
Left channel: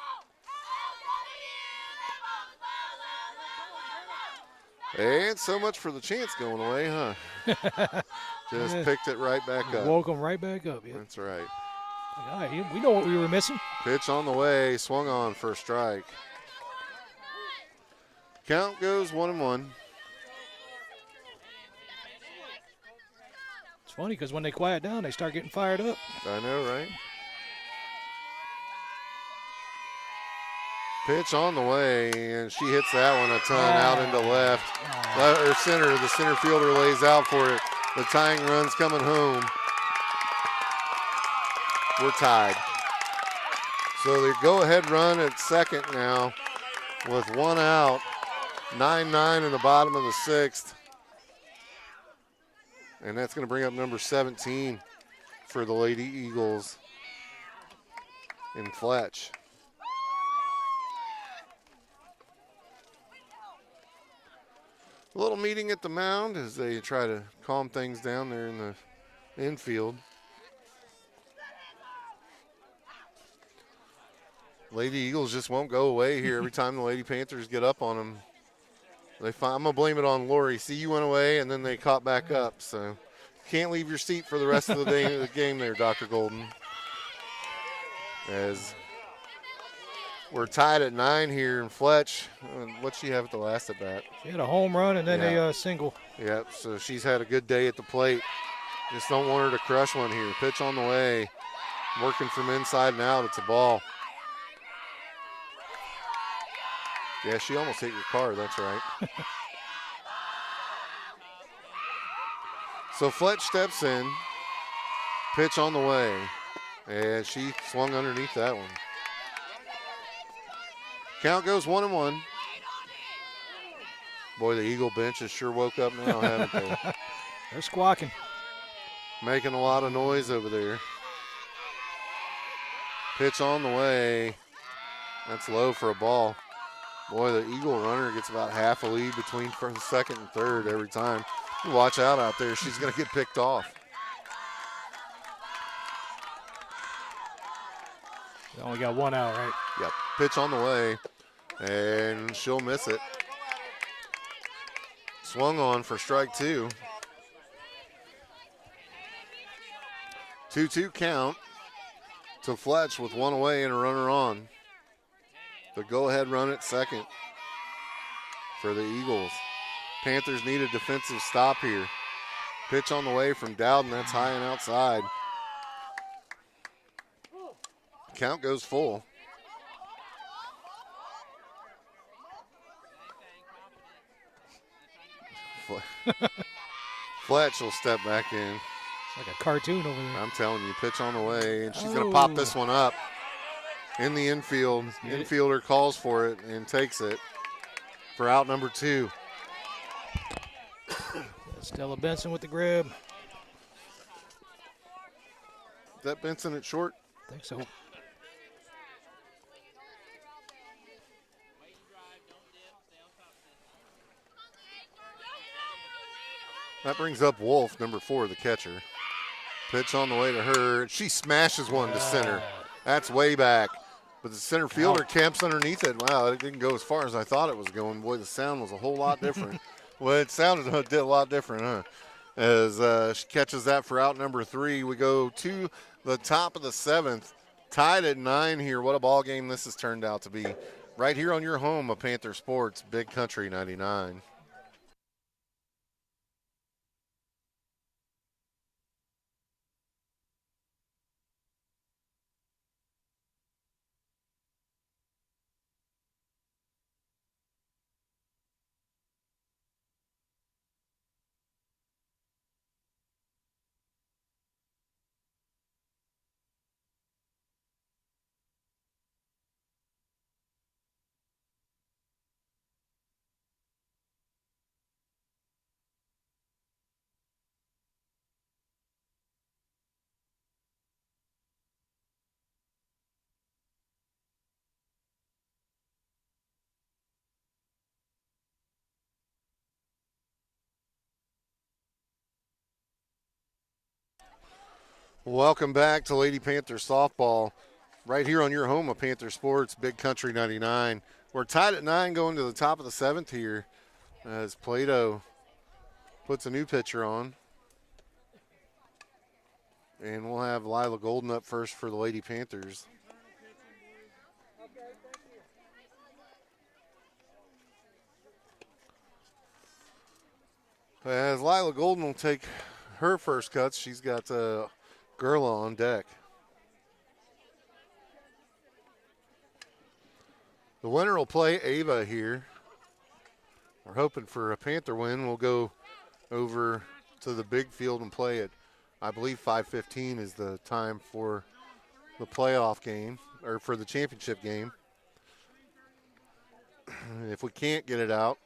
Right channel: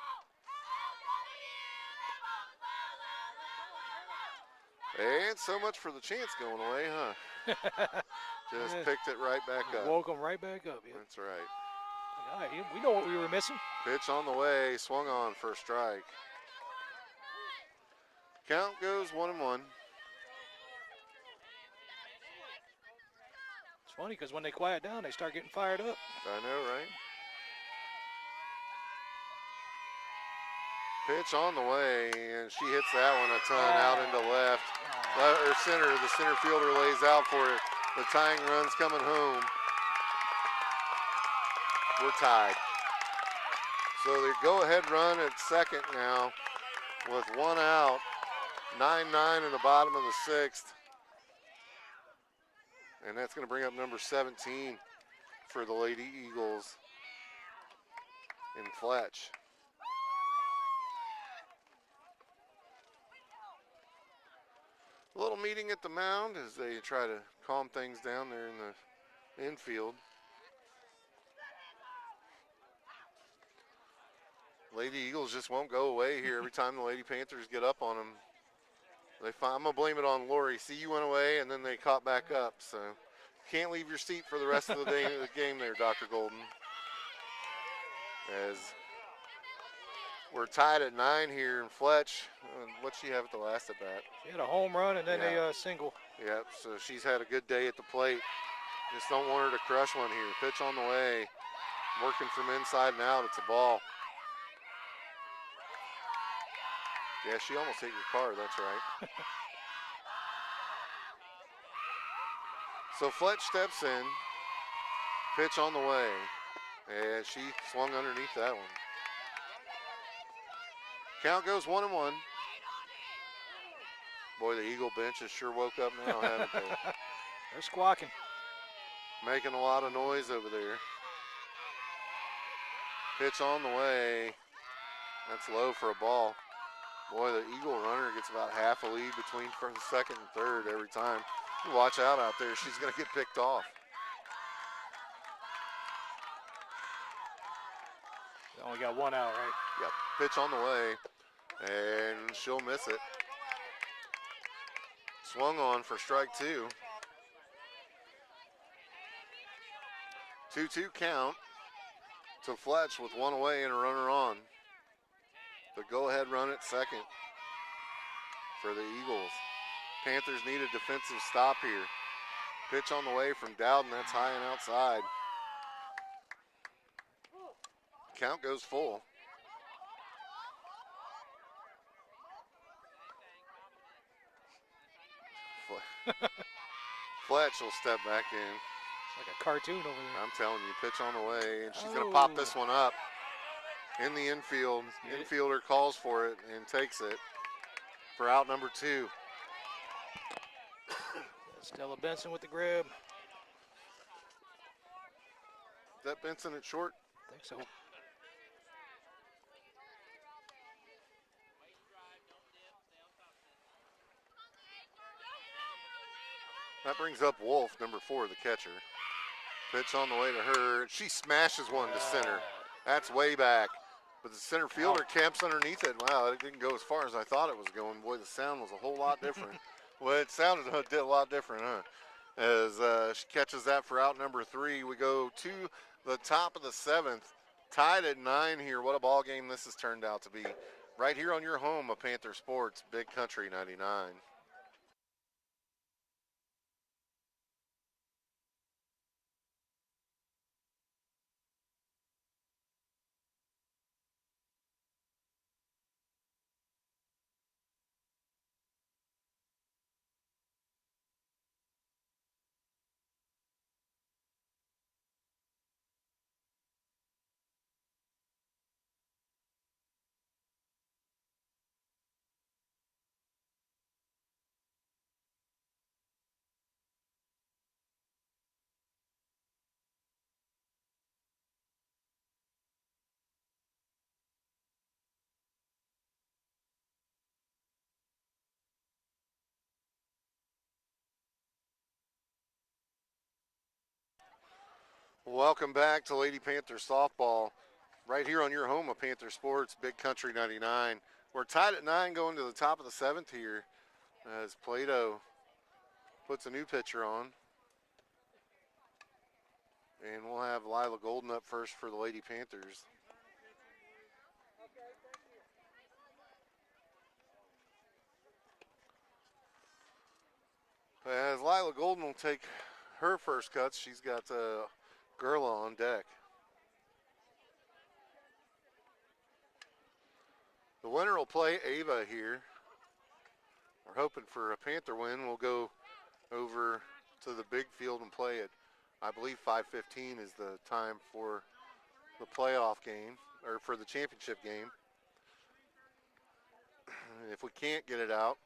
And so much for the chance going away, huh? Just picked it right back up. Woke them right back up. Yeah. That's right. All right, we know what we were missing. Pitch on the way. Swung on for a strike. Count goes 1-1. It's funny because when they quiet down, they start getting fired up. I know, right? Pitch on the way, and she hits that one a ton out into left. Or center. The center fielder lays out for it. The tying run's coming home. We're tied. So the go-ahead run at second now with 1 out. 9-9 in the bottom of the sixth. And that's going to bring up number 17 for the Lady Eagles in Fletch. A little meeting at the mound as they try to calm things down there in the infield. Lady Eagles just won't go away here. Every time the Lady Panthers get up on them, I'm going to blame it on Lori. See, you went away, and then they caught back up. So can't leave your seat for the rest of the day of the game there, Dr. Golden. As we're tied at 9 here in Fletch. What'd she have at the last at bat? She had a home run and then a single. Yep, so she's had a good day at the plate. Just don't want her to crush one here. Pitch on the way. Working from inside and out. It's a ball. Yeah, she almost hit your car. That's right. So Fletch steps in. Pitch on the way. And she swung underneath that one. Count goes 1-1. Boy, the Eagle bench has sure woke up now, haven't they? They're squawking. Making a lot of noise over there. Pitch on the way. That's low for a ball. Boy, the Eagle runner gets about half a lead between second and third every time. You watch out there. She's going to get picked off. They only got 1 out, right? Yep. Pitch on the way. And she'll miss it. Swung on for strike 2. 2-2 count to Fletch with one away and a runner on. The go-ahead run at second for the Eagles. Panthers need a defensive stop here. Pitch on the way from Dowden. That's high and outside. Count goes full. Fletch will step back in. It's like a cartoon over there. I'm telling you, pitch on the way, and she's going to pop this one up in the infield. Infielder calls for it and takes it for out number 2. Stella Benson with the grab. Is that Benson at short? I think so. That brings up Wolf, number 4, the catcher. Pitch on the way to her. She smashes one to center. That's way back. But the center fielder camps underneath it. Wow, it didn't go as far as I thought it was going. Boy, the sound was a whole lot different. Well, it sounded a lot different, huh? As she catches that for out number 3. We go to the top of the 7th. Tied at 9 here. What a ball game this has turned out to be. Right here on your home of Panther Sports, Big Country 99. Welcome back to Lady Panther Softball, right here on your home of Panther Sports, Big Country 99. We're tied at 9 going to the top of the 7th here as Plato puts a new pitcher on. And we'll have Lila Golden up first for the Lady Panthers. As Lila Golden will take her first cuts, she's got Gerla on deck. The winner will play Ava here. We're hoping for a Panther win. We'll go over to the big field and play it. I believe 5:15 is the time for the playoff game, or for the championship game. If we can't get it out,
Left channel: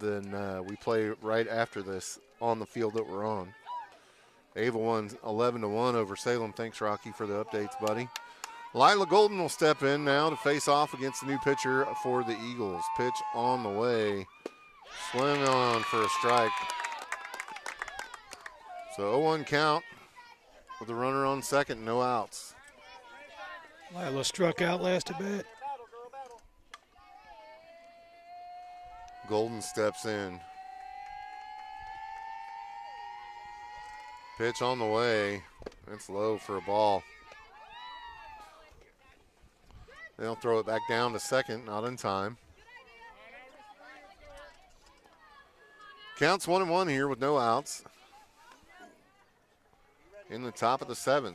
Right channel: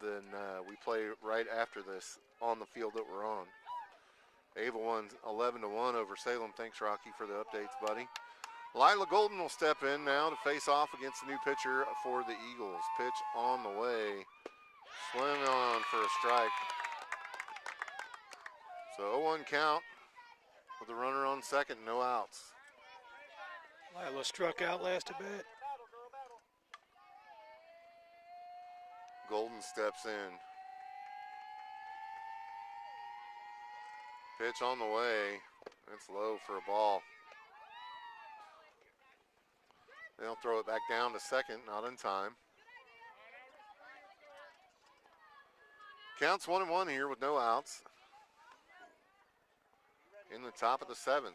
then we play right after this on the field that we're on. Ava won 11-1 over Salem. Thanks, Rocky, for the updates, buddy. Lila Golden will step in now to face off against the new pitcher for the Eagles. Pitch on the way. Swing on for a strike. So 0-1 count with the runner on second, no outs. Lila struck out last at bat. Golden steps in. Pitch on the way. It's low for a ball. They'll throw it back down to second, not in time. Counts 1-1 here with no outs. In the top of the 7th.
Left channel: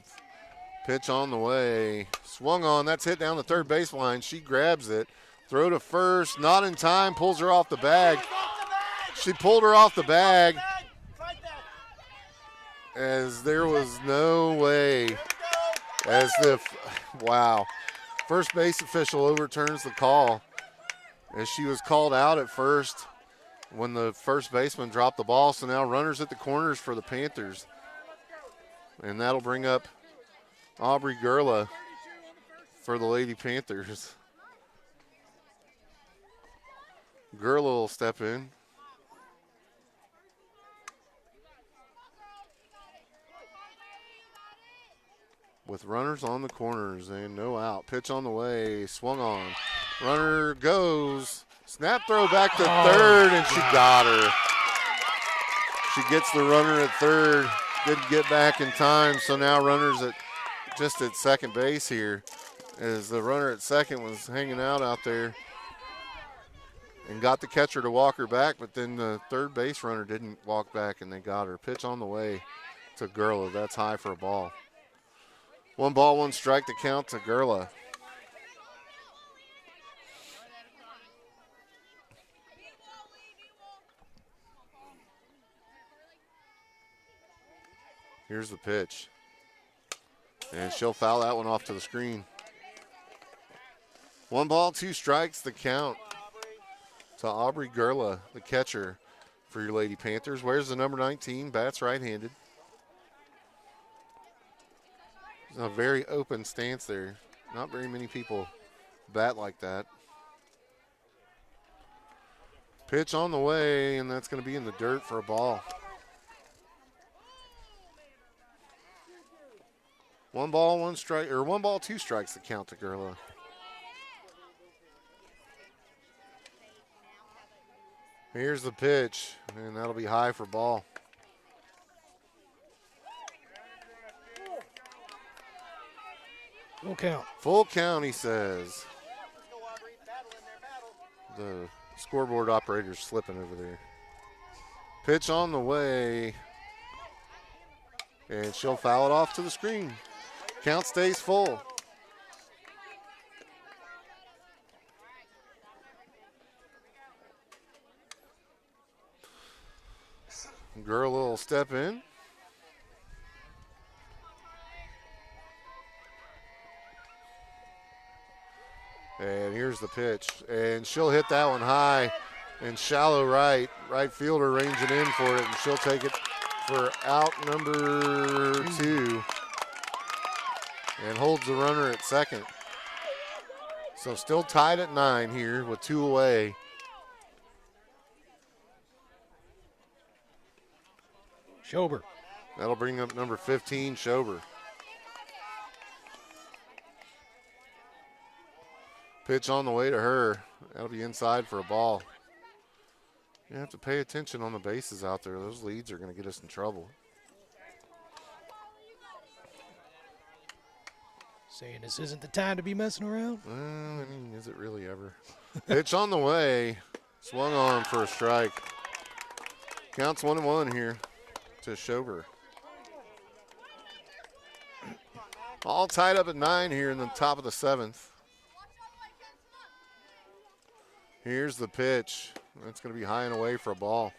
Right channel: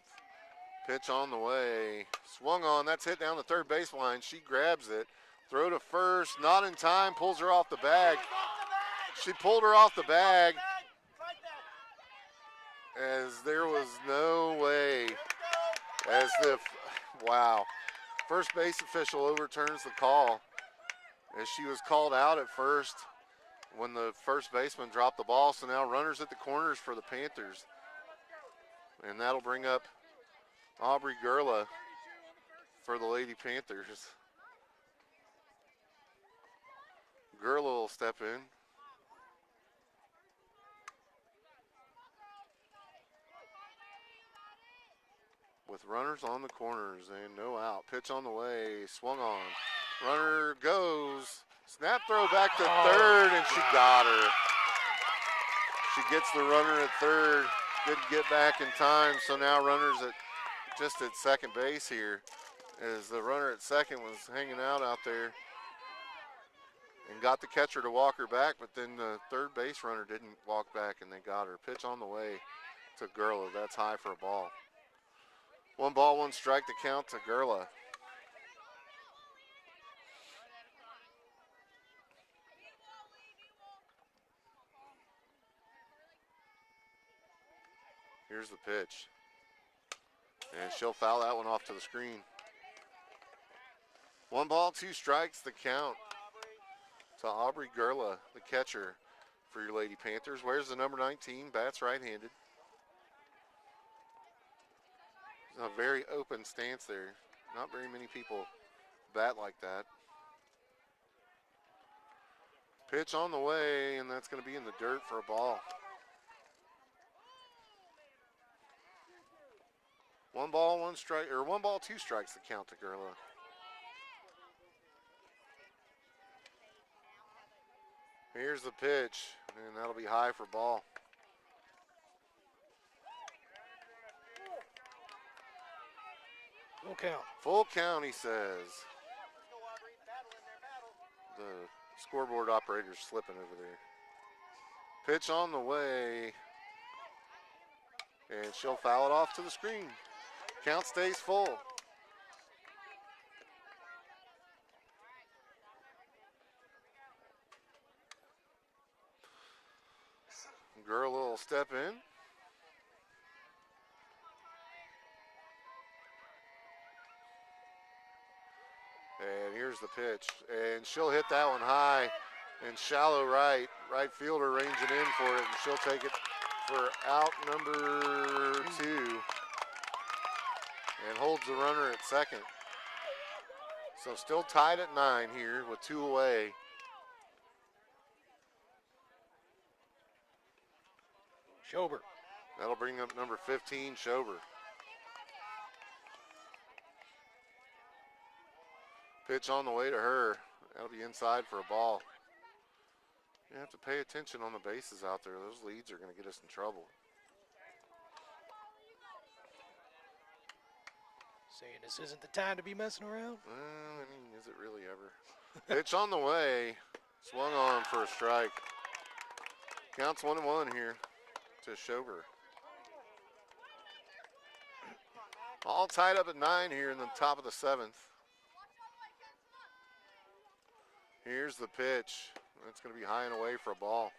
Pitch on the way. Swung on. That's hit down the third baseline. She grabs it. Throw to first. Not in time. Pulls her off the bag. She pulled her off the bag. As there was no way. As if, wow. First base official overturns the call. As she was called out at first when the first baseman dropped the ball. So now runners at the corners for the Panthers. And that'll bring up Aubrey Gerla for the Lady Panthers. Gerla will step in. with runners on the corners and no out. Pitch on the way, swung on. Runner goes. Snap throw back to third, and she got her. She gets the runner at third. Didn't get back in time, so now runners just at second base here, as the runner at second was hanging out there and got the catcher to walk her back, but then the third base runner didn't walk back, and they got her. Pitch on the way to Gurla. That's high for a ball. 1 ball, 1 strike to count to Gurla. Here's the pitch. And she'll foul that one off to the screen. 1 ball, 2 strikes, the count to Aubrey Gurla, the catcher for your Lady Panthers. Where's the number 19? Bats right-handed. A very open stance there. Not very many people bat like that. Pitch on the way, and that's going to be in the dirt for a ball. 1 ball, 1 strike, or 1 ball, 2 strikes to count to Gurla. Here's the pitch, and that'll be high for ball. Full count. Full count, he says. The scoreboard operator's slipping over there. Pitch on the way, and she'll foul it off to the screen. Count stays full. Girl will step in. And here's the pitch. And she'll hit that one high and shallow right. Right fielder ranging in for it, and she'll take it for out number 2. And holds the runner at second. So still tied at 9 here with 2 away. Schober. That'll bring up number 15, Schober. Pitch on the way to her. That'll be inside for a ball. You have to pay attention on the bases out there. Those leads are going to get us in trouble. Saying this isn't the time to be messing around? I mean, is it really ever? Pitch on the way. Swung on for a strike. Counts 1-1 here to Schober. All tied up at 9 here in the top of the 7th. Here's the pitch. That's going to be high and away for a ball.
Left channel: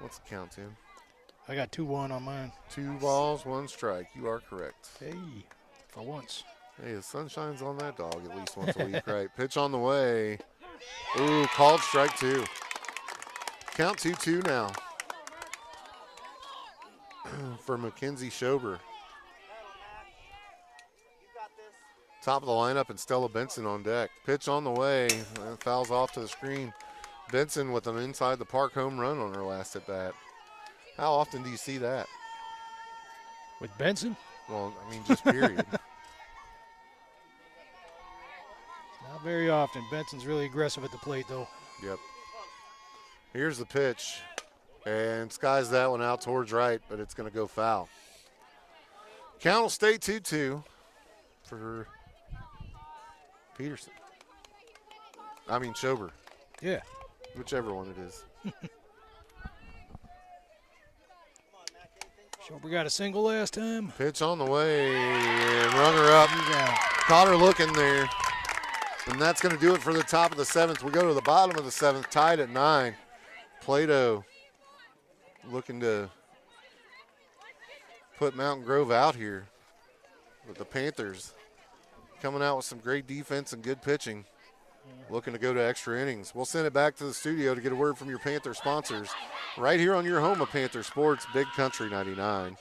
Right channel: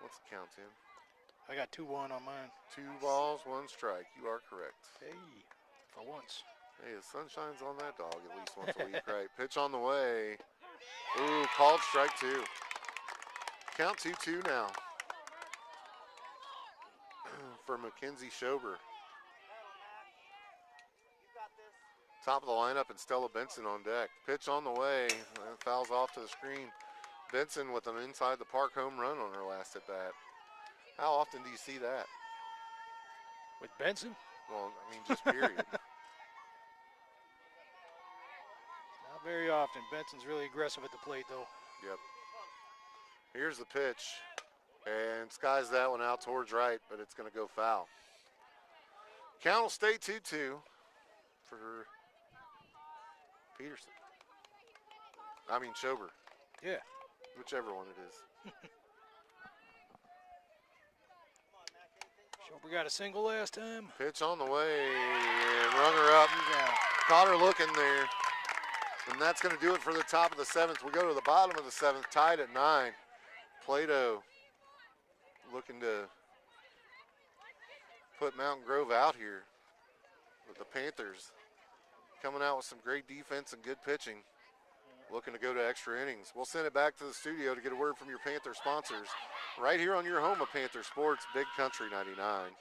What's the count, Tim? I got 2-1 on mine. 2 balls, 1 strike. You are correct. Hey, for once. Hey, the sun shines on that dog at least once a week, right? Pitch on the way. Ooh, called strike 2. Count 2-2 now for Mackenzie Schober. Top of the lineup, and Stella Benson on deck. Pitch on the way. Fouls off to the screen. Benson with an inside the park home run on her last at bat. How often do you see that? With Benson? Well, I mean, just period. Not very often. Benson's really aggressive at the plate, though. Yep. Here's the pitch. And skies that one out towards right, but it's going to go foul. Count will stay 2-2 for Peterson. I mean, Schober. Yeah. Whichever one it is. Schober got a single last time. Pitch on the way, and run her up. Caught her looking there. And that's going to do it for the top of the 7th. We go to the bottom of the 7th, tied at 9. Plato looking to put Mountain Grove out here. But the Panthers coming out with some great defense and good pitching. Looking to go to extra innings. We'll send it back to the studio to get a word from your Panther sponsors. Right here on your home of Panther Sports, Big Country 99.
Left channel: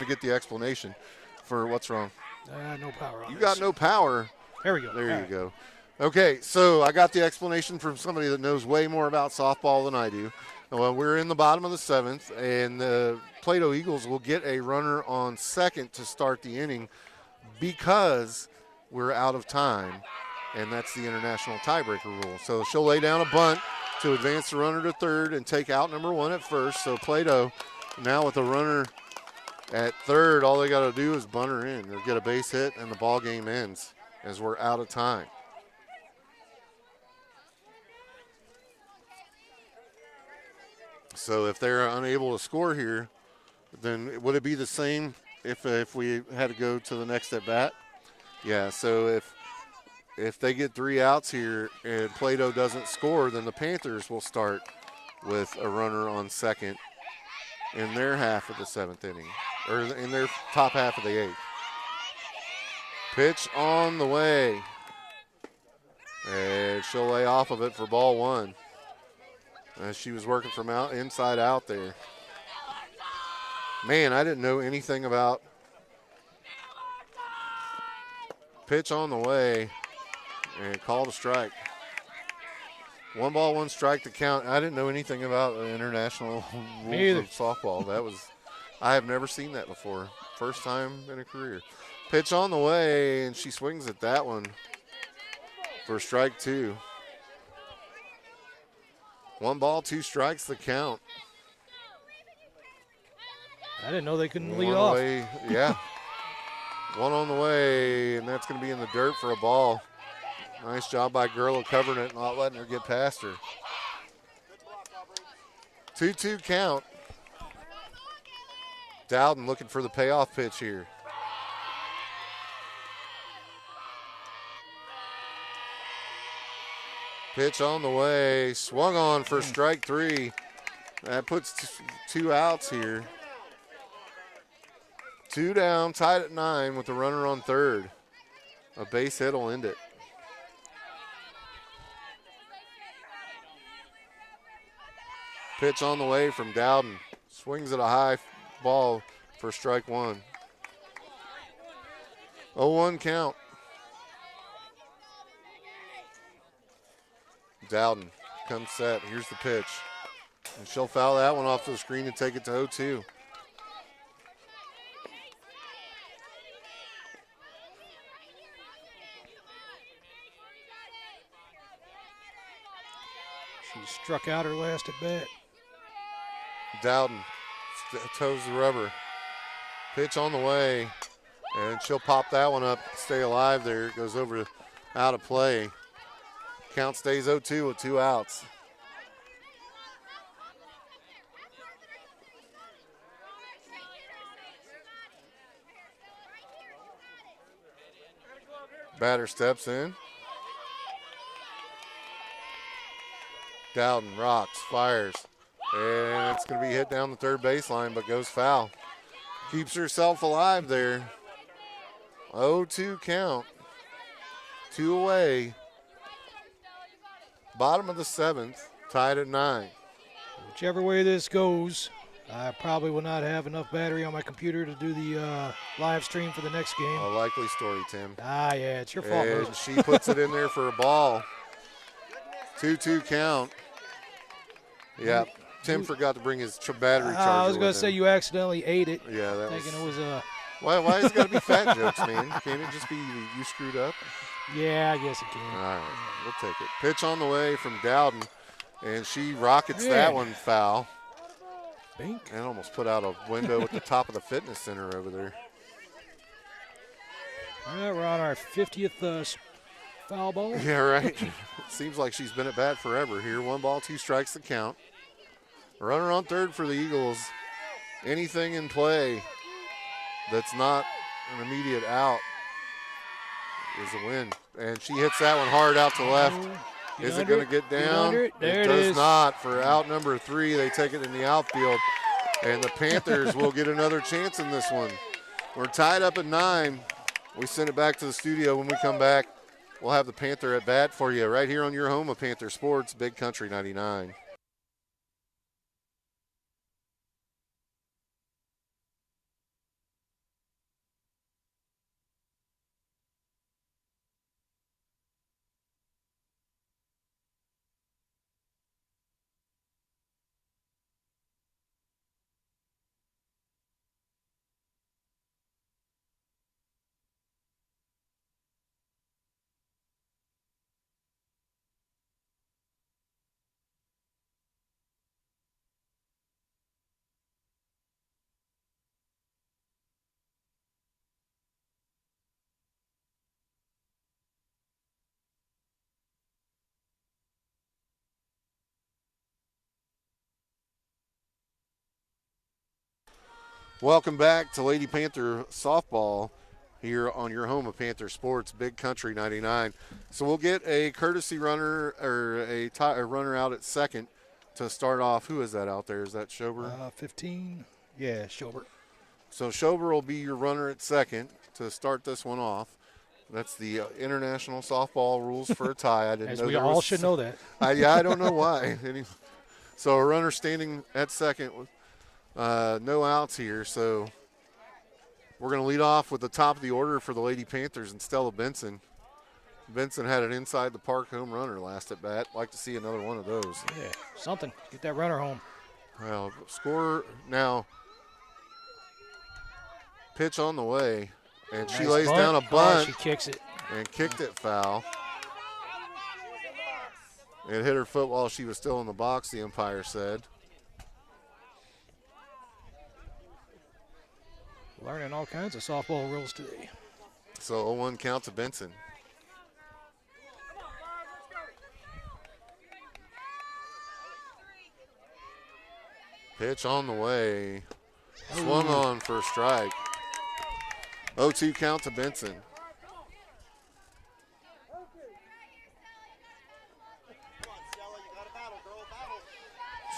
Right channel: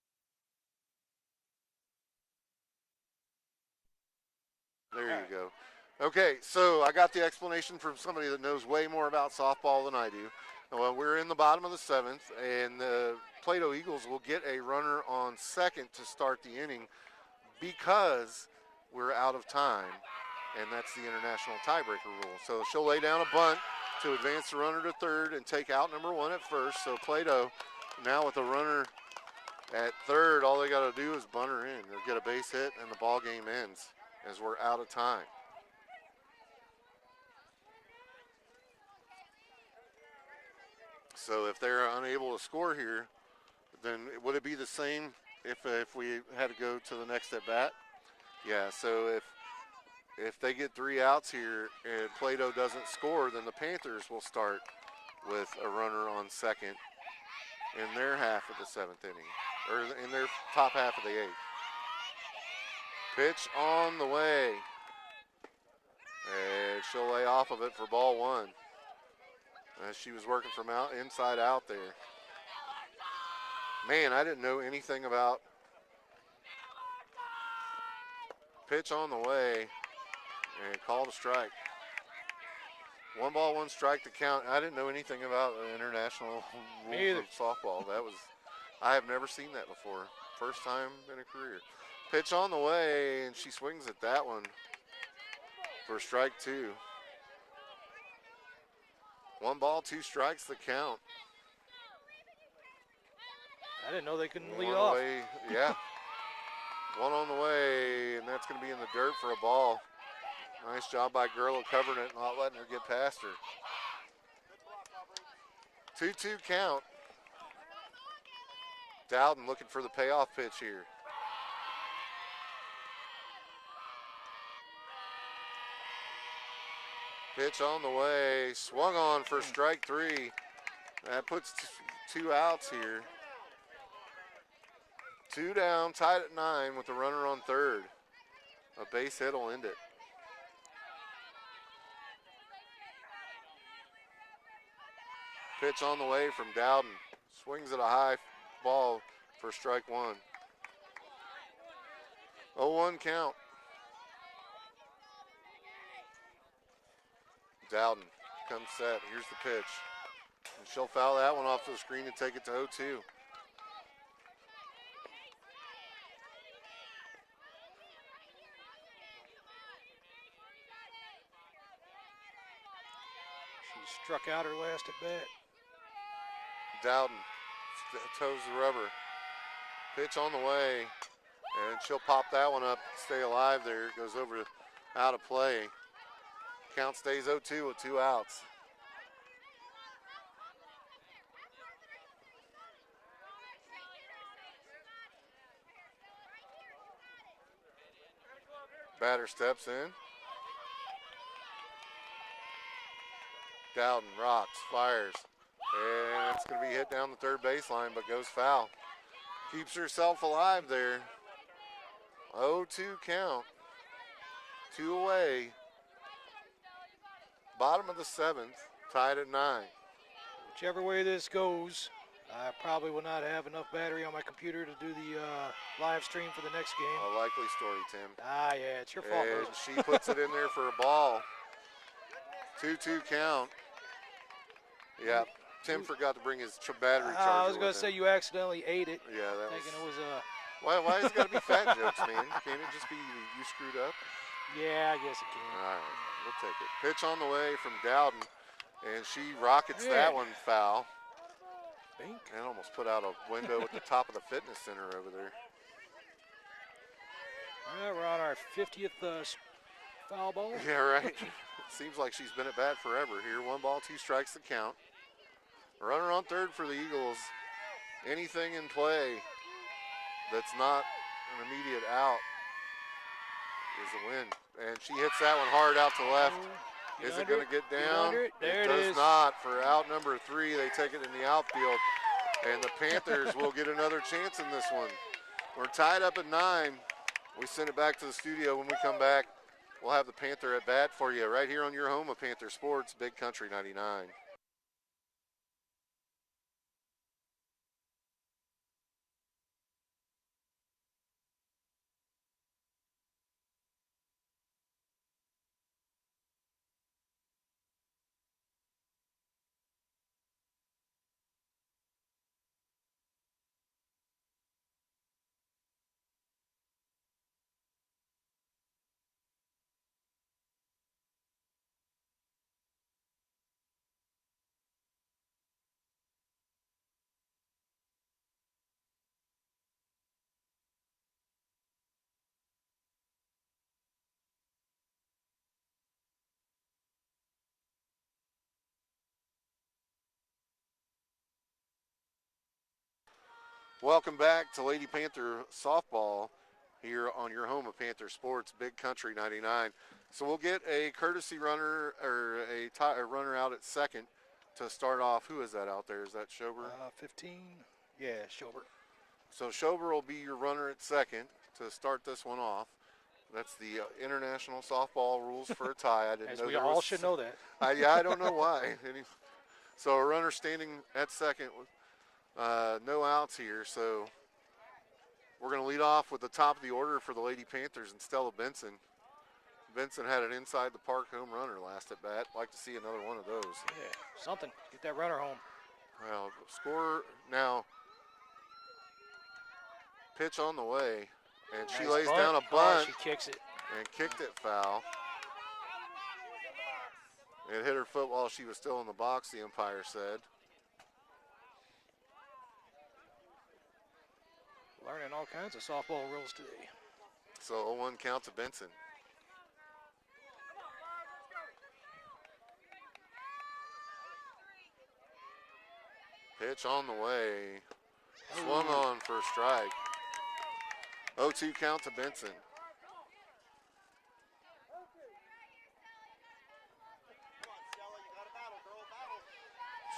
to get the explanation for what's wrong. No power on You this. got no power. There we go. There All you right. go. Okay, so I got the explanation from somebody that knows way more about softball than I do. Well, we're in the bottom of the 7th, and the Plato Eagles will get a runner on second to start the inning because we're out of time, and that's the international tiebreaker rule. So she'll lay down a bunt to advance the runner to third and take out number 1 at first. So Plato now with a runner at third, all they got to do is bunt her in. They'll get a base hit, and the ball game ends as we're out of time. So if they're unable to score here, then would it be the same if we had to go to the next at bat? Yeah. So if they get 3 outs here and Plato doesn't score, then the Panthers will start with a runner on second in their half of the 7th inning, or in their top half of the 8th. Pitch on the way, and she'll lay off of it for ball 1. As she was working from inside out there. Man, I didn't know anything about pitch on the way and called a strike. 1 ball, 1 strike to count. I didn't know anything about the international rules of softball. I have never seen that before. First time in a career. Pitch on the way, and she swings at that one for strike 2. 1 ball, 2 strikes, the count. I didn't know they couldn't lead One off. away, yeah. 1 on the way, and that's going to be in the dirt for a ball. Nice job by Gurla covering it and not letting her get past her. 2-2 count. Dowden looking for the payoff pitch here. Pitch on the way, swung on for strike 3. That puts 2 outs here. 2 down, tied at 9 with the runner on third. A base hit will end it. Pitch on the way from Dowden. Swings at a high ball for strike 1. 0-1 count. Dowden comes set. Here's the pitch. And she'll foul that one off to the screen and take it to 0-2. She struck out her last at bat. Dowden toes the rubber. Pitch on the way. And she'll pop that one up, stay alive there. It goes over out of play. Count stays 0-2 with 2 outs. Batter steps in. Dowden rocks, fires, and it's going to be hit down the third baseline, but goes foul. Keeps herself alive there. 0-2 count. 2 away. Bottom of the 7th, tied at 9. Whichever way this goes, I probably will not have enough battery on my computer to do the live stream for the next game. A likely story, Tim. Yeah, it's your fault. And she puts it in there for a ball. 2-2 count. Yeah, Tim forgot to bring his battery charger. I was going to with say him. you accidentally ate it. Yeah, that thinking was. it was Why is it got to be fat jokes, man? Can't it just be you screwed up? Yeah, I guess it can. All right, we'll take it. Pitch on the way from Dowden, and she rockets that one foul. Bink. And almost put out a window at the top of the fitness center over there. All right, we're on our 50th foul ball. Yeah, right. It seems like she's been at bat forever here. 1 ball, 2 strikes to count. Runner on third for the Eagles. Anything in play that's not an immediate out is a win. And she hits that one hard out to left. Is it going to get down? There it does is. not. For out number 3, they take it in the outfield. And the Panthers will get another chance in this one. We're tied up at 9. We send it back to the studio. When we come back, we'll have the Panther at bat for you right here on your home of Panther Sports, Big Country 99. Welcome back to Lady Panther Softball here on your home of Panther Sports, Big Country 99. So we'll get a courtesy runner or a runner out at second to start off. Who is that out there? Is that Schober? 15. Yeah, Schobert. So Schober will be your runner at second to start this one off. That's the international softball rules for a tie. I didn't As know we there all was, should know that. I don't know why. So a runner standing at second with no outs here. So we're going to lead off with the top of the order for the Lady Panthers and Stella Benson. Benson had an inside the park home runner last at bat. Like to see another one of those. Yeah, something. Get that runner home. Well, score now. Pitch on the way. And she Nice lays bunt. down a bunt She kicks it. and kicked it foul. It hit her foot while she was still in the box, the umpire said. Learning all kinds of softball rules today. So 0-1 count to Benson. Pitch on the way. Swung on for a strike. 0-2 count to Benson.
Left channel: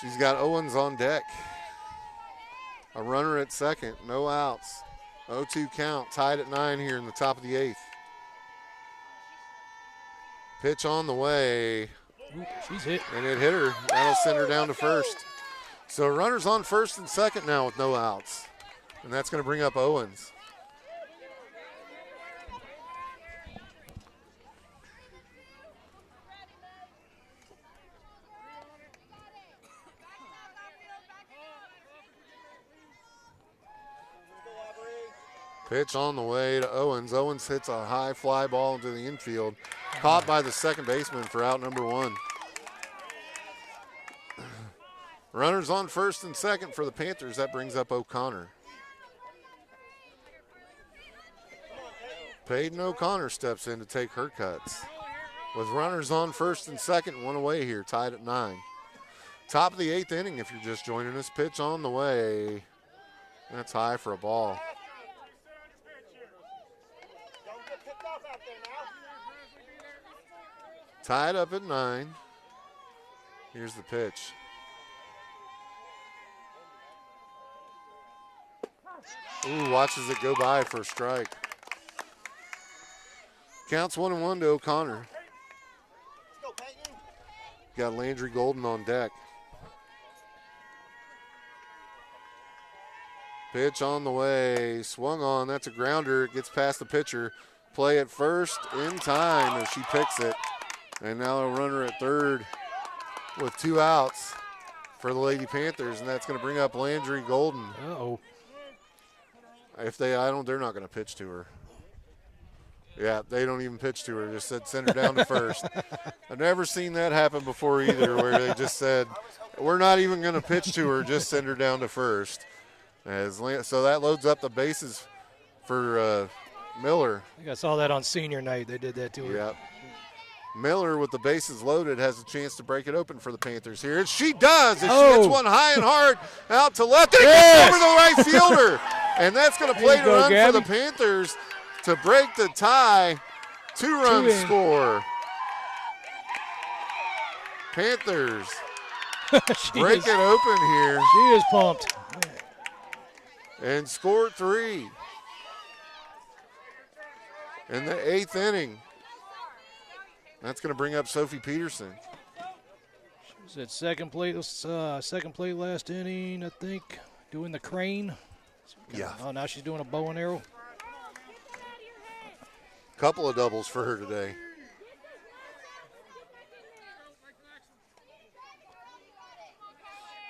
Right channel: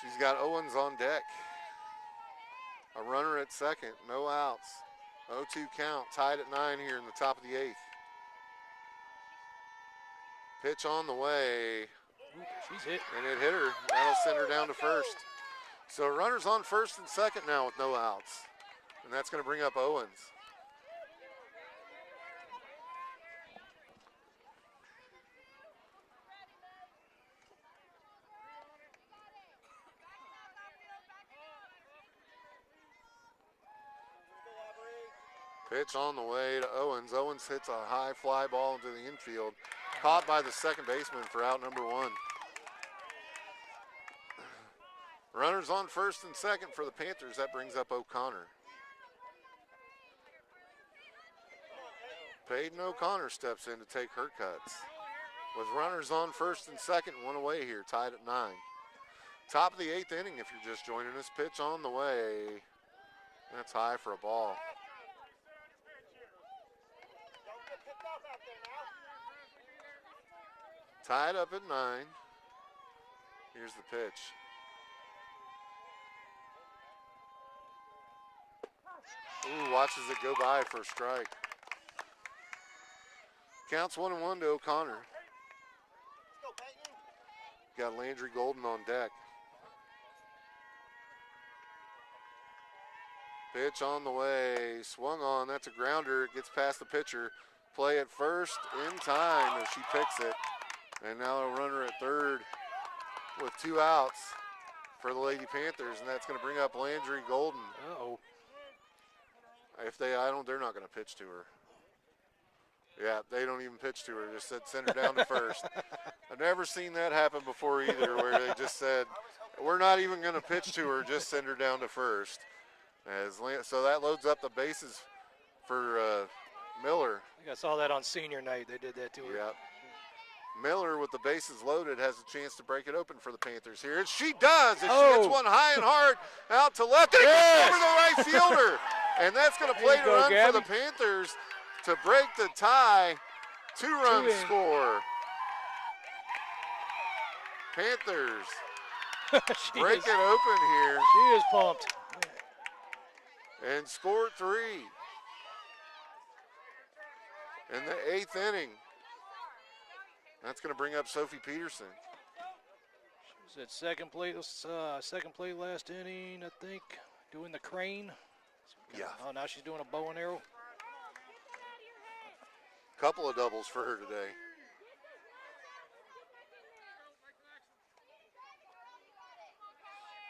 She's got Owens on deck. A runner at second, no outs. 0-2 count, tied at 9 here in the top of the 8th. Pitch on the way. Ooh, she's hit. And it hit her. That'll send her down to first. So runners on first and second now with no outs. And that's going to bring up Owens. Pitch on the way to Owens. Owens hits a high fly ball into the infield. Caught by the second baseman for out number 1. Runners on first and second for the Panthers. That brings up O'Connor. Peyton O'Connor steps in to take her cuts. With runners on first and second, one away here, tied at 9. Top of the 8th inning if you're just joining us. Pitch on the way. That's high for a ball. Tied up at 9. Here's the pitch. Ooh, watches it go by for a strike. Counts 1-1 to O'Connor. Got Landry Golden on deck. Pitch on the way, swung on, that's a grounder. It gets past the pitcher. Play at first in time as she picks it. And now a runner at third with 2 outs for the Lady Panthers, and that's going to bring up Landry Golden. Uh-oh. They're not going to pitch to her. Yeah, they don't even pitch to her. Just said send her down to first. I've never seen that happen before either, where they just said, we're not even going to pitch to her, just send her down to first. So that loads up the bases for Miller. I think I saw that on senior night. They did that to her. Yep. Miller, with the bases loaded, has a chance to break it open for the Panthers here. And she does. And she hits one high and hard out to left. And it gets over the right fielder. And that's going to play the run for the Panthers to break the tie. 2-run score. Panthers break it open here. She is pumped. And score 3 in the 8th inning. That's going to bring up Sophie Peterson. She was at second plate last inning, I think, doing the crane. Yeah. Oh, now she's doing a bow and arrow. Couple of doubles for her today.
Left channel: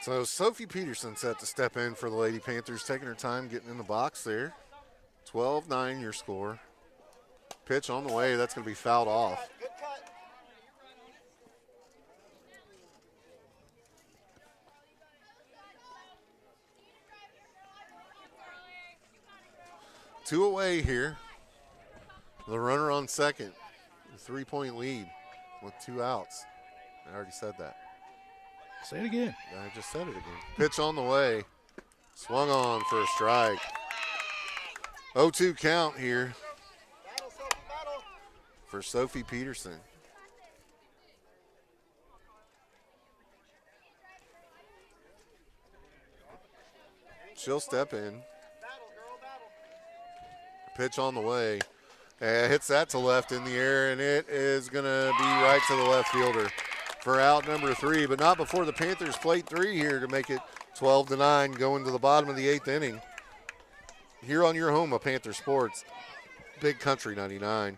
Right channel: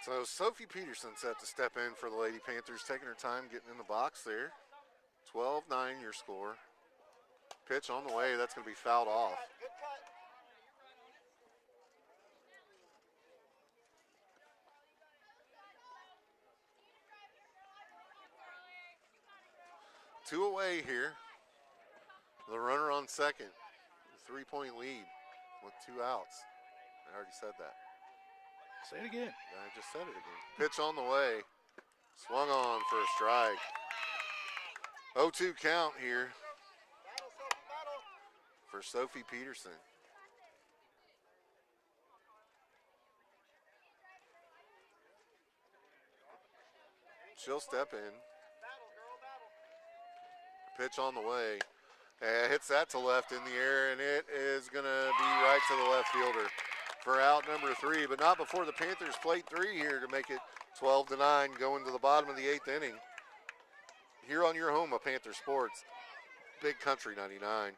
So Sophie Peterson set to step in for the Lady Panthers, taking her time getting in the box there. 12-9 your score. Pitch on the way, that's going to be fouled off. 2 away here. The runner on second. A 3-point lead with 2 outs. I already said that. Say it again. I just said it again. Pitch on the way. Swung on for a strike. 0-2 count here Battle, Sophie, battle. for Sophie Peterson. She'll step in. Battle, girl, battle. Pitch on the way. Hits that to left in the air, and it is going to be right to the left fielder for out number 3, but not before the Panthers plate 3 here to make it 12-9 going to the bottom of the 8th inning. Here on your home of Panther Sports, Big Country 99.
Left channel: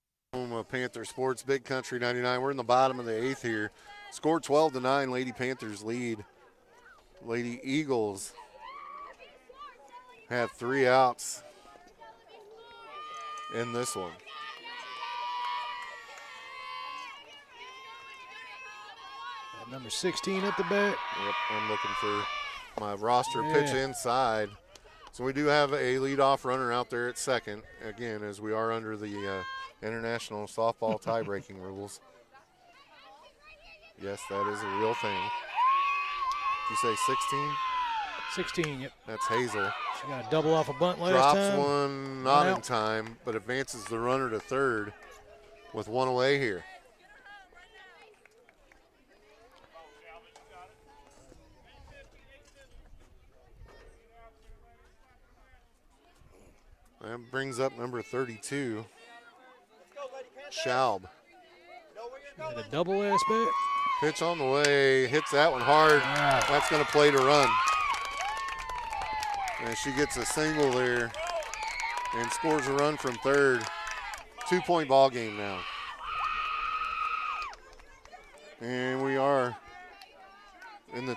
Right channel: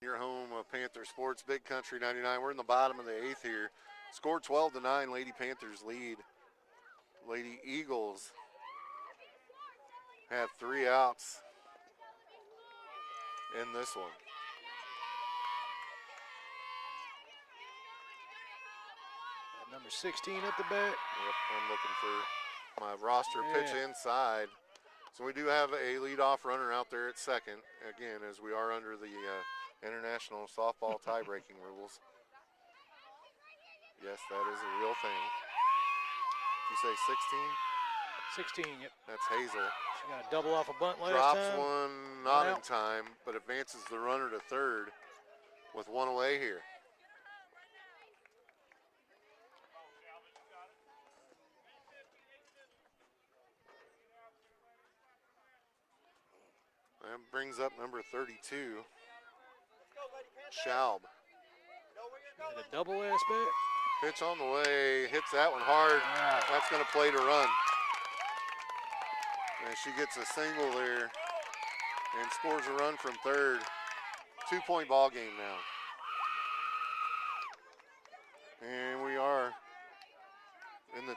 Your home of Panther Sports, Big Country 99. We're in the bottom of the 8th here. Score 12-9. Lady Panthers lead. Lady Eagles have 3 outs in this one. Number 16 at the bat. Yep, I'm looking for my roster pitch inside. So we do have a leadoff runner out there at second, again, as we are under the international softball tie-breaking rules. Yes, that is a real thing. Did you say 16? 16, yep. That's Hazel. She got a double off a bunt last Drops time. one, not in time, but advances the runner to third with 1 away here. That brings up number 32, Schaub. Got a double last bat. Pitch on the way, hits that one hard. That's going to play to run. And she gets a single there and scores a run from third. 2-point ball game now. And we are in the